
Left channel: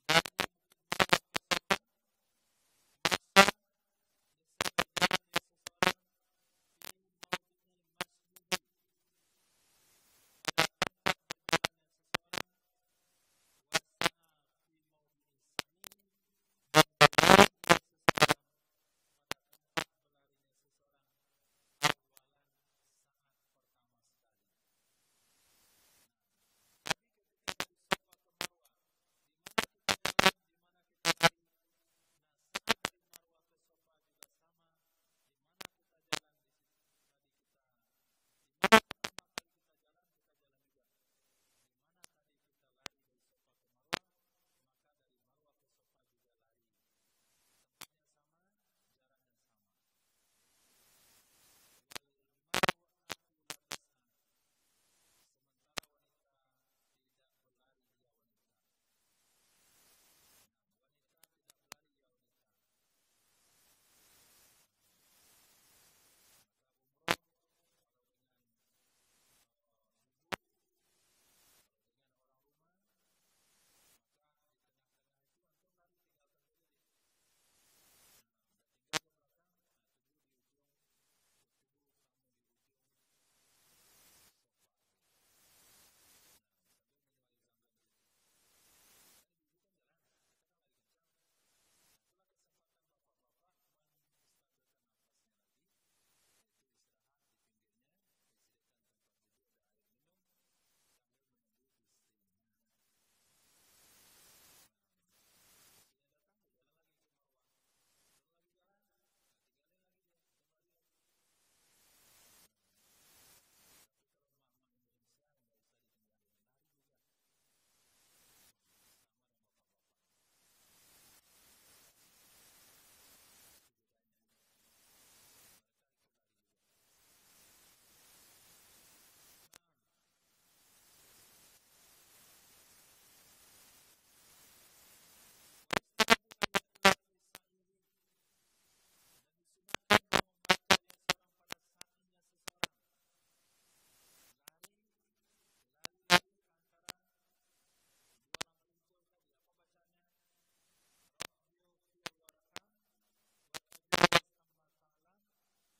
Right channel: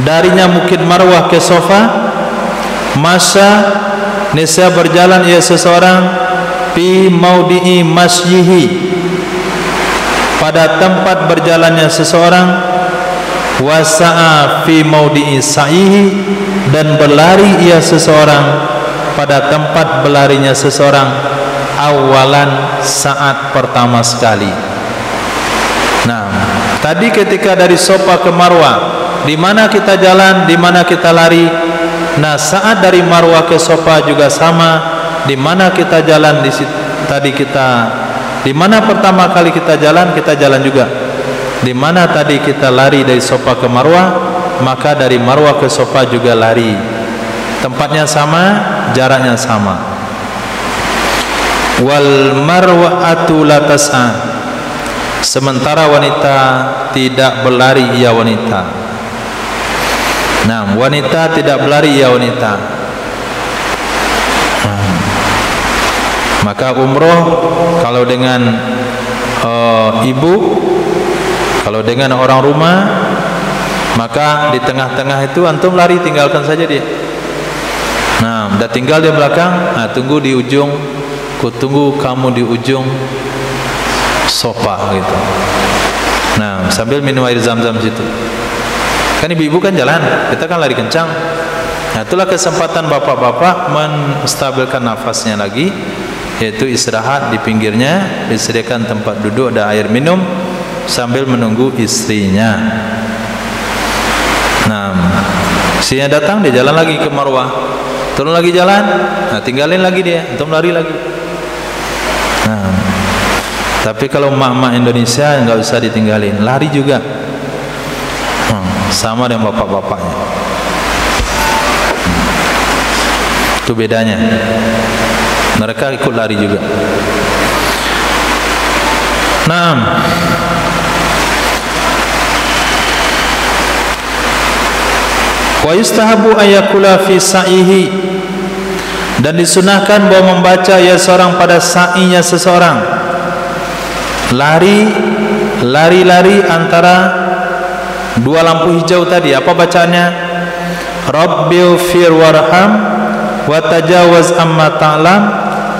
darinya Bukit Marwah ke Safa, masa nisya berjalan ia seseorang fi maudi'i masyihi, pada tempat berjalannya seseorang, wasa'a fi maudi'i sa'ihi, dan berlari ia seseorang pada tempat berlarinya seseorang, awalan, saat pertama sekali. Nah, tadi ketika dari Safa ke Marwah, di mana kita jalan, di mana kita lari. Nah, saat dari Marwah ke Safa juga sama, di mana kita jalan di situ, tadi kita di mana pertama kali kita jalan juga. Di mana tadi kita lari dari Safa ke Marwah, maka dari Marwah ke Safa juga lari. Tempatnya sama, jaraknya sama. Wal marwa'atu la tas'a, sementara wanita tidak berlari ia wanita. Nah, wanita tidak berlari ya wanita. Maka umroh kalau dengan ibu, kalau dengan orang rumah, maka di tengah-tengah itu antum lari, tinggalkan saja dia. Nah, udah tinggal di belakang, nah, tunggu di ujung, kutunggu kamu di ujung Safa gitu. Nah, sambil minum air zam-zam situ. Kan ibu-ibu kan jalan, kita kan lari kencang. Nah, itulah kesempatan bapak-bapak menstabilkan nafasnya lagi, yaitu istirahat di pinggirnya, disediakan tempat duduk, ada air minum sambil menunggu istrinya. Nah, istrinya datang, dia jalan lagi ke Marwah, turun lagi jalan, nah tinggalin lagi dia, untuk lari lagi. Nah, tapi kalau emak-emak Indonesia nggak usah ditinggalin, lari juga. Sama dengan bapak-bapaknya. Itu bedanya. Mereka ikut lari juga. Naam. Wa yustahabu ayakula fi sa'ihi, dan disunahkan bahwa membaca ya seorang pada sa'inya seseorang. Lari antara dua lampu hijau tadi. Apa bacaannya? Rabbighfir warham wa tajawaz amma ta'lam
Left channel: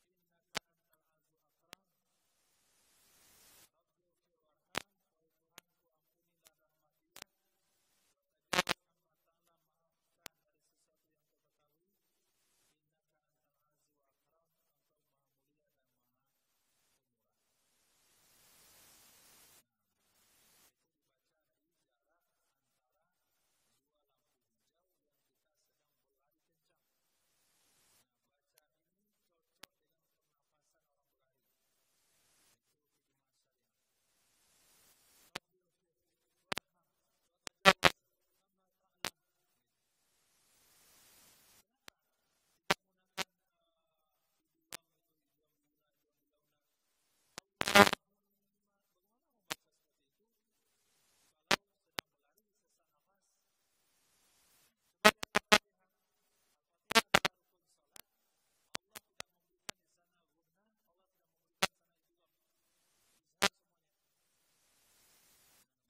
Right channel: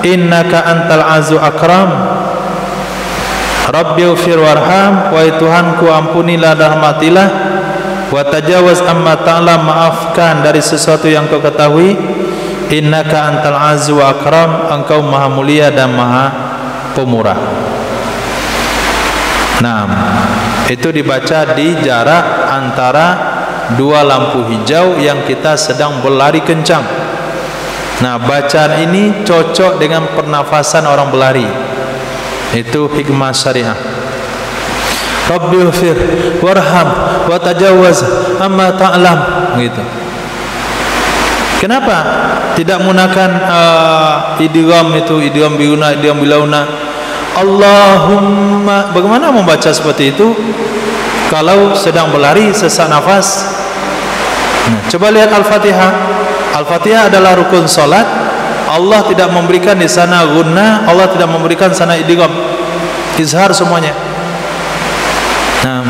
innaka antal azu akram. Rabbighfir warham, wahai Tuhanku ampunilah dan rahmatilah, wa tajawaz amma ta'lam, maafkan dari sesuatu yang kau ketahui, innaka antal azzu wa akram, engkau maha mulia dan maha pemurah. Nah, itu dibaca di jarak antara dua lampu hijau yang kita sedang berlari kencang. Nah, bacaan ini cocok dengan pernafasan orang berlari. Itu hikmah syariah. Rabbighfir warham wa tajawaz amma ta'lam, gitu. Kenapa tidak menggunakan idgham itu, idgham biuna, idgham bilauna? Allahumma, bagaimana membaca seperti itu kalau sedang berlari sesak nafas? Nah, coba lihat Al-Fatihah. Al-Fatihah adalah rukun salat. Allah tidak memberikan di sana gunnah, Allah tidak memberikan sana idgham, izhar semuanya. Nah,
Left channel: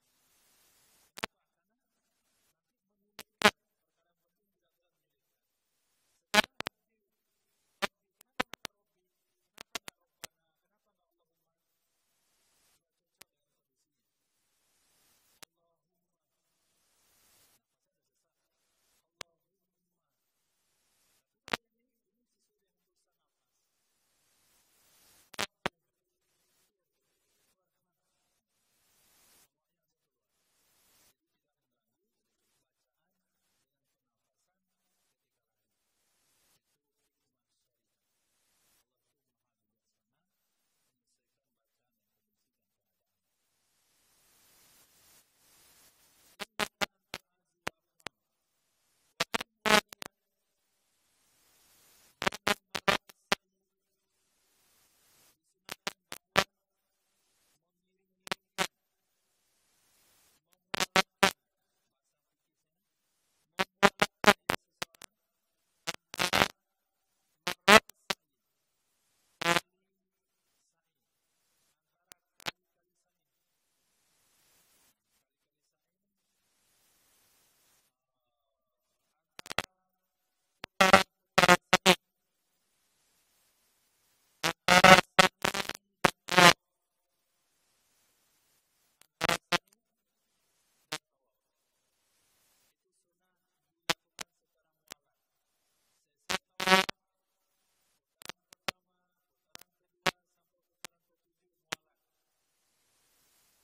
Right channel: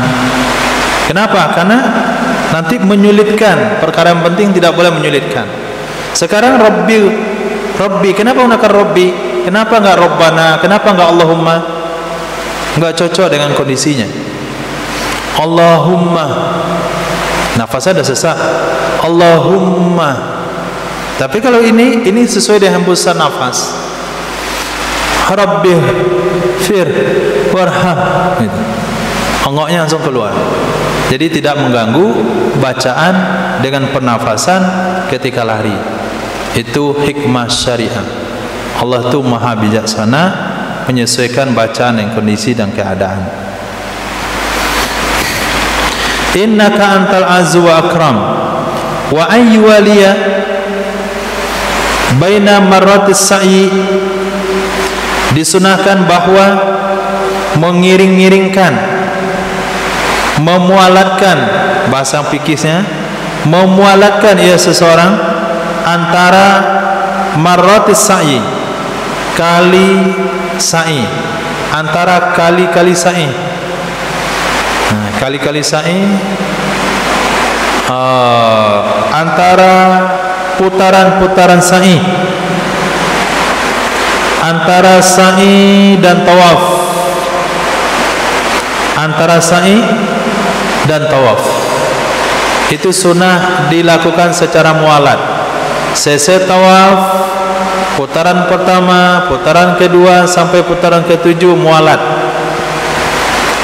kenapa? Karena nanti menyulitkan. Perkara yang penting tidak boleh menyulitkan. Sekarang Rabbi, kenapa menggunakan Rabbi? Kenapa enggak Rabbana? Kenapa enggak Allahumma? Enggak cocok dengan kondisinya. Allahumma, nafasnya ada sesak. Allahumma. Tapi kalau ini sesuai dengan hembusan nafas. Rabbighfir warham, gitu. Ongoknya langsung keluar. Jadi tidak mengganggu bacaan dengan pernafasan ketika lari. Itu hikmah syariah. Allah itu maha bijaksana menyesuaikan bacaan dengan kondisi dan keadaan. Innaka antal azzu wa akram wa ayyuwaliya baina marratis sa'i, disunahkan bahwa mengiring-iringkan, memualatkan, bahasa fikihnya memualatkan ia seseorang antara marratis sa'i, kali sa'i, antara kali-kali sa'i. Nah, kali-kali sa'i antara putaran-putaran sa'i, antara sa'i dan tawaf, antara sa'i dan tawaf. Itu sunnah dilakukan secara mualat. Selesai tawaf, putaran pertama, putaran kedua sampai putaran ketujuh mualat.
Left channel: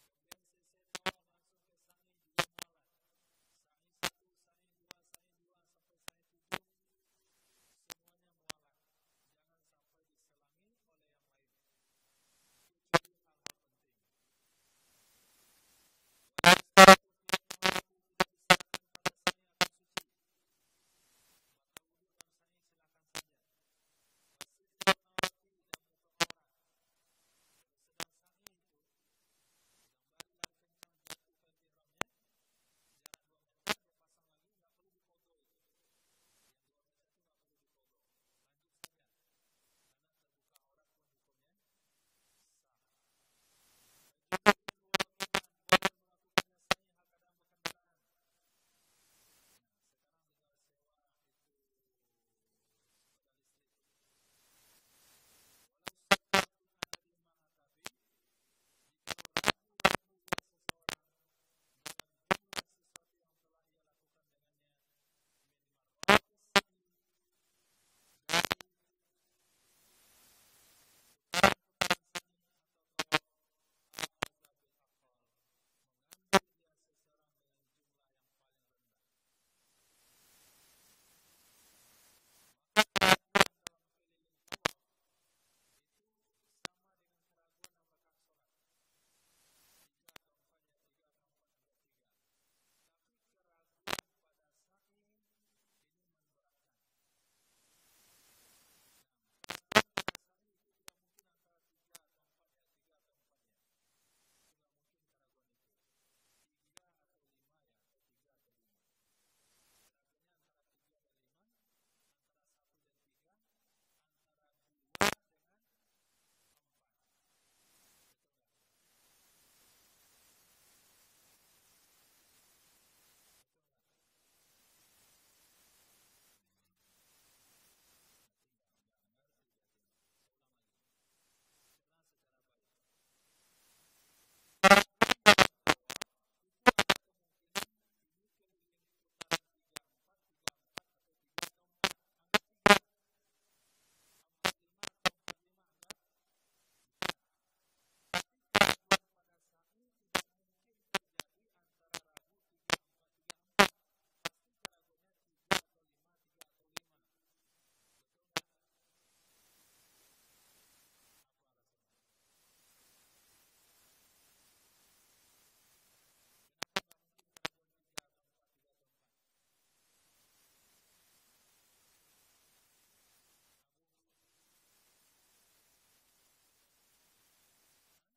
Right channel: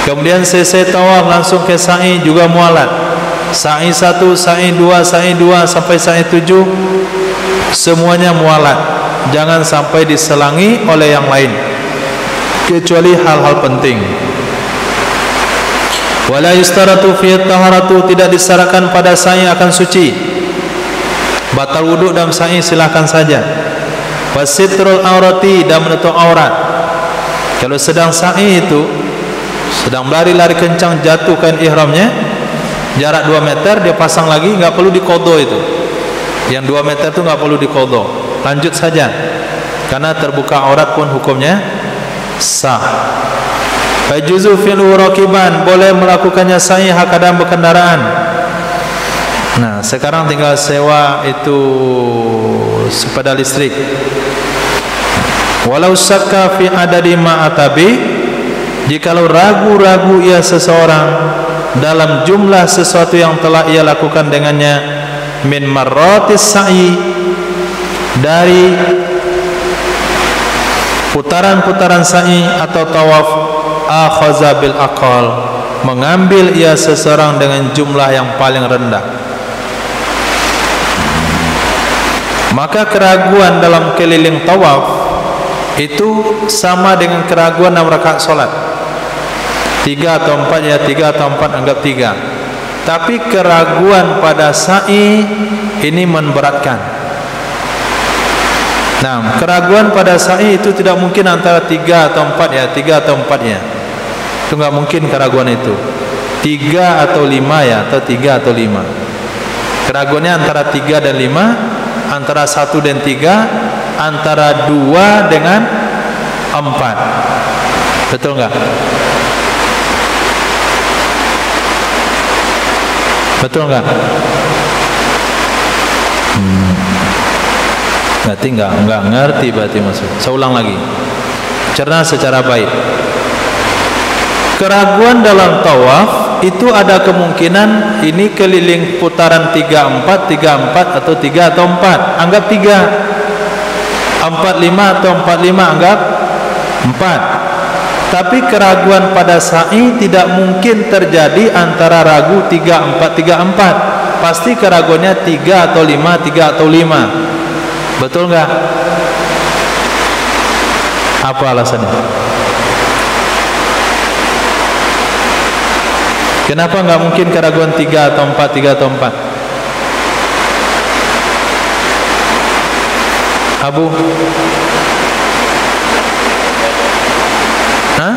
Kemudian selesai tawaf langsung ke sa'i juga mualat. Sa'i 1, sa'i 2, sa'i 2 sampai sa'i 7, semuanya mualat. Jangan sampai diselangi oleh yang lain kecuali hal-hal penting. Wala yustaratu fi taharatu, tidak disyaratkan pada sa'i akan suci. Batal wudu dalam sa'i silakan saja. Wasitrul aurati, dan menutup aurat. Kalau sedang sa'i itu, sedang lari-lari kencang, jatuhkan ihramnya, jarak 2 meter dia pasang lagi, enggak perlu diqadha itu. Yang 2 meter itu enggak perlu diqadha. Lanjut saja. Karena terbuka aurat pun hukumnya sah. Fajuzu fil raqiban, boleh melakukannya sa'i hakadam berkendaraan. Nah, sekarang tinggal sewa itu sepeda listrik. Walau syakka fi adadi ma'atabi, jikalau ragu-ragu ia seseorang dalam jumlah sesuatu yang telah ia lakukan dengannya, min marratis sa'i, dari putaran-putaran sa'i atau tawaf, akhaza bil aqal, mengambil ia seseorang dengan jumlah yang paling rendah. Maka keraguan dalam keliling tawaf itu sama dengan keraguan dalam rakaat salat. 3 atau 4 ya 3 atau 4 anggap 3. Tapi keraguan pada sa'i ini memberatkan. Nah, keraguan pada sa'i itu tidak mungkin antara 3 atau 4 ya, 3 atau 4 ya. Itu enggak mungkin keraguan itu. 3 atau 5 ya, atau 3 atau 5. Keraguannya antara 3 dan 5, antara 1 dan 3, antara 2 dengan 4. Betul enggak? Betul enggak? Berarti enggak ngerti berarti maksud. Saya ulang lagi. Cerna secara baik. Keraguan dalam tawaf itu ada kemungkinan ini keliling putaran 3-4, 3-4 atau 3 atau 4. Anggap 3. 4-5 atau 4-5 anggap 4. Tapi keraguan pada sa'i tidak mungkin terjadi antara ragu 3-4, 3-4. Pasti keraguannya 3 atau 5, 3 atau 5. Betul enggak? Apa alasannya? Kenapa enggak mungkin keraguan 3 atau 4, 3 atau 4? Abu? Hah?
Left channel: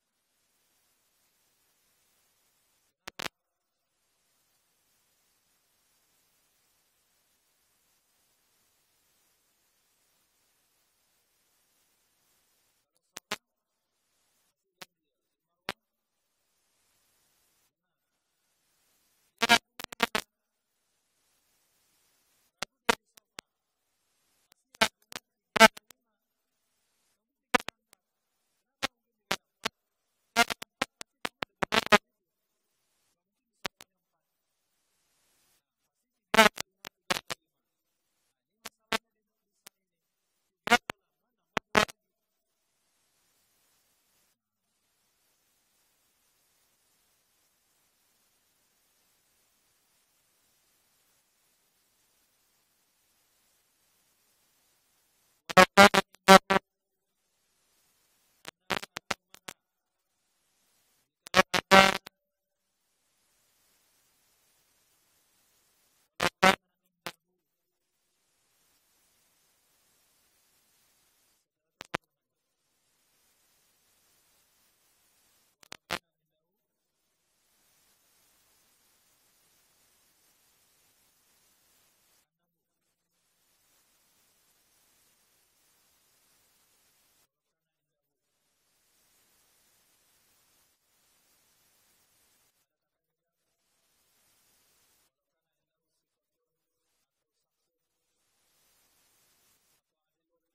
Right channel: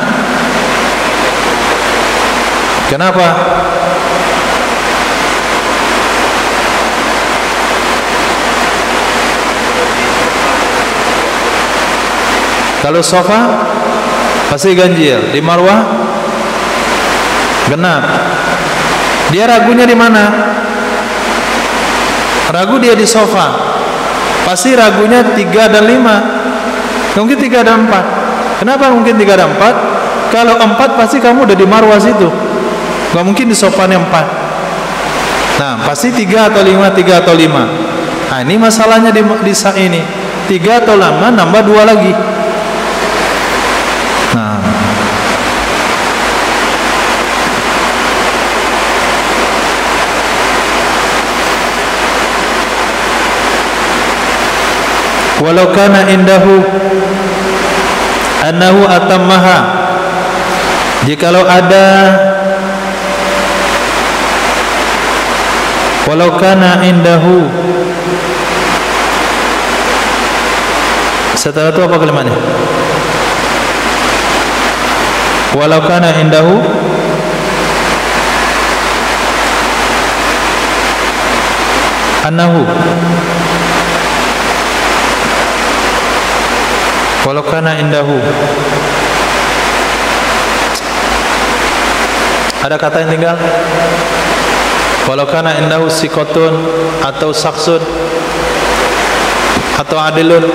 Kenapa? Kalau sofa pasti ganjil, di Marwah genap. Dia ragunya di mana? Ragu dia di sofa. Pasti ragunya 3 dan 5. Mungkin 3 dan 4. Kenapa mungkin 3 dan 4? Kalau 4 pasti kamu udah di Marwah situ. Gak mungkin di sofanya 4. Nah, pasti 3 atau 5, 3 atau 5. Nah, ini masalahnya di sa'i ini. 3 atau 5 nambah 2 lagi. Walau kana indahu annahu atammaha, jikalau ada, walau kana indahu, setelah itu apa kalimatnya? Walau kana indahu annahu, walau kana indahu, ada kata yang tinggal. Walau kana indahu sikotun atau saksun atau adilun.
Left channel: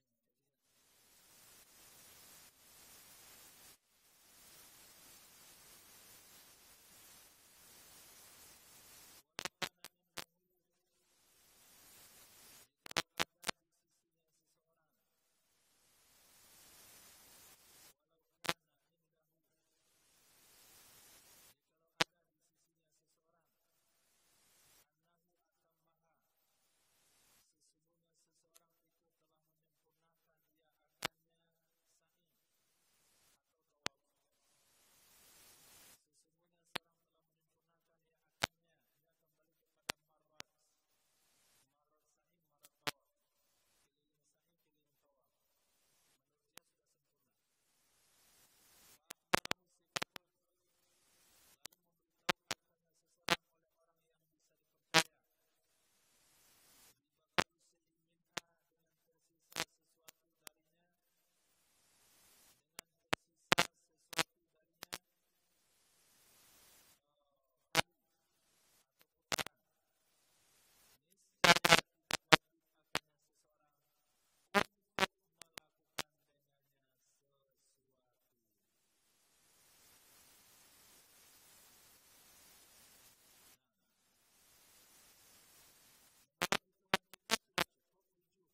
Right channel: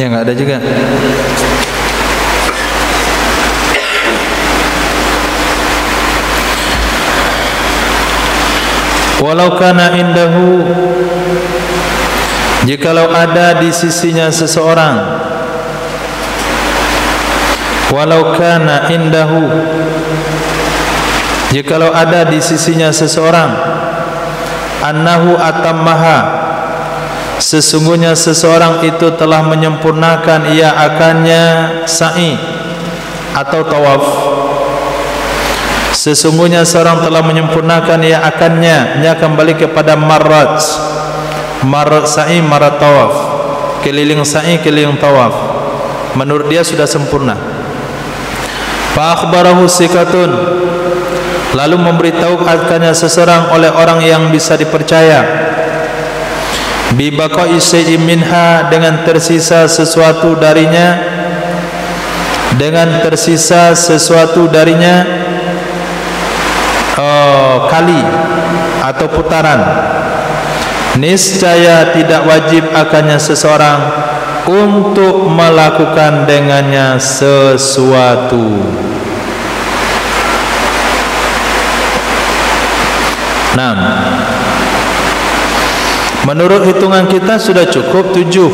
Ya nggak ada juga. Walau kana indahu, jikalau ada di sisinya seseorang. Walau kana indahu, jikalau ada di sisinya seseorang. Annahu atammaha, sesungguhnya seseorang itu telah menyempurnakan ia akannya sa'i atau tawaf. Sesungguhnya seorang telah menyempurnakan ia akannya, ia kembali kepada marrat sa'i, marrat tawaf, keliling sa'i, keliling tawaf. Menurut dia sudah sempurna. Fa akhbarahu sikatun, lalu memberitahu akannya seseorang oleh orang yang bisa dipercaya. Bi baqa'i syai'in minha, dengan tersisa sesuatu darinya, dengan tersisa sesuatu darinya kali atau putaran. Niscaya tidak wajib akannya seseorang untuk melakukan dengannya sesuatu. Nah, menurut hitungan kita sudah cukup 7.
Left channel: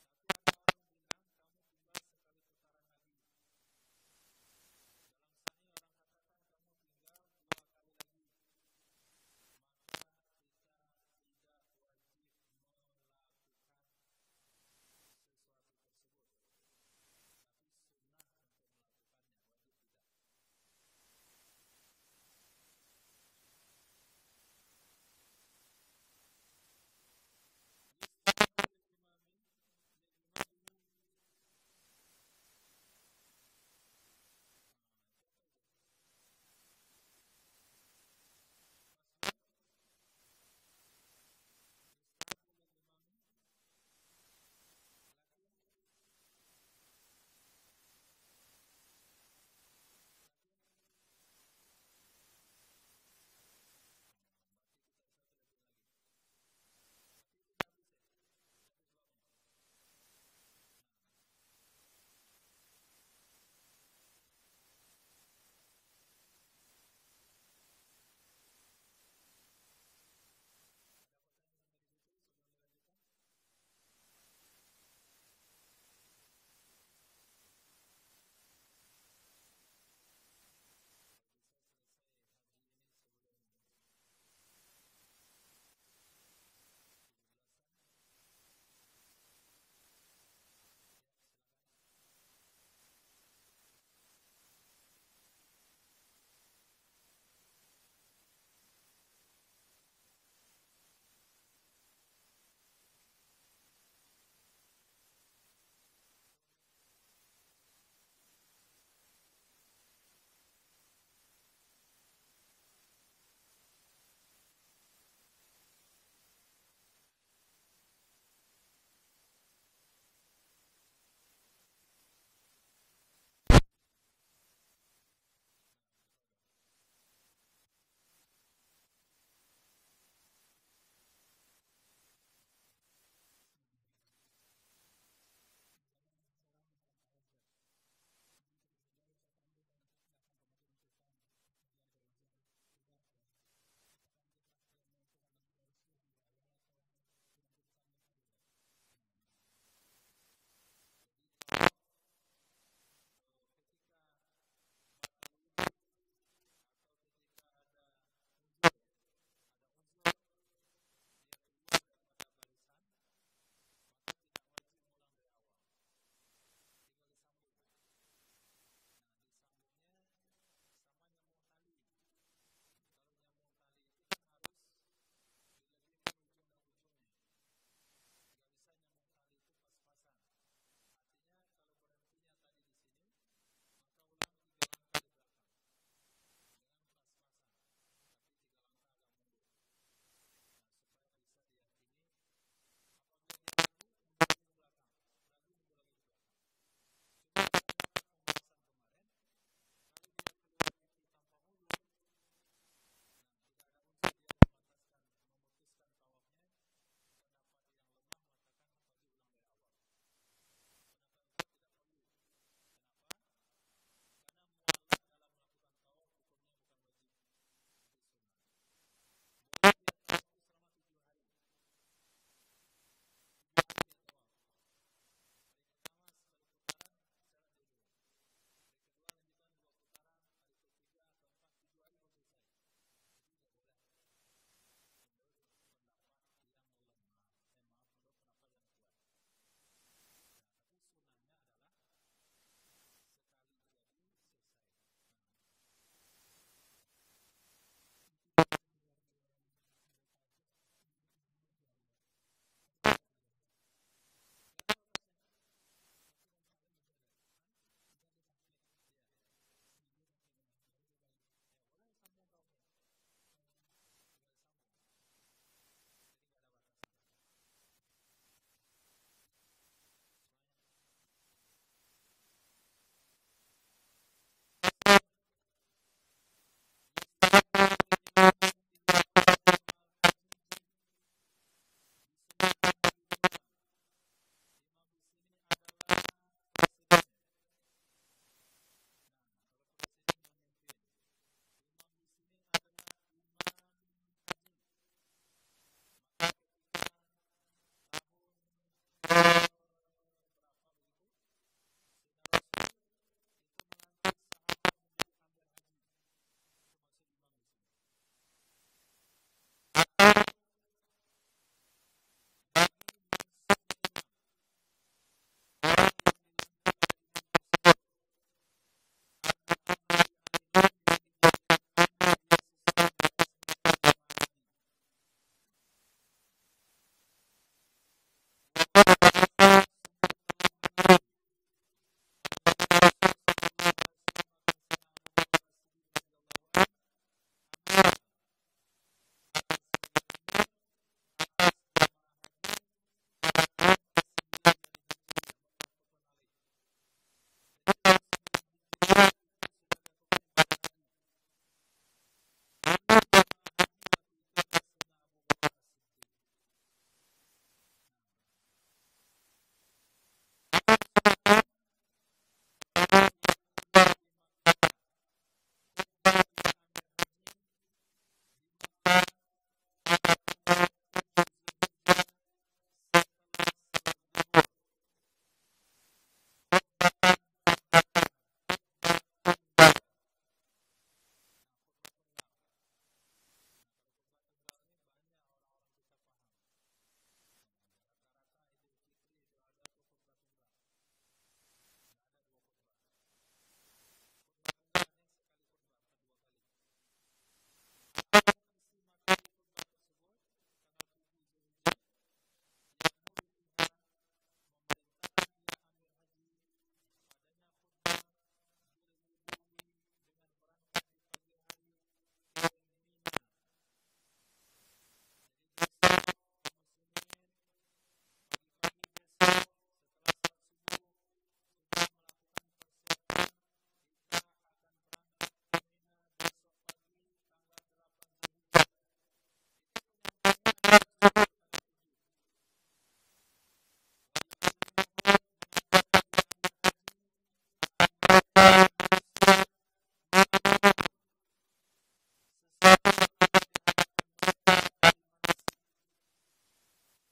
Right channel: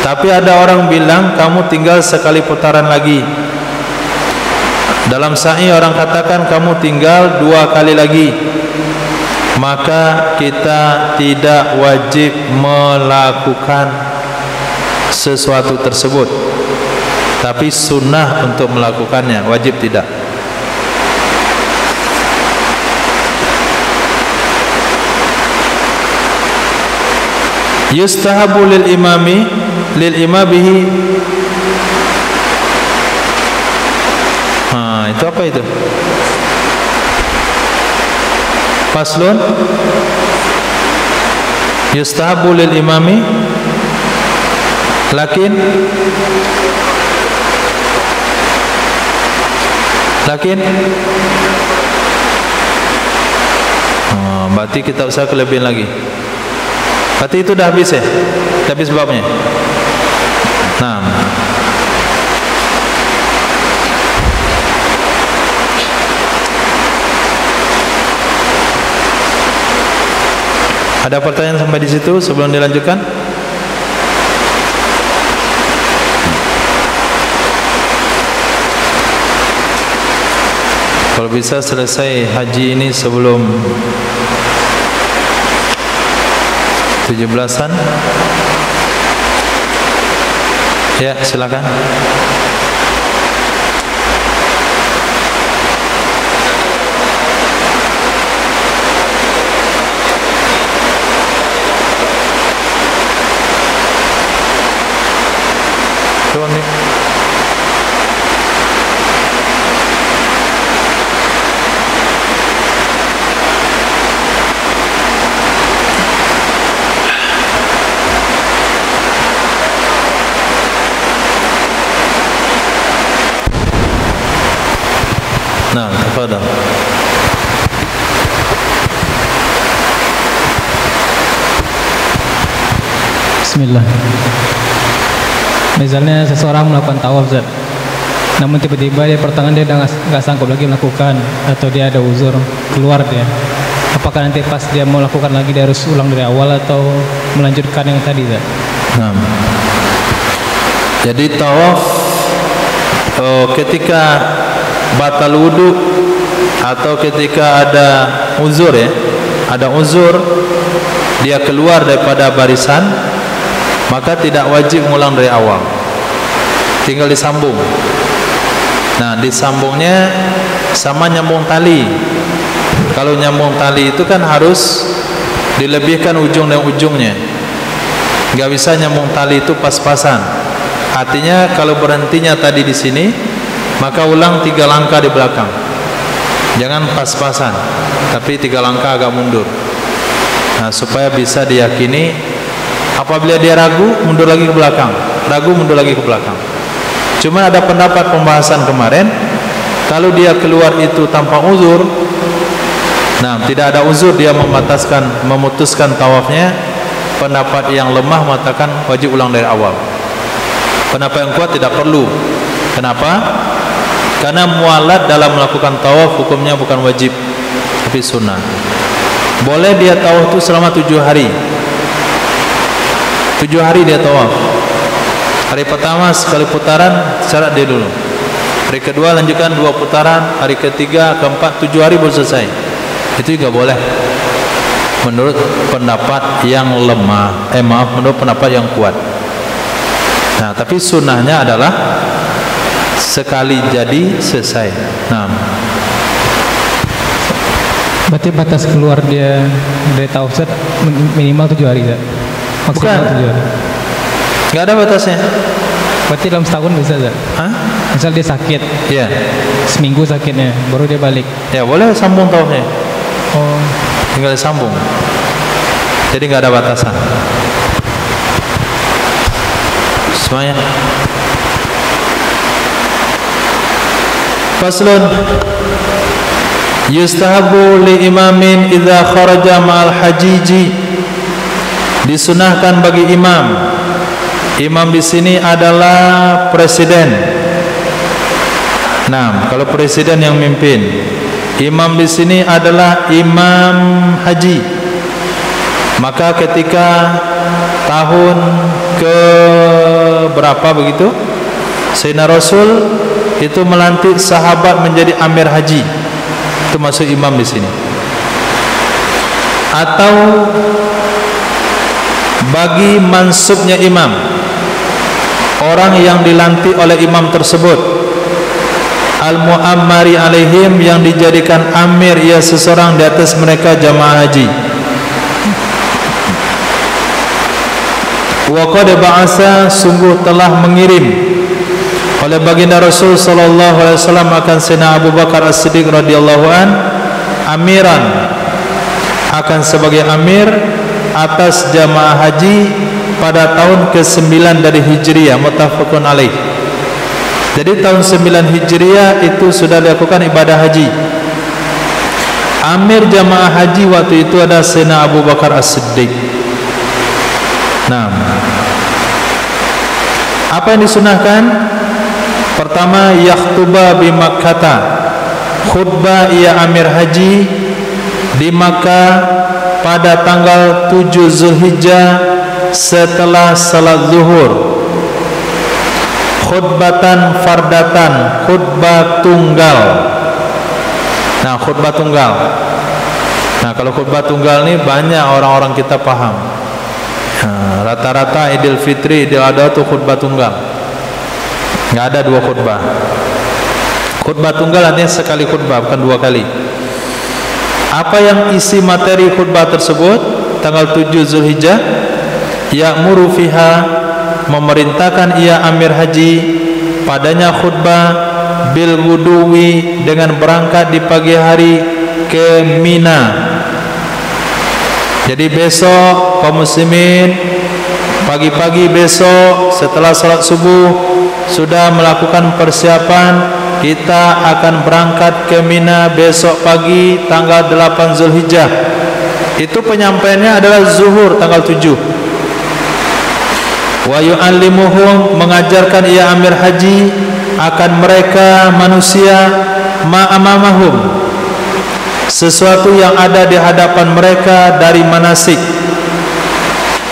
Tapi ada orang bilang kamu tinggal sekali putaran lagi. Dalam sa'i orang katakan kamu tinggal 2 kali lagi. Maka kita tidak wajib melakukan sesuatu tersebut. Tapi sunnah untuk melakukannya, wajib tidak. Yustahabu lil imamihi Apa itu? Faslun yustahabu lil imami lakin berarti kita usah kelebihan lagi. Berarti itu dah habis ya? Dah habis babnya. Nah, ada pertanyaan sampai di situ sebelum dilanjutkan? Kalau bisa selesai haji ini sebelum 17-an. Ya, silakan. Nah, tafadhal. Bismillah. Misalnya seseorang melakukan tawaf, Zat. Namun tiba-tiba dia pertengahan dia nggak sanggup lagi melakukan, atau dia ada uzur keluar dia. Apakah nanti pas dia mau lakukan lagi dia harus ulang dari awal atau melanjutkan yang tadi, Zat? Nah, jadi tawaf ketika batal wudu atau ketika ada uzur ya, ada uzur dia keluar daripada barisan, maka tidak wajib ngulang dari awal, tinggal disambung. Nah, disambungnya sama nyambung tali. Kalau nyambung tali itu kan harus dilebihkan ujung dan ujungnya, nggak bisa nyambung tali itu pas-pasan. Artinya kalau berhentinya tadi di sini, maka ulang 3 langkah di belakang. Jangan pas-pasan, tapi 3 langkah agak mundur. Nah, supaya bisa diyakini. Apabila dia ragu, mundur lagi ke belakang. Ragu, mundur lagi ke belakang. Cuma ada pendapat pembahasan kemarin, kalau dia keluar itu tanpa uzur, nah tidak ada uzur dia memutuskan tawafnya, pendapat yang lemah mengatakan wajib ulang dari awal. Pendapat yang kuat tidak perlu. Kenapa? Karena mualat dalam melakukan tawaf hukumnya bukan wajib, tapi sunnah. Boleh dia tawaf itu selama 7 hari. 7 hari dia tawaf. Hari pertama sekali putaran, syarat dia dulu. Hari kedua lanjutkan 2 putaran. Hari ketiga, keempat, 7 hari baru selesai. Itu juga boleh, menurut pendapat yang lemah. Menurut pendapat yang kuat. Nah, tapi sunnahnya adalah sekali jadi selesai. Nah, berarti batas keluar dia dari tawaf minimal 7 hari, Zat? Maksimal 7 hari. Nggak ada batasnya. Berarti dalam setahun bisa, Zat? Hah? Misal dia sakit, ya, seminggu sakitnya, baru dia balik. Ya boleh sambung tawafnya. Oh, Tinggal disambung. Jadi nggak ada batasan. Semuanya. Faslun yustahabu li imamin idza kharaja ma'al hajiji. Disunahkan bagi imam. Imam di sini adalah presiden. Nah, kalau presiden yang mimpin. Imam di sini adalah imam haji. Maka ketika tahun ke berapa begitu, Sayyidina Rasul itu melantik sahabat menjadi amir haji. Itu masuk imam di sini. Atau bagi mansubnya imam, orang yang dilantik oleh imam tersebut, al-mu'ammari alaihim, yang dijadikan amir, ia seseorang di atas mereka jamaah haji. Wa qad ba'asa, sungguh telah mengirim oleh baginda Rasul sallallahu alaihi wasallam akan Sayyidina Abu Bakar As-Siddiq radhiyallahu an amiran, akan sebagai amir atas jamaah haji pada tahun ke-9 dari Hijriah, muttafaqun alaih. Jadi tahun 9 Hijriah itu sudah dilakukan ibadah haji. Amir jamaah haji waktu itu ada Sayyidina Abu Bakar As-Siddiq. Nah, apa yang disunahkan? Pertama, yakhtuba bi Makkah, khutbah ia amir haji di Makkah pada tanggal 7 Zulhijjah setelah salat zuhur. Khutbatan fardatan, khutbah tunggal. Nah, khutbah tunggal. Nah, kalau khutbah tunggal ini banyak orang-orang kita paham. Rata-rata Idul Fitri, Idul Adha itu khutbah tunggal. Nggak ada dua khutbah. Khutbah tunggal artinya sekali khutbah, bukan dua kali. Apa yang isi materi khutbah tersebut? Tanggal 7 Zulhijjah, ya'muru fiha, memerintahkan ia amir haji padanya khutbah bil wuduwi, dengan berangkat di pagi hari ke Mina. Jadi besok kaum muslimin pagi-pagi besok setelah salat subuh sudah melakukan persiapan, kita akan berangkat ke Mina besok pagi tanggal 8 Zulhijjah. Itu penyampaiannya adalah zuhur tanggal 7. Wa yu'allimuhum, mengajarkan ia amir haji akan mereka manusia ma'amamahum, sesuatu yang ada di hadapan mereka dari manasik.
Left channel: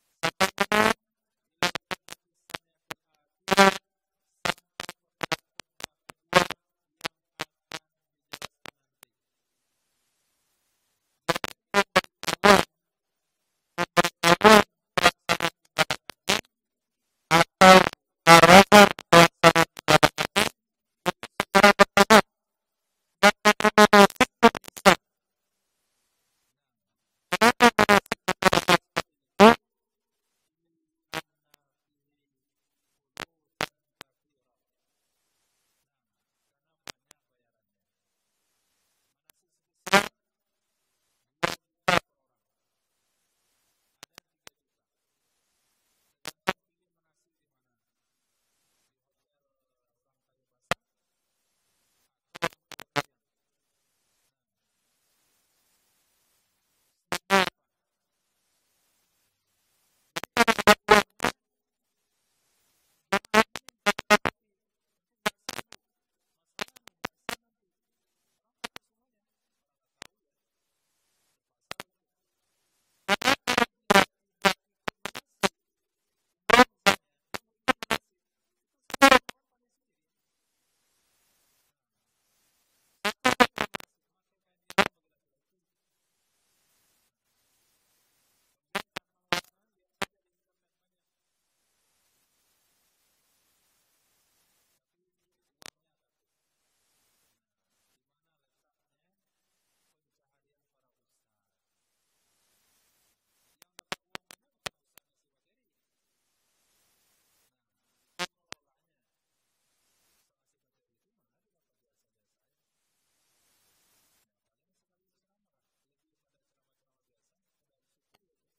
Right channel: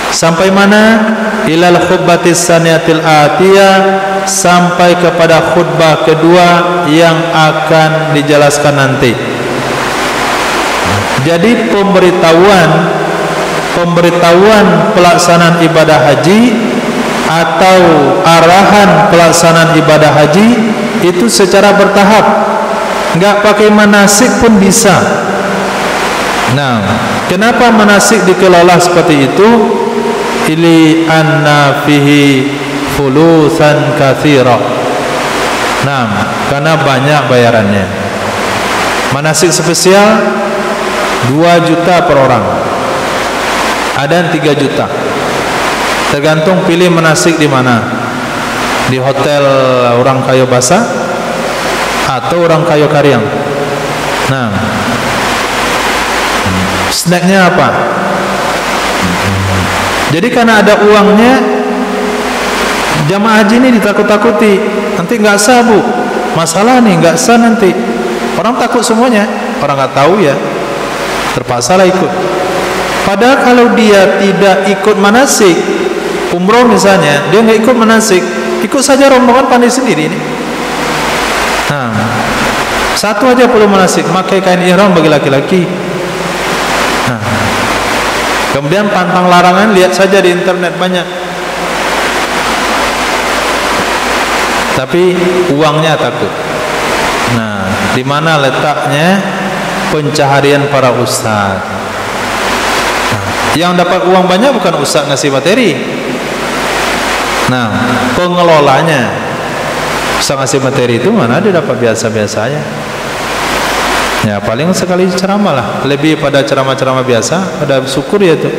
Sampai mana? Ilal khutbatis saniyatil atiyah, sampai kepada khutbah kedua yang akan dijelaskan nanti. Jadi pemberitahuan pelaksanaan ibadah haji atau arahan pelaksanaan ibadah haji itu secara bertahap, enggak pakai manasik pun bisa. Nah, kenapa manasik dikelola seperti itu? Ili anna fihi fulusan katsira. Nah, karena banyak bayarannya. Manasik spesial 2 juta per orang. Ada yang 3 juta. Tergantung pilih manasik di mana. Di hotel orang Kayo Basah atau orang Kayo Karyang. Nah, snacknya apa? Jadi karena ada uangnya, jamaah haji ini ditakut-takuti, nanti nggak sah bu, masalah nih nggak sah nanti. Orang takut semuanya, orang nggak tahu ya, terpaksalah ikut. Padahal kalau dia tidak ikut manasik, umroh misalnya, dia nggak ikut manasik, ikut saja rombongan pandai sendiri ini. Nah, satu aja perlu manasik, pakai kain ihram bagi laki-laki. Nah, kemudian pantang larangan, lihat saja di internet banyak. Tapi uangnya takut. Nah, di mana letaknya pencaharian para ustaz? Nah, yang dapat uang banyak bukan ustaz ngasih materi. Nah, pengelolanya ustaz ngasih materi itu mana dia dapat biasa-biasa aja. Ya paling sekali ceramah lah, lebih pada ceramah-ceramah biasa, ada syukur ya itu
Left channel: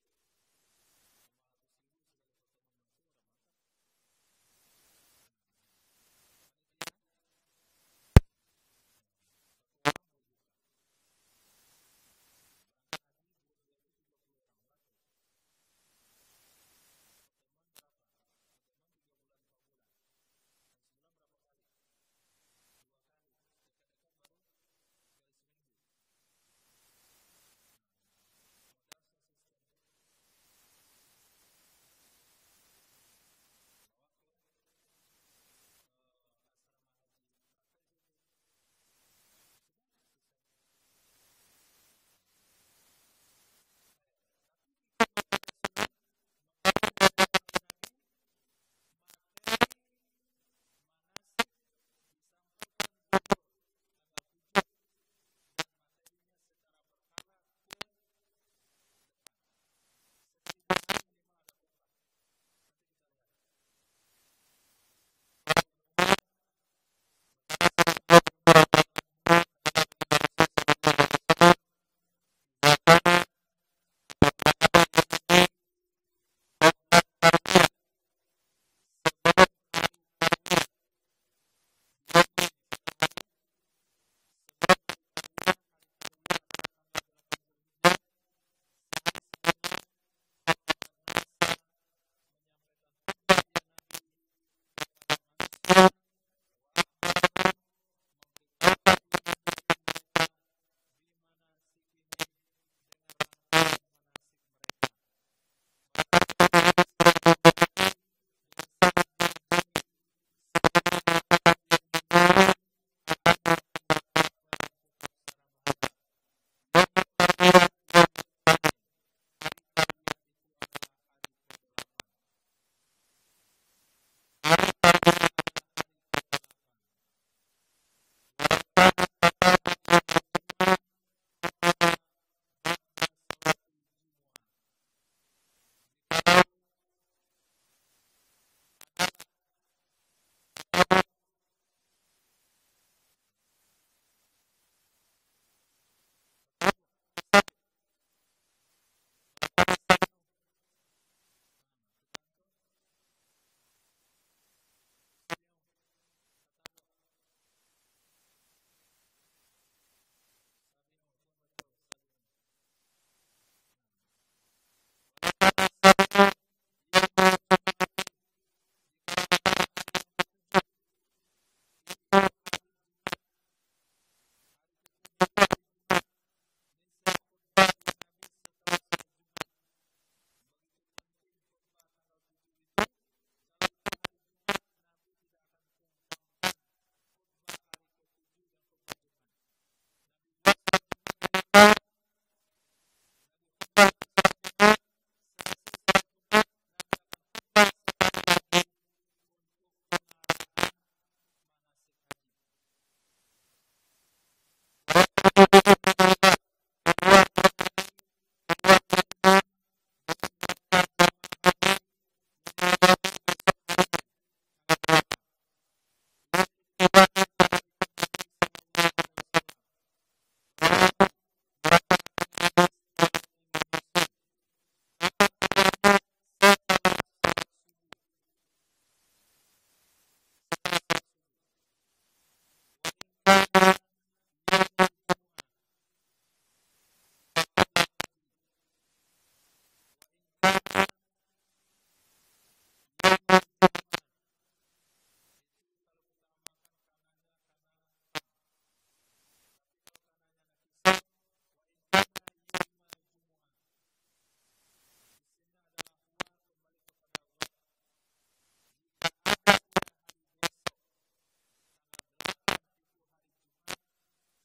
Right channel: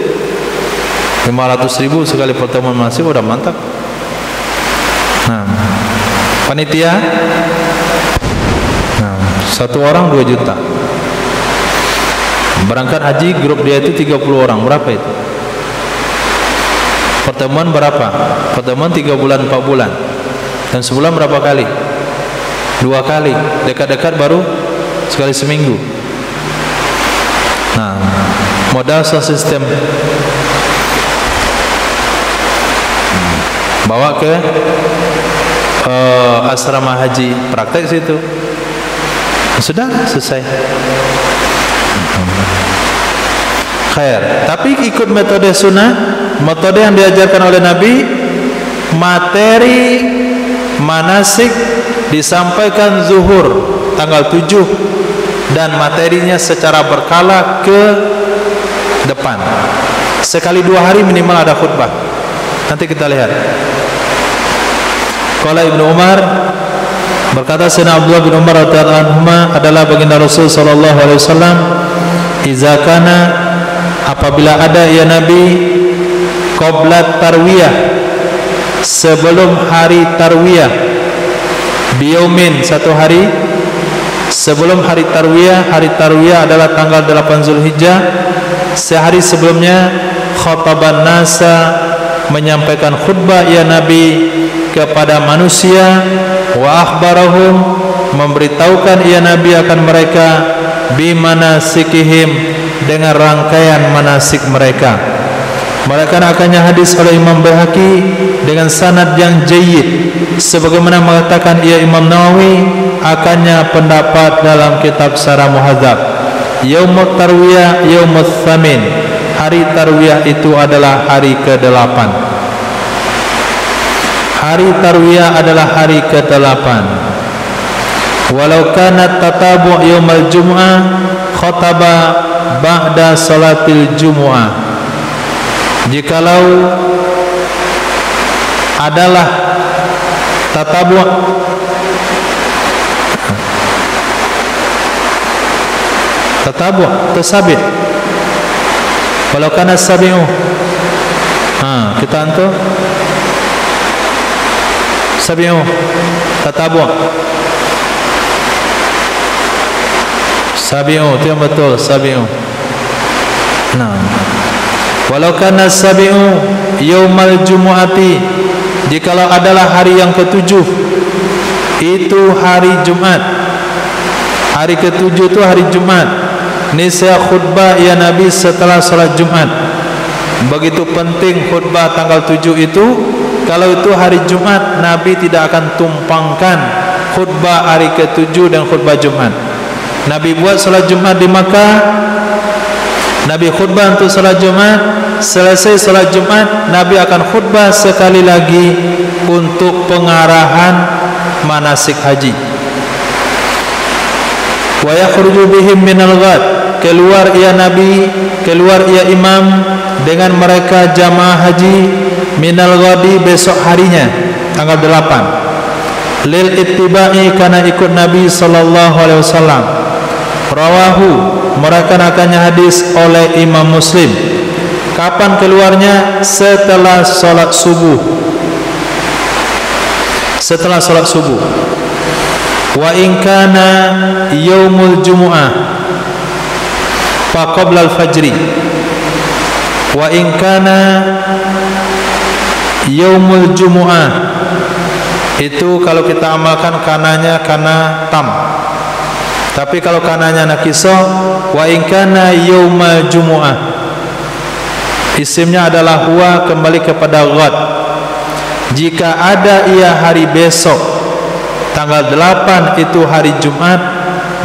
500.000 sekali pertemuan masih udah mantap. Nah, panitia, nah, 1 orang 2 juta. Berangkat haji grup dia itu 30 orang, berapa itu? Pertemuan berapa? Pertemuan 3 bulan 4 bulan. Dan sebulan berapa kali? 2 kali. Dekat-dekat baru sekali seminggu. Nah, modal sistem bawa ke asrama haji, praktek situ, sudah selesai. Khair. Tapi ikut metode sunnah, metode yang diajarkan oleh Nabi, materi manasik disampaikan zuhur tanggal 7 dan materinya secara berkala ke depan. Sekali 2 hari minimal ada khutbah. Nanti kita lihat. Qala Ibnu Umar, berkata Sayyidina Abdullah bin Umar radhiyallahu anhu adalah baginda Rasul sallallahu alaihi wasallam, "Iza kana, apabila ada ya Nabi, qabla tarwiyah, sebelum hari tarwiyah, biyaumin, satu hari sebelum hari tarwiyah adalah tanggal 8 Zulhijjah, sehari sebelumnya, khataban nasa, menyampaikan khutbah ya Nabi kepada manusia, wa akhbarahum, memberitahukan ya Nabi akan mereka, bimanasikihim, dengan rangkaian manasik mereka." Mereka akannya hadis oleh Imam Baihaqi dengan sanad yang jayyid, sebagaimana mengatakan ia Imam Nawawi akannya pendapat dalam kitab Syarah Muhadzab. Yaumut tarwiyah yaumut tsamin, hari tarwiyah itu adalah hari ke-8. Hari tarwiyah adalah hari ke-8. Walau kana tatabu' yaumal jum'ah khataba ba'da salatil jumu'ah, jikalau adalah tatabu' tasabi', walau kana sabi'u, kita antu sabi'u tatabu', sabi'u itu yang betul, sabi'u. Nah, walau kana sabi'u yaumal jumu'ati, jikalau adalah hari yang ke-7, itu hari Jumat. Hari ke-7 itu hari Jumat. Nisya khutbah ya Nabi setelah salat Jumat. Begitu penting khutbah tanggal 7 itu. Kalau itu hari Jumat, Nabi tidak akan tumpangkan khutbah hari ke-7 dan khutbah Jumat. Nabi buat salat Jumat di Makkah, Nabi khutbah untuk salat Jumat. Selesai salat Jumat, Nabi akan khutbah sekali lagi untuk pengarahan manasik haji. Wa yakhruju bihim minal ghad, keluar ia Nabi, keluar ia imam dengan mereka jamaah haji minal ghadi, besok harinya tanggal 8, lil ittiba'i, karena ikut Nabi sallallahu alaihi wasallam. Rawahu, merakan-akannya hadis oleh Imam Muslim. Kapan keluarnya? Setelah salat subuh. Setelah salat subuh. Wa in kana yaumul jumu'ah fa qabla al-fajri. Wa in kana yaumul jumu'ah, itu kalau kita amalkan kananya kana tam. Tapi kalau kananya nakisah, wa in kana yaumal jumu'ah, isimnya adalah huwa, kembali kepada ghad. Jika ada ia hari besok tanggal 8 itu hari Jumat,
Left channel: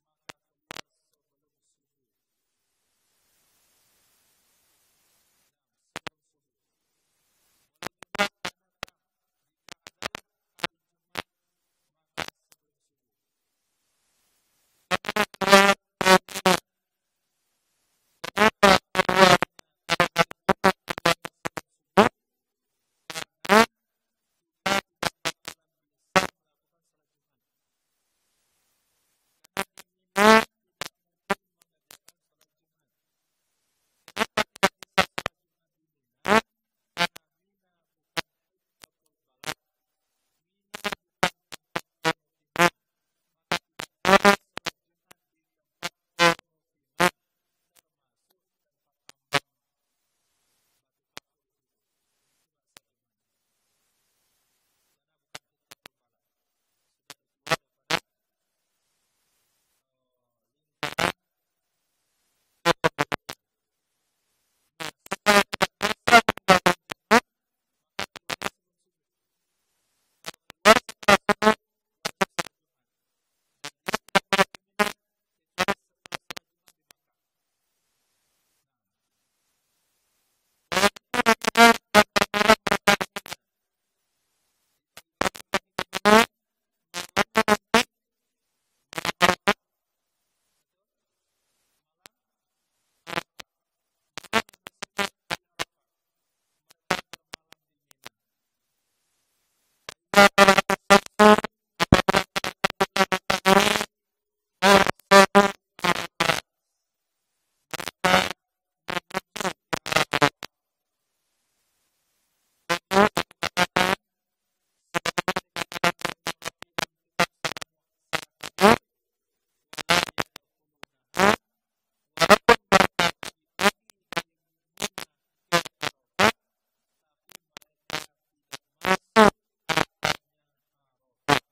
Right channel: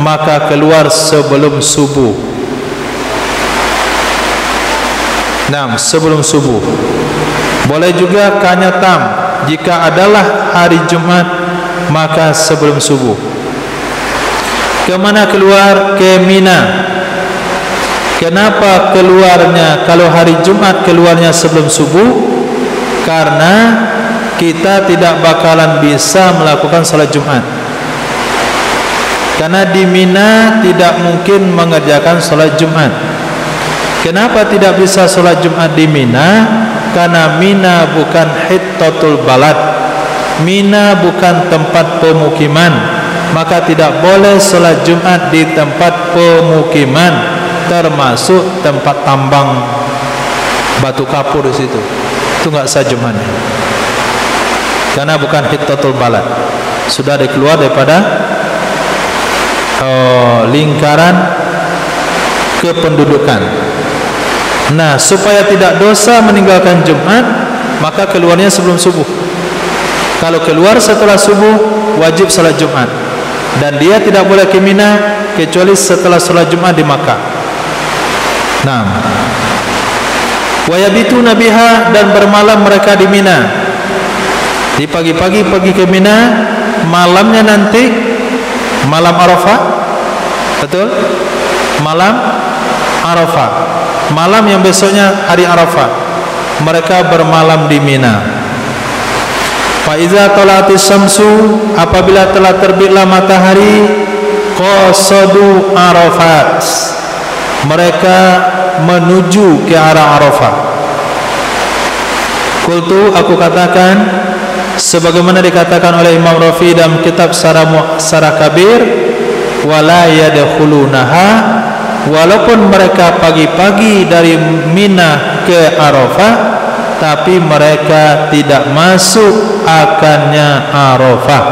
maka keluar sebelum subuh. Nah, sebelum subuh. Boleh juga kanya tam, jika adalah hari Jumat maka sebelum subuh. Kemana keluar? Ke Mina. Kenapa keluarnya kalau hari Jumat keluarnya sebelum subuh? Karena kita tidak bakalan bisa melakukan salat Jumat. Karena di Mina tidak mungkin mengerjakan salat Jumat. Kenapa tidak bisa salat Jumat di Mina? Karena Mina bukan hittatul balad, Mina bukan tempat pemukiman, maka tidak boleh salat Jumat di tempat pemukiman, termasuk tempat tambang batu kapur di situ. Itu enggak sah Jumatnya. Karena bukan hittatul balad, sudah dikeluar daripada lingkaran kependudukan. Nah, supaya tidak dosa meninggalkan Jumat, maka keluarnya sebelum subuh. Kalau keluar setelah subuh, wajib salat Jumat. Dan dia tidak boleh ke Mina kecuali setelah salat Jumat di Makkah. Nah, wa yabituna biha, dan bermalam mereka di Mina. Di pagi-pagi pergi ke Mina, malamnya nanti malam Arafah. Betul? Malam Arafah. Malam yang besoknya hari Arafah, mereka bermalam di Mina. Fa iza tala'atis syamsu, apabila telah terbitlah matahari, qasadu Arafat, mereka menuju ke arah Arafah. Qultu, aku katakan, sebagaimana dikatakan oleh Imam Rafi dalam kitab Sarah Kabir, wala yadkhulunaha, walaupun mereka pagi-pagi dari Mina ke Arafah, tapi mereka tidak masuk akannya Arafah.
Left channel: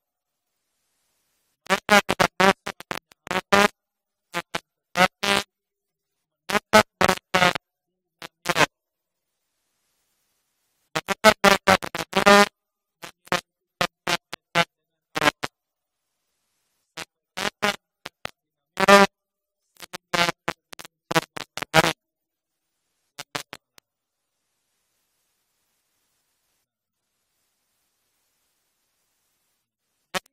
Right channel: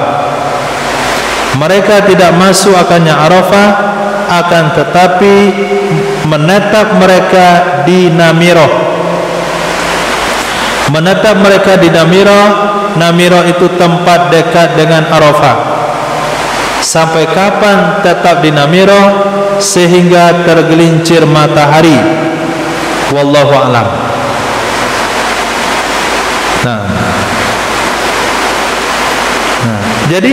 Mereka tidak masuk akannya Arafah, akan tetapi menetap mereka di Namiroh. Menetap mereka di Namiroh. Namiroh itu tempat dekat dengan Arafah. Sampai kapan tetap di Namiroh? Sehingga tergelincir matahari. Wallahu a'lam. Nah, jadi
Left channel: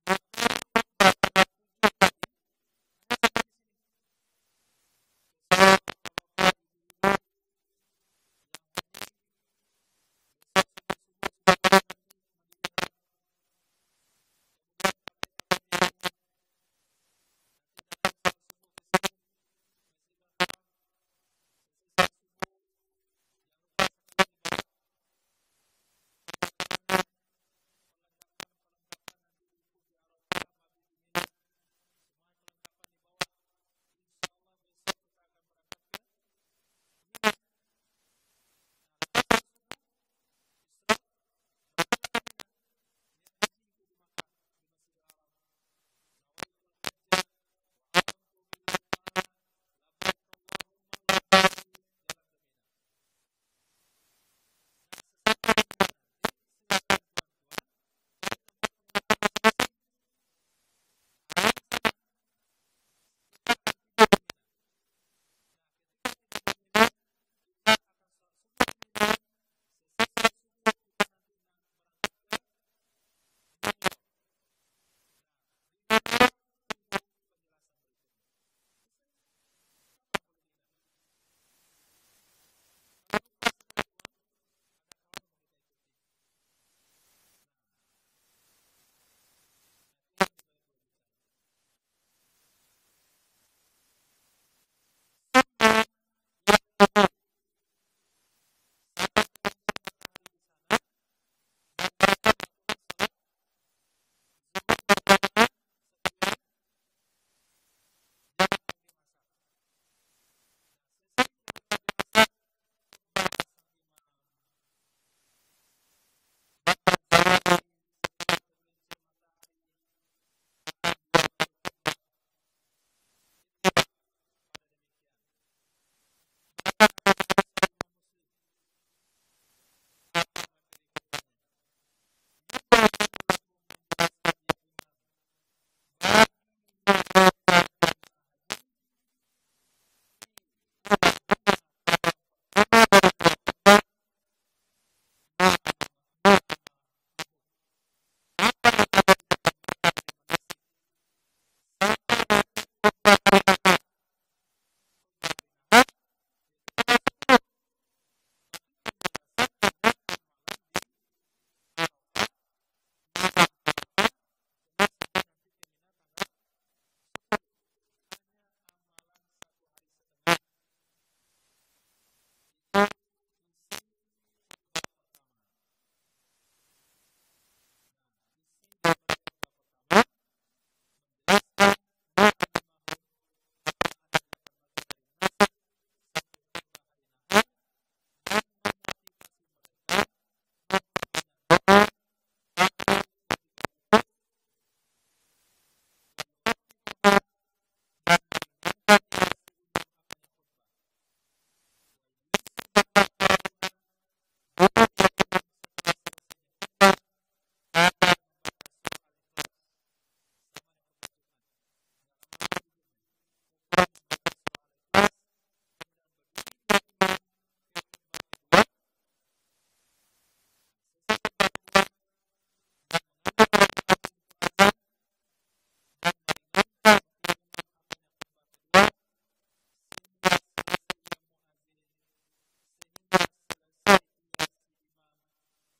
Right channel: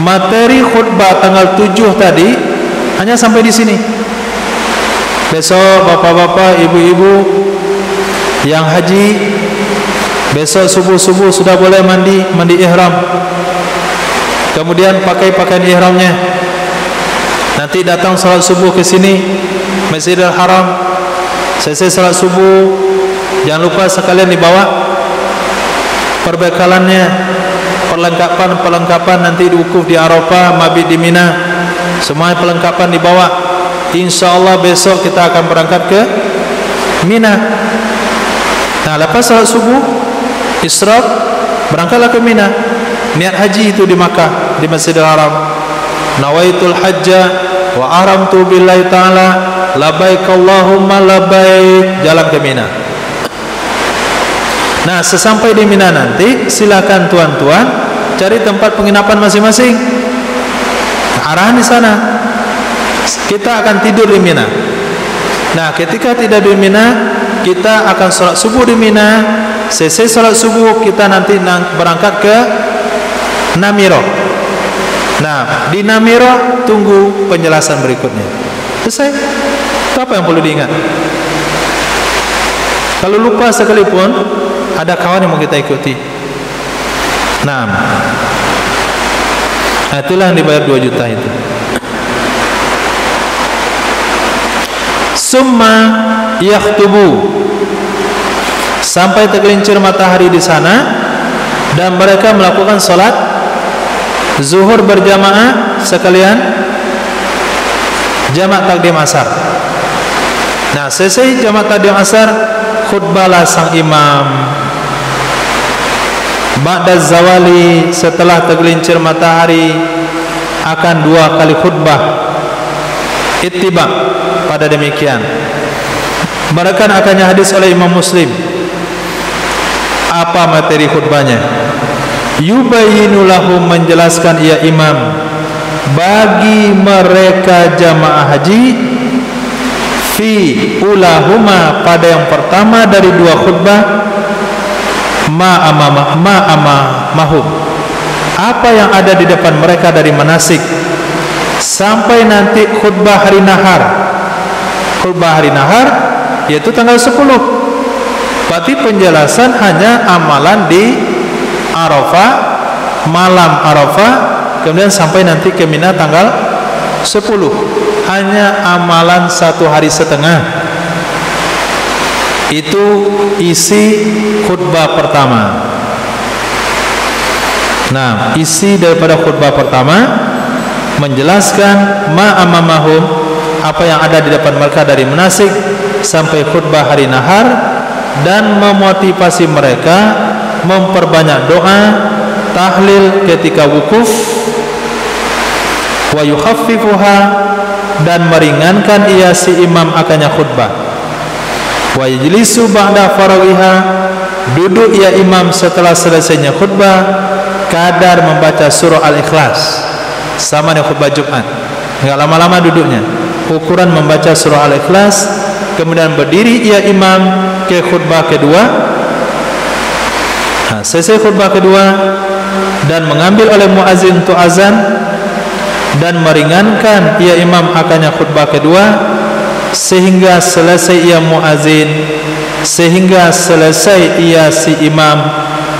materi khutbah tanggal 7 tadi hanya sampai di sini. Besok bapak-bapak, ibu-ibu yang haji, besok subuh-subuh sudah boleh mandi ihram. Kemudian pakai pakaian ihramnya. Nanti datang salat subuh ke sini, Masjidil Haram. Selesai salat subuh, jangan lupa sekalian dibawa perbekalannya, perlengkapan nanti diwukuf di Arafah, mabit di Mina, semua perlengkapan dibawa. InsyaAllah besok kita akan berangkat ke Mina. Nah, lepas salat subuh, isyraq, berangkatlah ke Mina. Niat haji itu di Makkah, di Masjidil Haram. Nawaitul hajja wa ahramtu billahi ta'ala labbaik Allahumma labbaik, jalan ke Mina. Nah, sesampai di Mina nanti, silakan tuan-tuan cari tempat penginapan masing-masing. Arahan di sana. Kita akan tidur di Mina. Nah, ketika tidur di Mina, kita akan sholat subuh di Mina. Selesai sholat subuh, kita nanti berangkat ke Namiroh. Nah, di Namiroh tunggu penjelasan berikutnya. Selesai. Apa yang perlu diingat? Kalau lupa sekalipun, ada kawan yang mau kita ikuti. Nah, itulah yang dibayar 2 juta itu. Summa yakhtubu, sampai tergelincir matahari di sana, dan mereka melakukan sholat zuhur berjamaah sekalian jamak takdim asar. Nah, selesai jamak takdim asar, khutbahlah sang imam. Ba'da zawali, setelah tergelincir matahari, akan 2 kali khutbah. Ittiba, pada demikian. Bahkan akannya hadis oleh Imam Muslim. Apa materi khutbahnya? Yubayyinu lahum, menjelaskan ia imam bagi mereka jamaah haji, fi ulahuma, pada yang pertama dari 2 khutbah, ma'amahum, apa yang ada di depan mereka dari manasik, sampai nanti khutbah hari nahar. Khutbah hari nahar yaitu tanggal 10. Berarti penjelasan hanya amalan di Arafah, malam Arafah, kemudian sampai nanti ke Mina tanggal 10. Hanya amalan 1 hari setengah. Itu isi khutbah pertama. Nah, isi daripada khutbah pertama menjelaskan ma'amamahum, apa yang ada di depan mereka dari manasik, sampai khutbah hari nahar, dan memotivasi mereka memperbanyak doa, tahlil ketika wukuf, wa yukhaffifuha, dan meringankan ia si imam akannya khutbah, wa yajlisu ba'da farawiha, duduk ia imam setelah selesainya khutbah, kadar membaca surah Al-Ikhlas, sama dengan khutbah Jumat, enggak lama-lama duduknya, ukuran membaca surah Al-Ikhlas. Kemudian berdiri ia imam ke khutbah kedua. Nah, selesai khutbah kedua dan mengambil oleh muazin untuk azan, dan meringankan ia imam akannya khutbah kedua sehingga selesai ia muazin, sehingga selesai ia si imam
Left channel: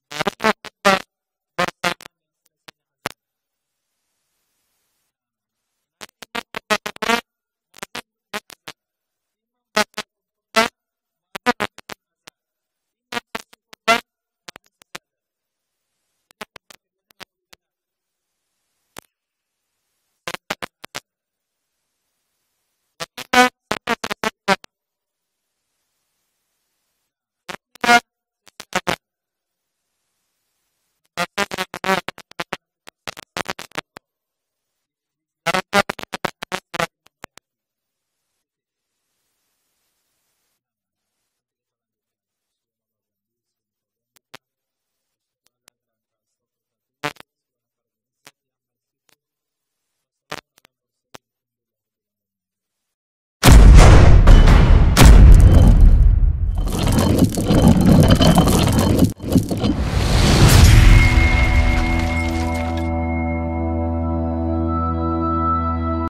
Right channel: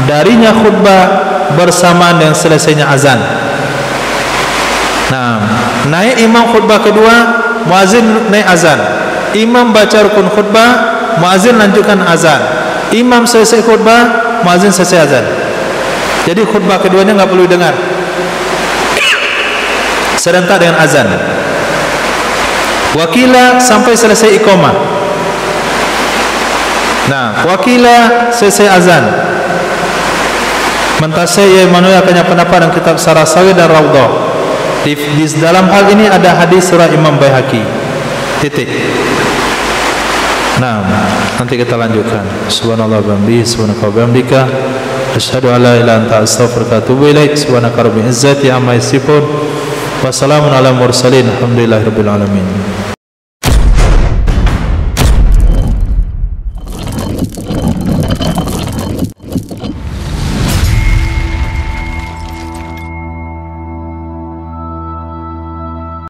darinya khutbah bersamaan dengan selesainya azan. Nah, naik imam khutbah kedua, muazin naik azan. Imam baca rukun khutbah, muazin lanjutkan azan. Imam selesai khutbah, muazin selesai azan. Jadi khutbah keduanya enggak perlu dengar, serentak dengan azan. Wakila sampai selesai iqamah. Nah, wakila selesai azan. Mentasai ia menurutkannya pendapat dan kitab Sarasawi dan Raudhah. Di dalam hal ini ada hadis surah Imam Baihaqi. Titik. Nah, nanti kita lanjutkan. Subhanallah wa bihamdihi, subhanaka wa bihamdika, asyhadu an la ilaha illa anta, astaghfiruka wa atubu ilaik. Subhanaka rabbil izzati amma yasifun. Wassalamun ala mursalin. Alhamdulillahirabbil alamin.